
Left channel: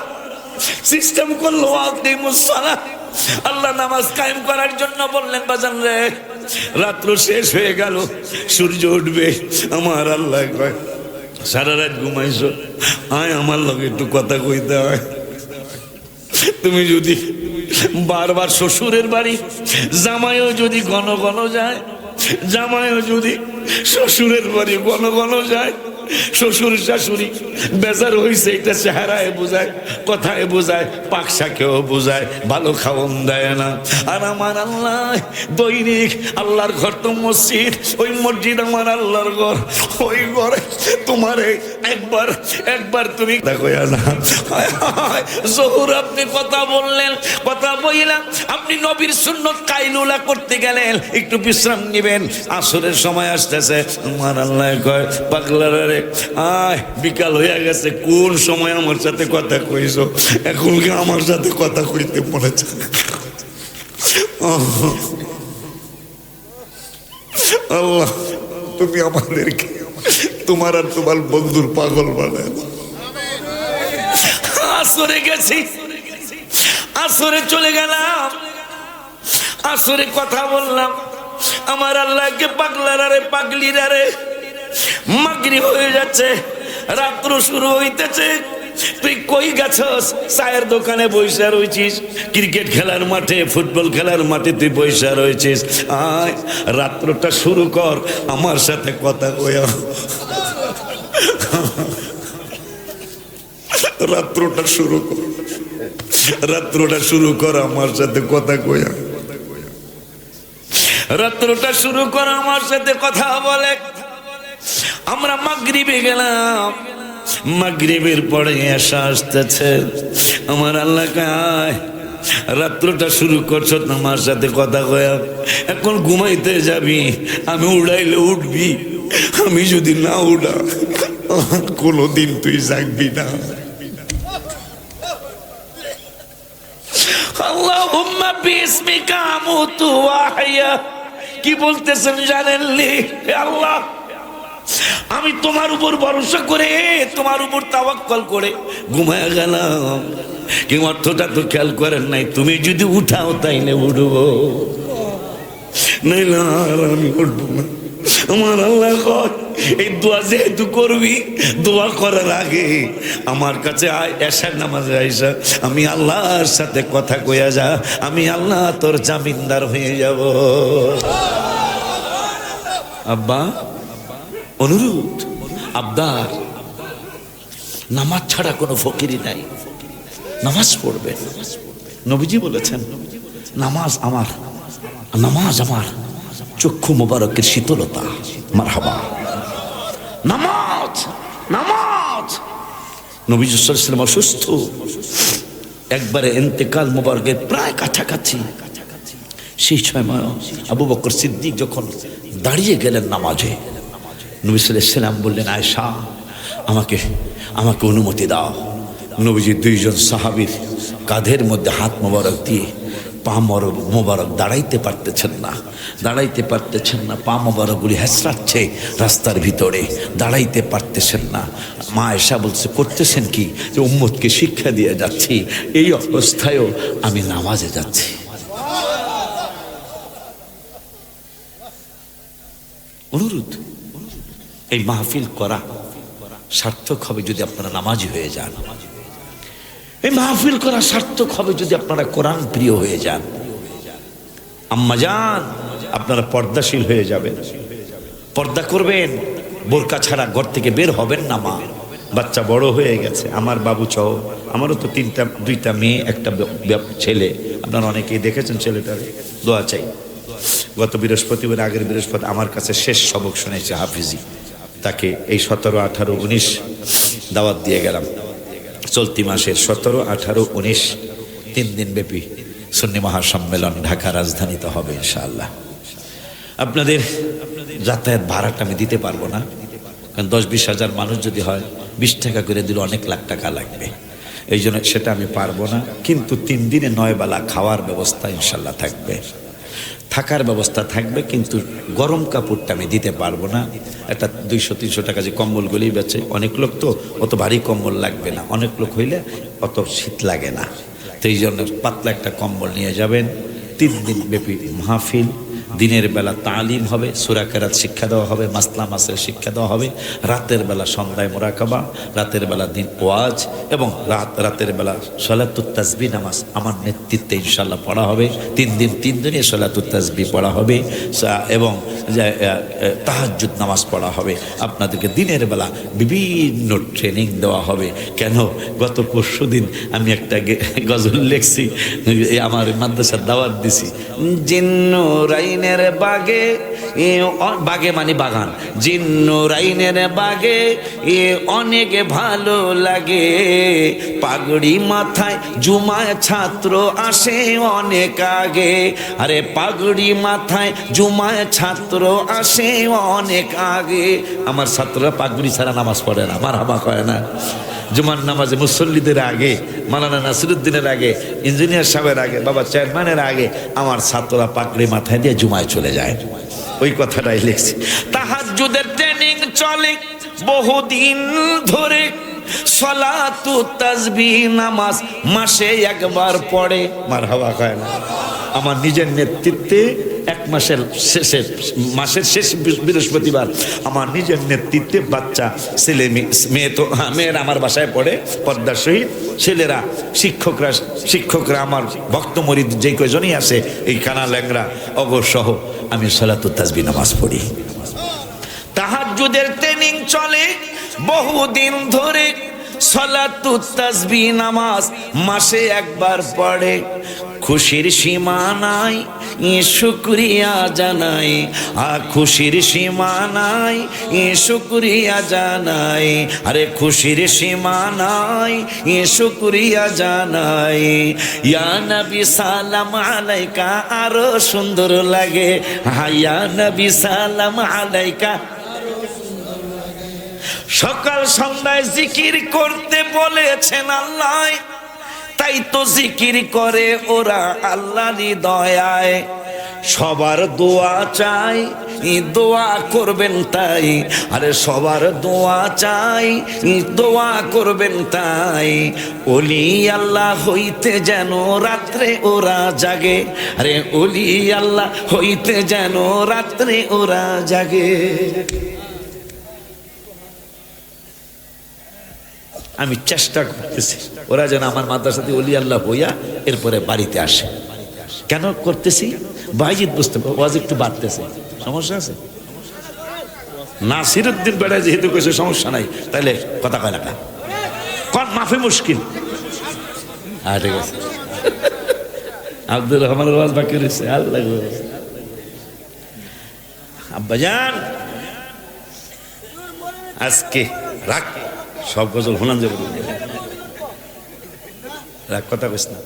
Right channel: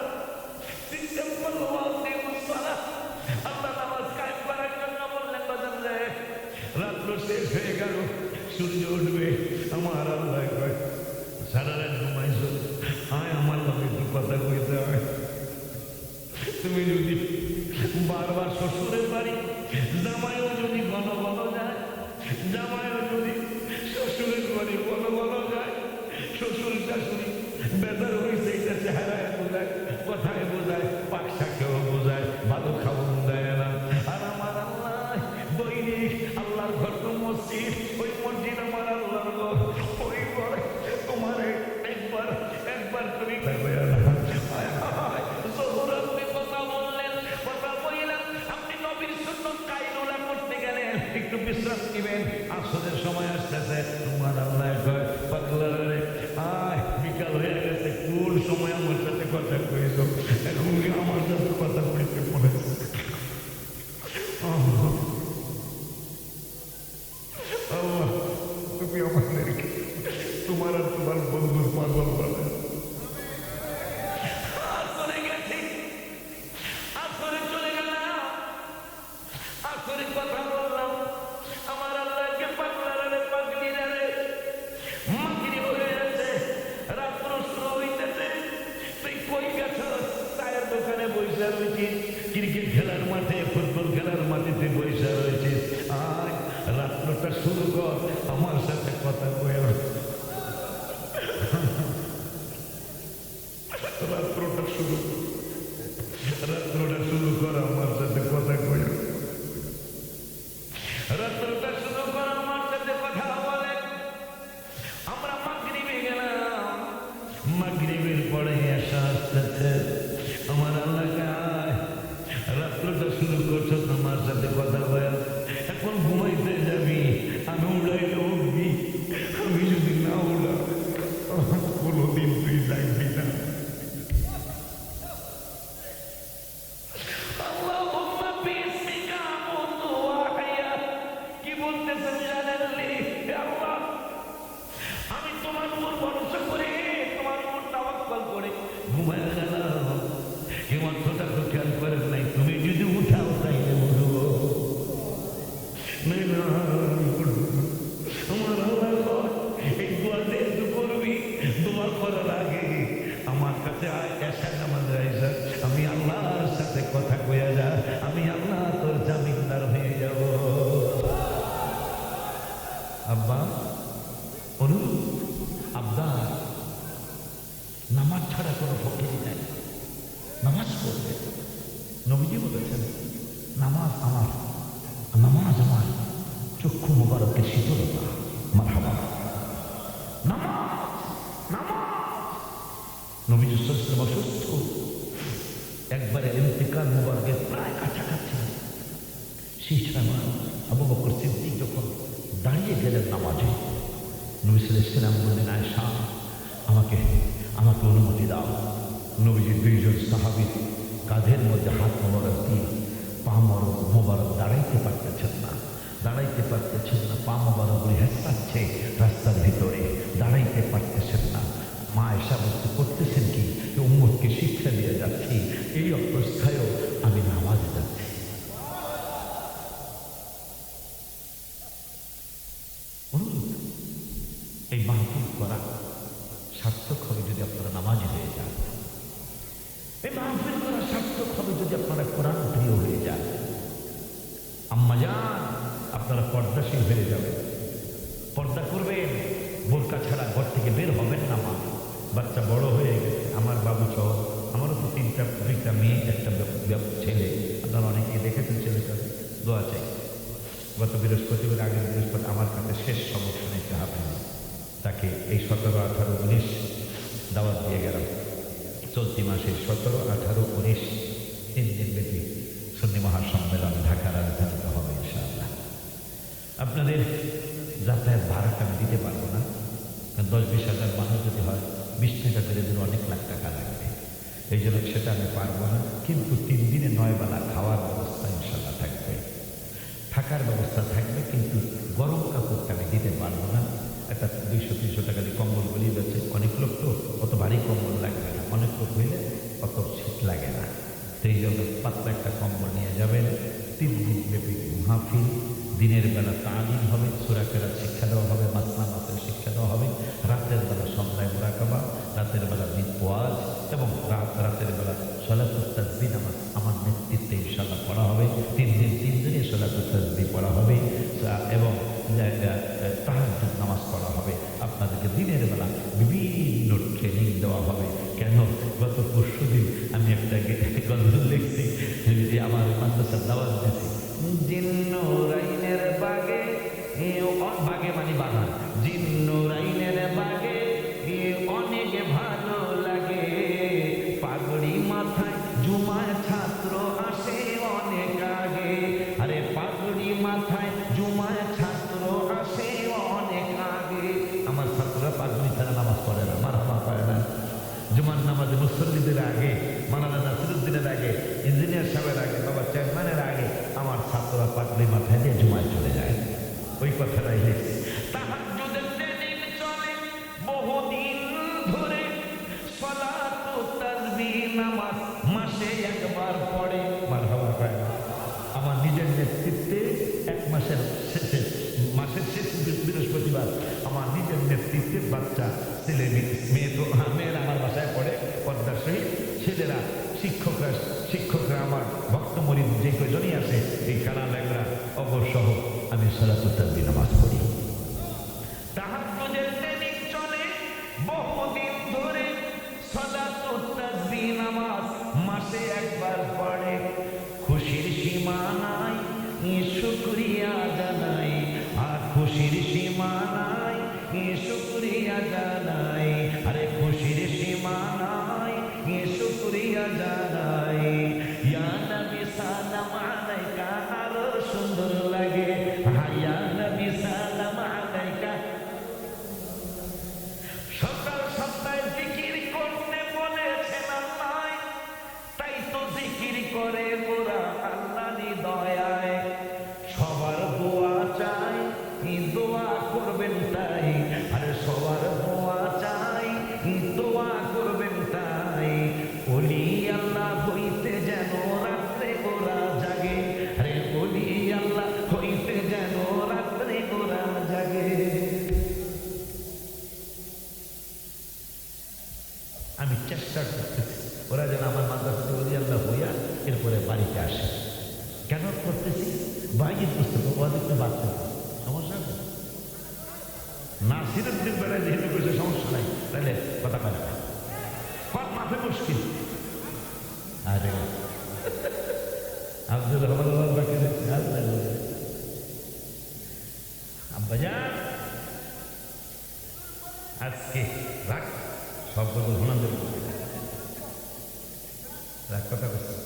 সিস্টেম করলো আল্লাহ নামাজ কায়েম করার জন্য বললেন বাজান রে, রাত্র শেষ হয়ে গেল, সূর্য উঠবে। আমার আল্লাহ কয় সারা রাত ঘুমাইছো, আয় আমার লগে একটু কথা কইতে হয়। তুমি যদি বারবার শ্বশুরের বাড়ি, জামাইও যদি ঘন ঘন যায়, জামাইও যদি শ্বশুরের বাড়ি ঘন ঘন যায়, শ্বশুর শাশুড়ি বেজার হয়েছে এটা চেহারায় বোঝায়, কথায় বোঝায়, পাকশাকেও বোঝায়, ভালো খাওয়ন দেয় না। আর আমার আল্লাহ দৈনিক, আল্লাহর ঘর তো মসজিদ, ওই মসজিদ আমার আল্লাহর ঘর, ওই ঘরে তোমারে একবার একবার তুমি দেখো না। জহুর আপনি কথা বললেন, কথা বললাম, আপনি নবীর সুন্নত কাইলুলা করতে গেলেন, একটু বিশ্রাম নিবেন। আসরের সময় আসতেছে, আমার আল্লাহ কয় পাগলারা রে, আয় বিকাল হয়ে গেছে, কোন সময় আমার সাথে কথা কইছো, এখন কি আমার সাথে কথা কইতে পড়েছে? আল্লাহ তুমি আমাদেরকে তোমার আর তোমার বন্ধুর পাগল বানায়। আসরে গেছি, আসরে চলে গেলাম, আসরে কথা বললাম, আমার আল্লাহকে পাগলারা রে, পাগলিরা রে, মাগরিব হয়ে যাচ্ছে, রাত্র শুরু হইতেছে, তুই কই গেছস? চায়ের দোকানে বইসা রয়েছিস, ক্রিকেট খেলার মাঠে, ফুটবল খেলার মাঠে তুই বইসা রয়েছিস, আয় রাত্রটা শুরু কর আমার সাথে কথা কয়া। রাত্রটা শুরু কর, রাত্রটা শুরু কর আমার সাথে কথা কয়া, রাত্রটা শুরু কর আমার সাথে কথা বলে। আমরা মাগরিবে গেলাম, মাগরিবের পরে এসা আসতেছে, আমার আল্লাহ কায় রাত্রটা শুরু করছো আমার সাথে কথা কয়া, এখন ঘুমাইতে যাবি, আমি উড়াইলে উঠবি, আমি যদি না উড়া কোনদিন তুই জাগবি না। আল্লাহুম্মা বিসমিকা আমুতু ওয়া আহইয়া, কি বলতেছেন জানেননি? আল্লাহ আমি তোমার উপর ভরসা করে, তোমার উপর তাওয়াক্কুল করে ঘুমায় গেলাম, কি অর্থটা তো খেয়াল করেন নাই, তুমি যদি উঠাও তাইলে উঠবো, নাইলে আর আমি উঠবো না। আমার আল্লাহ কয় এই দোয়া যেহেতু করবি, দোয়া করার আগে আমার কাছে আয়, এশার নামাজে আইসা আমি আল্লাহর সাথে কথা কইয়া যা, আমি আল্লাহ তোর জামিনদার হয়ে যাব। আব্বা অনুরোধ, আবদার, নামাজ ছাড়া কোনো ফকিরি নাই, নামাজ পড়বেন। নবীজি বলেছেন নামাজ আমার, নামাজ আমার চক্ষু মোবারকের শীতলতা। মারহাবা, নামাজ নামাজ। নবীজি সাল্লাল্লাহু আলাইহি ওয়াসাল্লাম অসুস্থ, একবারে ইন্তেকাল মোবারকের প্রায় কাছাকাছি। সেই সময় আবু বকর সিদ্দিক যখন দাঁড়িয়ে গেলেন নামাজে, নবী সাল্লাল্লাহু আলাইহি ওয়াসাল্লাম বললেন আয়েশা আমাকে আমাকে অনুমতি দাও। নবীজি দুইজন সাহাবীর কাঁধের মধ্যে হাত মোবারক দিয়ে পা মোবারক দাঁড়াইতে পারতেছেন না, দাঁড়াইতে পারতেছেন না, পা মোবারকগুলি হেঁচড়াচ্ছে রাস্তার ভিতরে, দাঁড়াইতে পারতেছেন না। মা আয়েশা বলছে করতেছেন কি? যে উম্মতকে শিক্ষা দিয়ে যাচ্ছি, এই অবস্থায়ও আমি নামাজে যাচ্ছি। অনুরোধ, এই মাহফিল করা সার্থক হবে যদি আপনারা নামাজি হয়ে যান। এই মাহফিল করা সার্থক হবে যদি আপনারা কোরআন প্রিয় হয়ে যান। আম্মাজান আপনারা পর্দাশীল হয়ে যাবেন, পর্দা করবেন, বোরকা ছাড়া ঘর থেকে বের হবেন না। মা বাচ্চা বড় হয়ে গেছে, আমার বাবু সহ, আমারও তো দুইটা মেয়ে একটা ছেলে, আপনারা অনেকেই দেখেছেন ছেলেটার। দোয়া চাই। গত বৃহস্পতিবার, আগের বৃহস্পতি আমার কাছে শেষ সবক শুনেছে হাফিজি, তাকে এই 17, 18, 19 দাওয়াত দিয়ে গেলাম। চলতি মাসের 17, 18, 19 3 দিন ব্যাপী সুন্নি মহাসম্মেলন ঢাকা রাজধানীতে হবে ইনশাআল্লাহ। আপনাদের যাতায়াত ভাড়াটা আমি দিতে পারবো না, কারণ 10-20 হাজার মানুষ যদি হয় 20 টাকা করে দিলে অনেক লাখ টাকা লাগবে, এই জন্য সেটা আমি পারবো না। কিন্তু 3 দিনে 9 বেলা খাওয়ার ব্যবস্থা ইনশাআল্লাহ থাকবে, থাকার ব্যবস্থা থাকবে, কিন্তু গরম কাপড়টা আমি দিতে পারবো না। একটা 200-300 টাকা যে কম্বলগুলি বেচে, অনেক লোক তো অত ভারী কম্বল লাগবে না, অনেক লোক হইলে অত শীত লাগে না, তো এই জন্য পাতলা একটা কম্বল নিয়ে যাবেন। 3 দিন ব্যাপী মাহফিল, দিনের বেলা তালিম হবে, সূরা কেরাত শিক্ষা দেওয়া হবে, মাসলা মাসের শিক্ষা দেওয়া হবে, রাতের বেলা সন্ধ্যায় মুরাকাবা, রাতের বেলা দিন ওয়াজ, এবং রাতের বেলা সলাতুত তাসবিহ নামাজ আমার নেতৃত্বে ইনশাআল্লাহ পড়া হবে। 3 দিন 3 দিনই সলাতুত তাসবিহ পড়া হবে, এবং তাহাজ্জুদ নামাজ পড়া হবে। আপনাদেরকে দিনের বেলা বিভিন্ন ট্রেনিং দেওয়া হবে। কেন, গত পরশুদিন আমি একটা গজল লিখছি, আমার মাদ্রাসার দাওয়াত দিছি, জিন্নুরাইনের বাগে, বাগে মানে বাগান, জিন্নুরাইনের বাগে এ অনেক ভালো লাগে, পাগড়ি মাথায় জুমায় ছাত্র আসে অনেক আগে। আরে পাগড়ি মাথায় জুমায় ছাত্র আসে অনেক আগে। আমার ছাত্ররা পাগড়ি ছাড়া নামাজ পড়ে না, মারহাবা করে না। জুমার নামাজে মুসল্লিদের আগে, মাওলানা নাসিরুদ্দিনের আগে, ইঞ্জিনিয়ার সাহেবের আগে, বাবা চেয়ারম্যানের আগে আমার ছাত্ররা পাগড়ি মাথায় দিয়ে জুমায় চলে যায়। ওই কথাটাই লিখছি। তাহাজ্জুদের ট্রেনিং চলে বহুদিন ধরে, সলাতুত তাসবিহ নামাজ মাসে একবার পড়ে, মারহাবা কয় না। আমার নিজের নেতৃত্বে মাসের শেষ বৃহস্পতিবার আমার নিজের নেতৃত্বে বাচ্চা ছেলে মেয়ে, তো মেয়েরা আমার বাসায় পড়ে পর্দার সহিত, ছেলেরা শিক্ষকরা আমার ভক্ত মরিদ যে কয়জনই আছে এই কানা ল্যাংরা অগসহ আমি সলাতুত তাসবিহ নামাজ পড়ি। তাহাজ্জুদের ট্রেনিং চলে বহুদিন ধরে, সলাতুত তাসবিহ নামাজ মাসে একবার পড়ে, খুশির সীমা নাই শুকরিয়া জানাই, খুশির সীমা নাই শুকরিয়া জানাই, আরে খুশির সীমা নাই শুকরিয়া জানাই। ইয়া নবী সালাম আলাইকা আরো সুন্দর লাগে, ইয়া নবী সালাম আলাইকা। সকাল সন্ধ্যায় জিকির করতে বলেছেন আল্লাহ, তাই তো জিকির করে ওরা আল্লাহরই দয়ায়। সবার দোয়া চাই, দোয়া করবেন তাই। আরে সবার দোয়া চাই, দোয়া করবেন তাই। ওলি আল্লাহ হইতে যেন রাত্রে ওরা জাগে, আরে ওলি আল্লাহ হইতে যেন রাত্রে ওরা জাগে। আমি চেষ্টা করতেছি ওরা যেন আমার মাদ্রাসাতে ওলি আল্লাহ হইয়া এরপরে বাড়িতে আসে। কেন করতেছি? বাইজিৎ বুঝতে ওয়াজ একটু বাড়তেছে, সমস্যা আছে? নাসিরউদ্দিন বেড়া যেহেতু কিছু সমস্যা নাই, তাহলে কথা কয় না কন মাফি মুশকিল। ঠিক আছে, আব্দুর রহমানের ওয়াজ বাকি রয়েছে। আল্লাহ আব্বাজান আজকে রাখ, সব গজল হলান যাবে, রাখ কথা কইস না।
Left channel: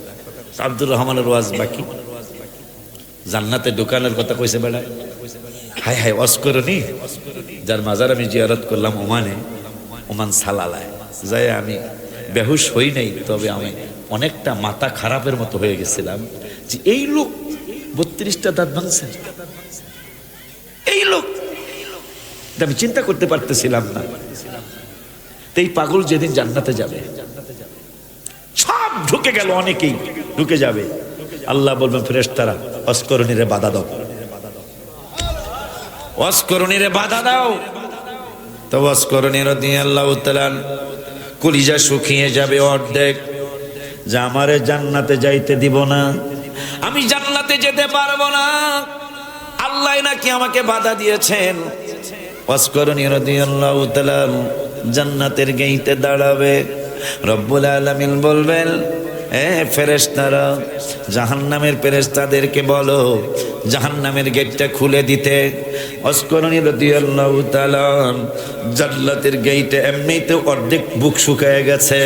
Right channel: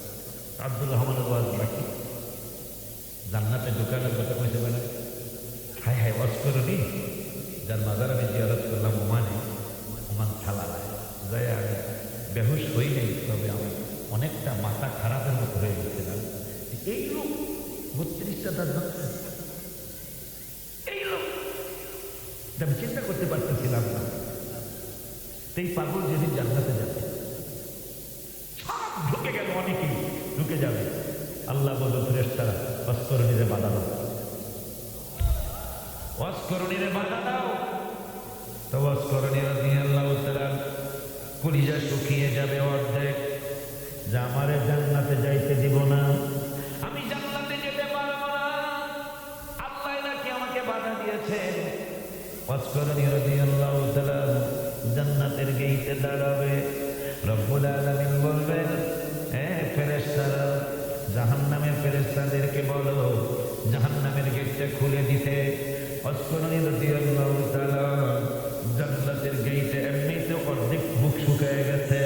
আব্দুর রহমানের ওয়াজ বাকি, জান্নাতে দোকানের কথা কইছে বেড়ায়। হাই হাই ওয়াজ করনি, যার মাজার আমি জিয়ারত করলাম ওমানে, ওমান সালালায় যাই আমি বেহুশ হই নাই, তবে আমি অনেকটা মাথা খারাপের মতো হয়ে গেছিলাম যে এই লোক 32টা দাঁত ভাঙছে, এই লোক, আমি চিন্তা করতে পারতেছিলাম না। এই পাগল যেদিন জান্নাতে যাবে সব ঢুকে গেল, অনেকেই ঢুকে যাবে, আল্লাহ বলবেন ফেরেশতারা অস্করণীরে বাধা দাও, অস্করণীরে বাধা দাও। তো অস্করণী রাদিয়াল্লাহু তাআলা কলিজা শুকিয়ে যাবে অর্ধেক, যে আমারে জান্নাতে যাইতে দিব না, আমি জান্নাতে যেতে পারবো না, আল্লাহ নাকি আমাকে বাধা দিয়েছেন। অস্করণী রাদিয়াল্লাহু তাআলা জান্নাতের গেইটে দাঁড়াবে, রব্বুল আলামিন বলবেন ফেরেশতারা জাহান্নামের ফেরেশতাদেরকে বলো জাহান্নামের গেটটা খুলে দিতে। অস্করণী রাদিয়াল্লাহু তাআলা জান্নাতের গেটে এমনিতে অর্ধেক বুক শুকায় গেছে,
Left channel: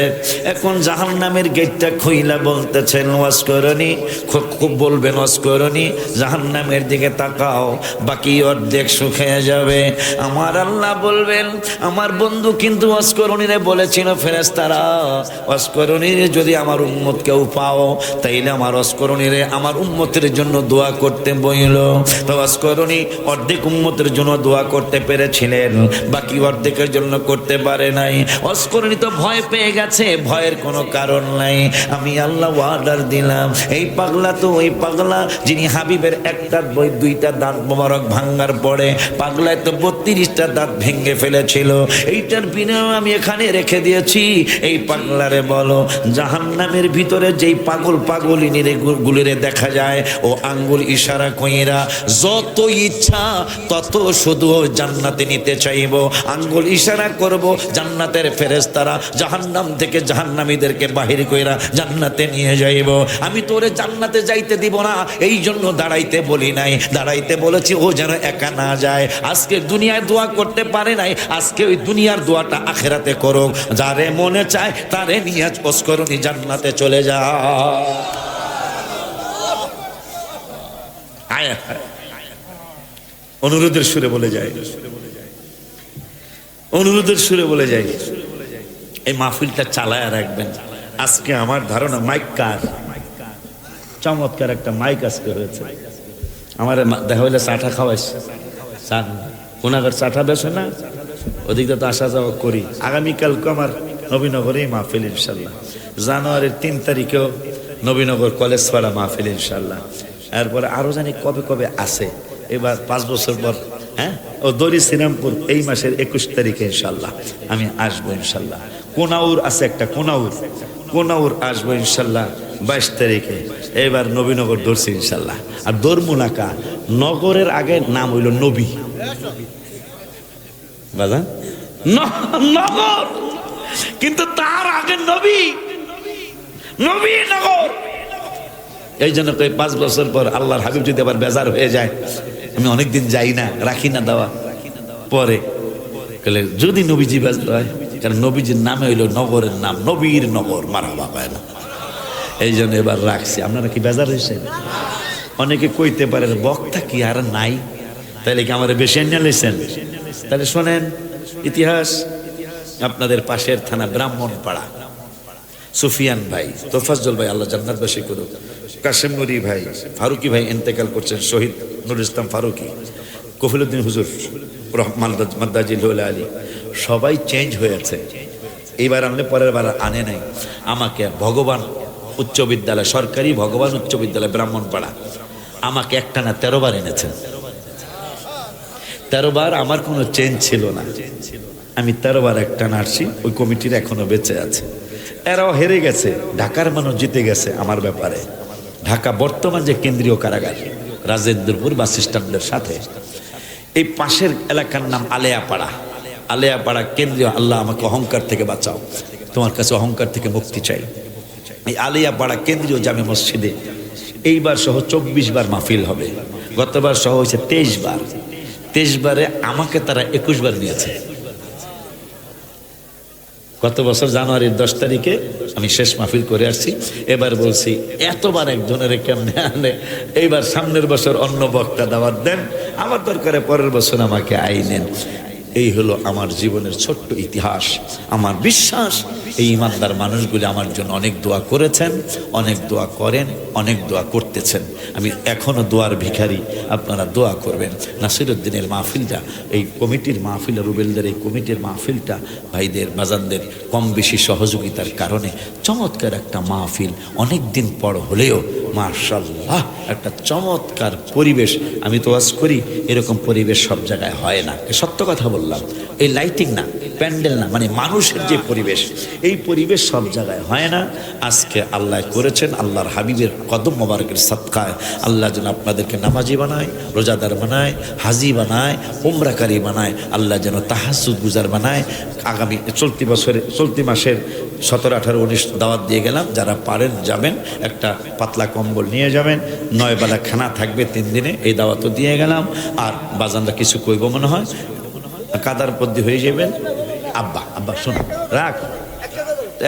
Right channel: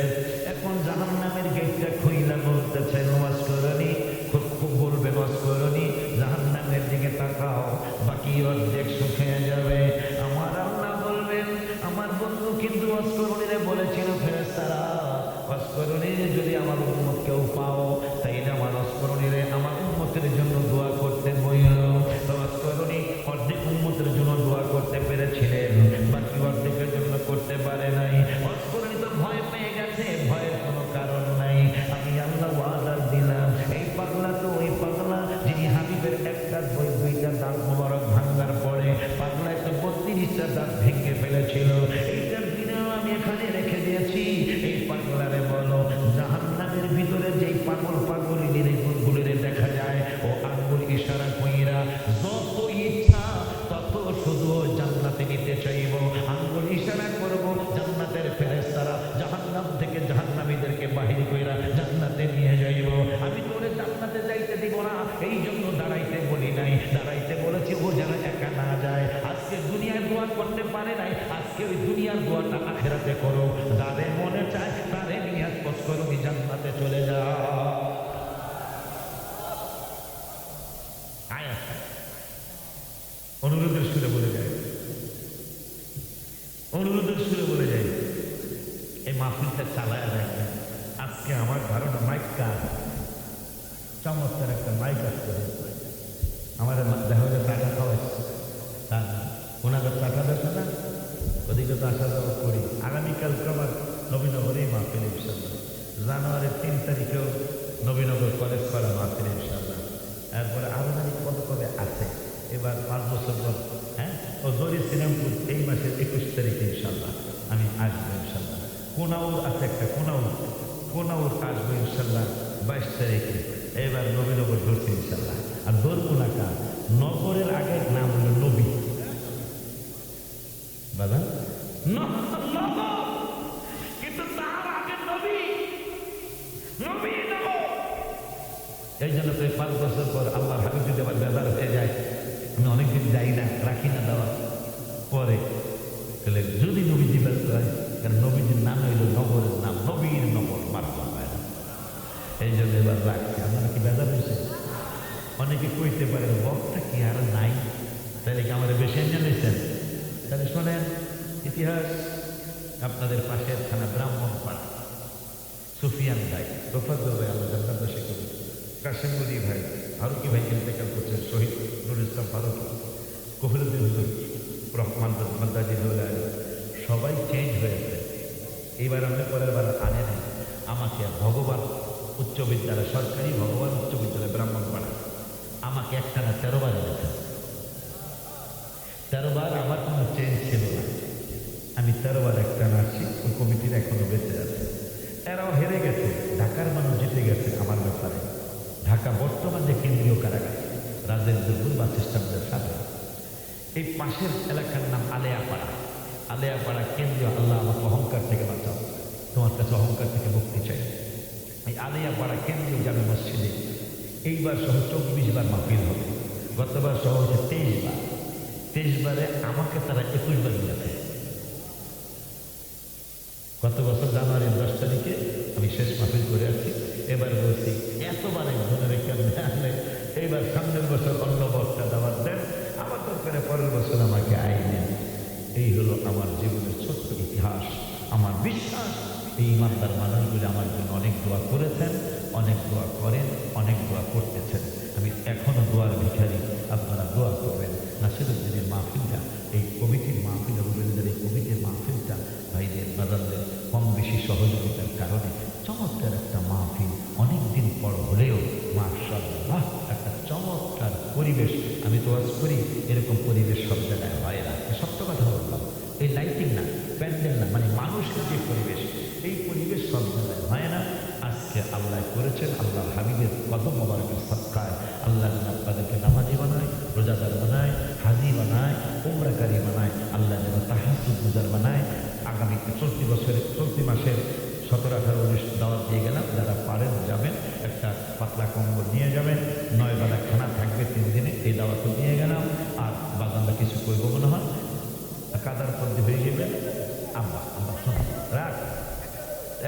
এখন জাহান্নামের গেটটা খুইলা বলতেছেন অস্করণী, খুব বলবেন অস্করণী জাহান্নামের দিকে তাকাও, বাকি অর্ধেক শুকিয়ে যাবে। আমার আল্লাহ বলবেন আমার বন্ধু কিন্তু অস্করণীরে বলেছিল ফেরেশতারা অস্করণীর যদি আমার উম্মত কেউ পাও তাইলে আমার অস্করণীরে আমার উম্মতের জন্য দোয়া করতে বইল। তো অস্করণী অর্ধেক উম্মতের জন্য দোয়া করতে পেরেছিলেন, বাকি অর্ধেকের জন্য করতে পারে নাই। অস্করণী তো ভয় পেয়ে গেছে, ভয়ের কোনো কারণ নাই। আমি আল্লাহ অর্ডার দিলাম, এই পাগলা তো ওই পাগলা যিনি হাবিবের একটা বই 2টা দাঁত মোবারক ভাঙ্গার পরে পাগলায় তো 32টা দাঁত ভেঙে ফেলেছিল, এইটার বিনিময়ে আমি এখানে রেখে দিয়েছি। এই পাগলারে বলো জাহান্নামের ভিতরে যেই পাগল পাগলিনীরে গুলিরে দেখা যায় ও আঙ্গুল ইশারা কইরা যত ইচ্ছা তত শুধু জান্নাতে নিতে চাইব, আঙ্গুল ইশারা করব, জান্নাতের ফেরেশতারা জাহান্নাম থেকে জাহান্নামীদেরকে বাহির কইরা জান্নাতে নিয়ে যাইব। আমি তোরে জান্নাতে যাইতে দিব না, এই জন্য দাঁড়াইতে বলি নাই, দাঁড়াইতে বলেছি ও যেন একা না যায়। আজকে দুনিয়ায় দোয়া করতে পারে নাই, আজকে ওই দুনিয়ার দোয়াটা আখেরাতে করো, যারে মনে চায় তারে নিয়ে অস্করণী জান্নাতে চলে যা। অনুরোধের সুরে বলে যায়, অনুরোধের সুরে বলে যায়, এই মাহফিলটা চালায় রাখবেন। আজকে আমার ধারণা মাইক কার, চমৎকার একটা মাইক আজকে হয়েছে। আমার দেখা হইলে চাটা খাওয়াইছে, কোনাগার চাটা বেছে না, ওদিকে তো আসা যাওয়া করি। আগামীকালকে আমার নবীনগরেই মাহফিল ইনশাল্লাহ, জানুয়ারির 3 তারিখেও নবীনগর কলেজ পাড়া মাহফিল ইনশাল্লাহ। এরপরে আরো জানি কবে কবে আছে, এবার 5 বছর পর ও দড়ি শ্রীরামপুর এই মাসের 21 তারিখে ইনশাল্লাহ আমি আসবো ইনশাল্লাহ। কোনাউর আছে একটা, কোনাউর আসবো ইনশাল্লাহ 22 তারিখে। এবার নবীনগর ধরছি ইনশাল্লাহ। আর দরমুনাকা নগরের আগে নাম হইল নবী বাজা নগর, কিন্তু তার আগে নবী, নবীনগর। এই জন্য 5 বছর পর আল্লাহর হাবিব যদি আবার বেজার হয়ে যায়, আমি অনেকদিন যাই না, রাখি না দাওয়া, পরে যদি নবীজি বেজার হয়, কারণ নবীজির নামে হইল নগরের নাম, নবীর নগর, মারহাবা পায় না, এই জন্য এবার রাখছি। আপনারা কি বেজার হয়েছেন? অনেকে কইতে পারেন বক্তা কি আর নাই, তাহলে কি আমার বেশি নিয়ে লেছেন? তাহলে শোনেন ইতিহাস। আপনাদের পাশের থানা ব্রাহ্মণপাড়া, সুফিয়ান ভাই, তোফাজ্জল ভাই আল্লাহ জান্নাতবাসী করুক, কাশেম নুরি ভাই, ফারুকি ভাই ইন্তেকাল করছেন, শহীদ নুরুল ইসলাম ফারুকি, কফিলউদ্দিন হুজুর মাদ্দাজিল আলী, সবাই চেঞ্জ হয়েছে। এইবার আনলে পরের বার আনে নাই। আমাকে ভগবান উচ্চ বিদ্যালয়, সরকারি ভগবান উচ্চ বিদ্যালয় ব্রাহ্মণপাড়া, আমাকে একটা না 13 বার এনেছেন। 13 বার আমার কোনো চেঞ্জ ছিল না, আমি 13 বার একটা নার্সি, ওই কমিটির এখনো বেঁচে আছে। এরাও হেরে গেছে, ঢাকার মানুষ জিতে গেছে আমার ব্যাপারে। ঢাকা বর্তমান যে কেন্দ্রীয় কারাগার রাজেন্দ্রপুর বাস স্ট্যান্ডের সাথে, এই পাশের এলাকার নাম আলেয়াপাড়া। আলেয়াপাড়া কেন্দ্রীয়, আল্লাহ আমাকে অহংকার থেকে বাঁচাও, তোমার কাছে অহংকার থেকে মুক্তি চাই। এই আলেয়াপাড়া কেন্দ্রীয় জামে মসজিদে এইবার সহ 24 বার মাহফিল হবে। গতবার সহ হয়েছে 23 বার। 23 বারে আমাকে তারা 21 বার নিয়েছে। গত বছর জানুয়ারির 10 তারিখে আমি শেষ মাহফিল করে আসছি। এবার বলছি এতবার একজনের কেমনে আনে, এইবার সামনের বছর অন্য বক্তা দাওয়াত দেন, আমার দরকারে পরের বছর আমাকে আইনেন। এই হলো আমার জীবনের ছোট্ট ইতিহাস। আমার বিশ্বাস এই ইমানদার মানুষগুলি আমার জন্য অনেক দোয়া করেছেন, অনেক দোয়া করেন, অনেক দোয়া করতেছেন। আমি এখনো দোয়ার ভিখারি, আপনারা দোয়া করবেন। নাসিরউদ্দিনের মাহফিলটা, এই কমিটির মাহফিল, রুবেলদের এই কমিটির মাহফিলটা ভাইদের বাজানদের কম বেশি সহযোগিতার কারণে চমৎকার একটা মাহফিল, অনেক দিন পর হলেও মাশাআল্লাহ একটা চমৎকার পরিবেশ। আমি তো ওয়াজ করি, এরকম পরিবেশ সব জায়গায় হয় না, সত্য কথা বললাম। এই লাইটিং না, প্যান্ডেল না, মানে মানুষের যে পরিবেশ, এই পরিবেশ সব জায়গায় হয় না। আজকে আল্লাহ করেছেন, আল্লাহর হাবিবের কদম মোবারকের সদকায় আল্লাহ যেন আপনাদেরকে নামাজি বানায়, রোজাদার বানায়, হাজি বানায়, উমরাকারী বানায়, আল্লাহ যেন তাহাজ্জুদ গুজার বানায়। আগামী চলতি মাসের 17, 18, 19 দাওয়াত দিয়ে গেলাম, যারা পারেন যাবেন, একটা পাতলা কম্বল নিয়ে যাবেন, 9 বেলা খানা থাকবে 3 দিনে, এই দাওয়াতও দিয়ে গেলাম। আর বাজানরা কিছু কইব মনে হয়, কাদার পদ্মী হয়ে যাবেন। আব্বা আব্বা শোনো, রাখ,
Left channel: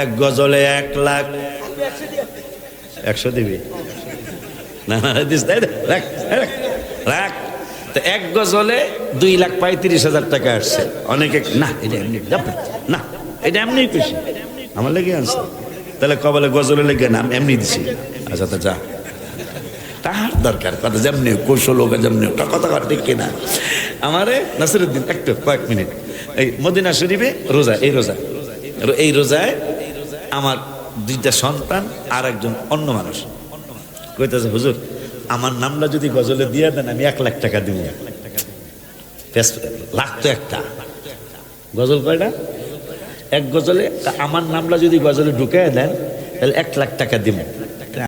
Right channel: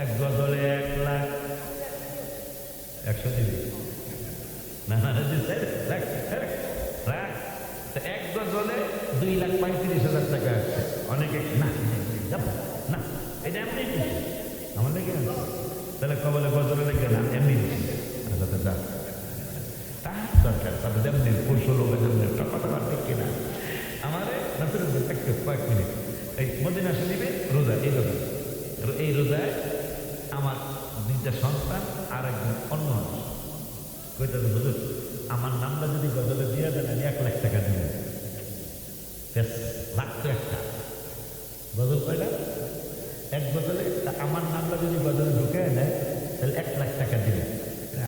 1 গজলে 1 লাখ 100 দিবি না, রাখ রাখ রাখ। তো 1 গজলে 2,35,000 টাকা আসছে। অনেকে না এটা এমনি না, এটা এমনি খুশি আমার লেগে আনছে, তাহলে কবলে গজলে লেগে না এমনি দিছি। আচ্ছা তা যা, তার দরকার কথা যেমনি কৌশল হোক, যেমনি কথা ঠিক কিনা। আমারে নাসিরউদ্দিন একটু কয়েক মিনিট, এই মদিনা শরীফে রোজা, এই রোজায় আমার 2টা সন্তান আর একজন অন্য মানুষ কইতেছে, হুজুর আমার নামটা যদি গজলে দিয়ে দেন আমি 1 লাখ টাকা দিব। লাখ তো একটা গজল, কয়টা? 1 গজলে আমার নামটা যদি গজলে ঢুকাই দেন তাহলে 1 লাখ টাকা দিব।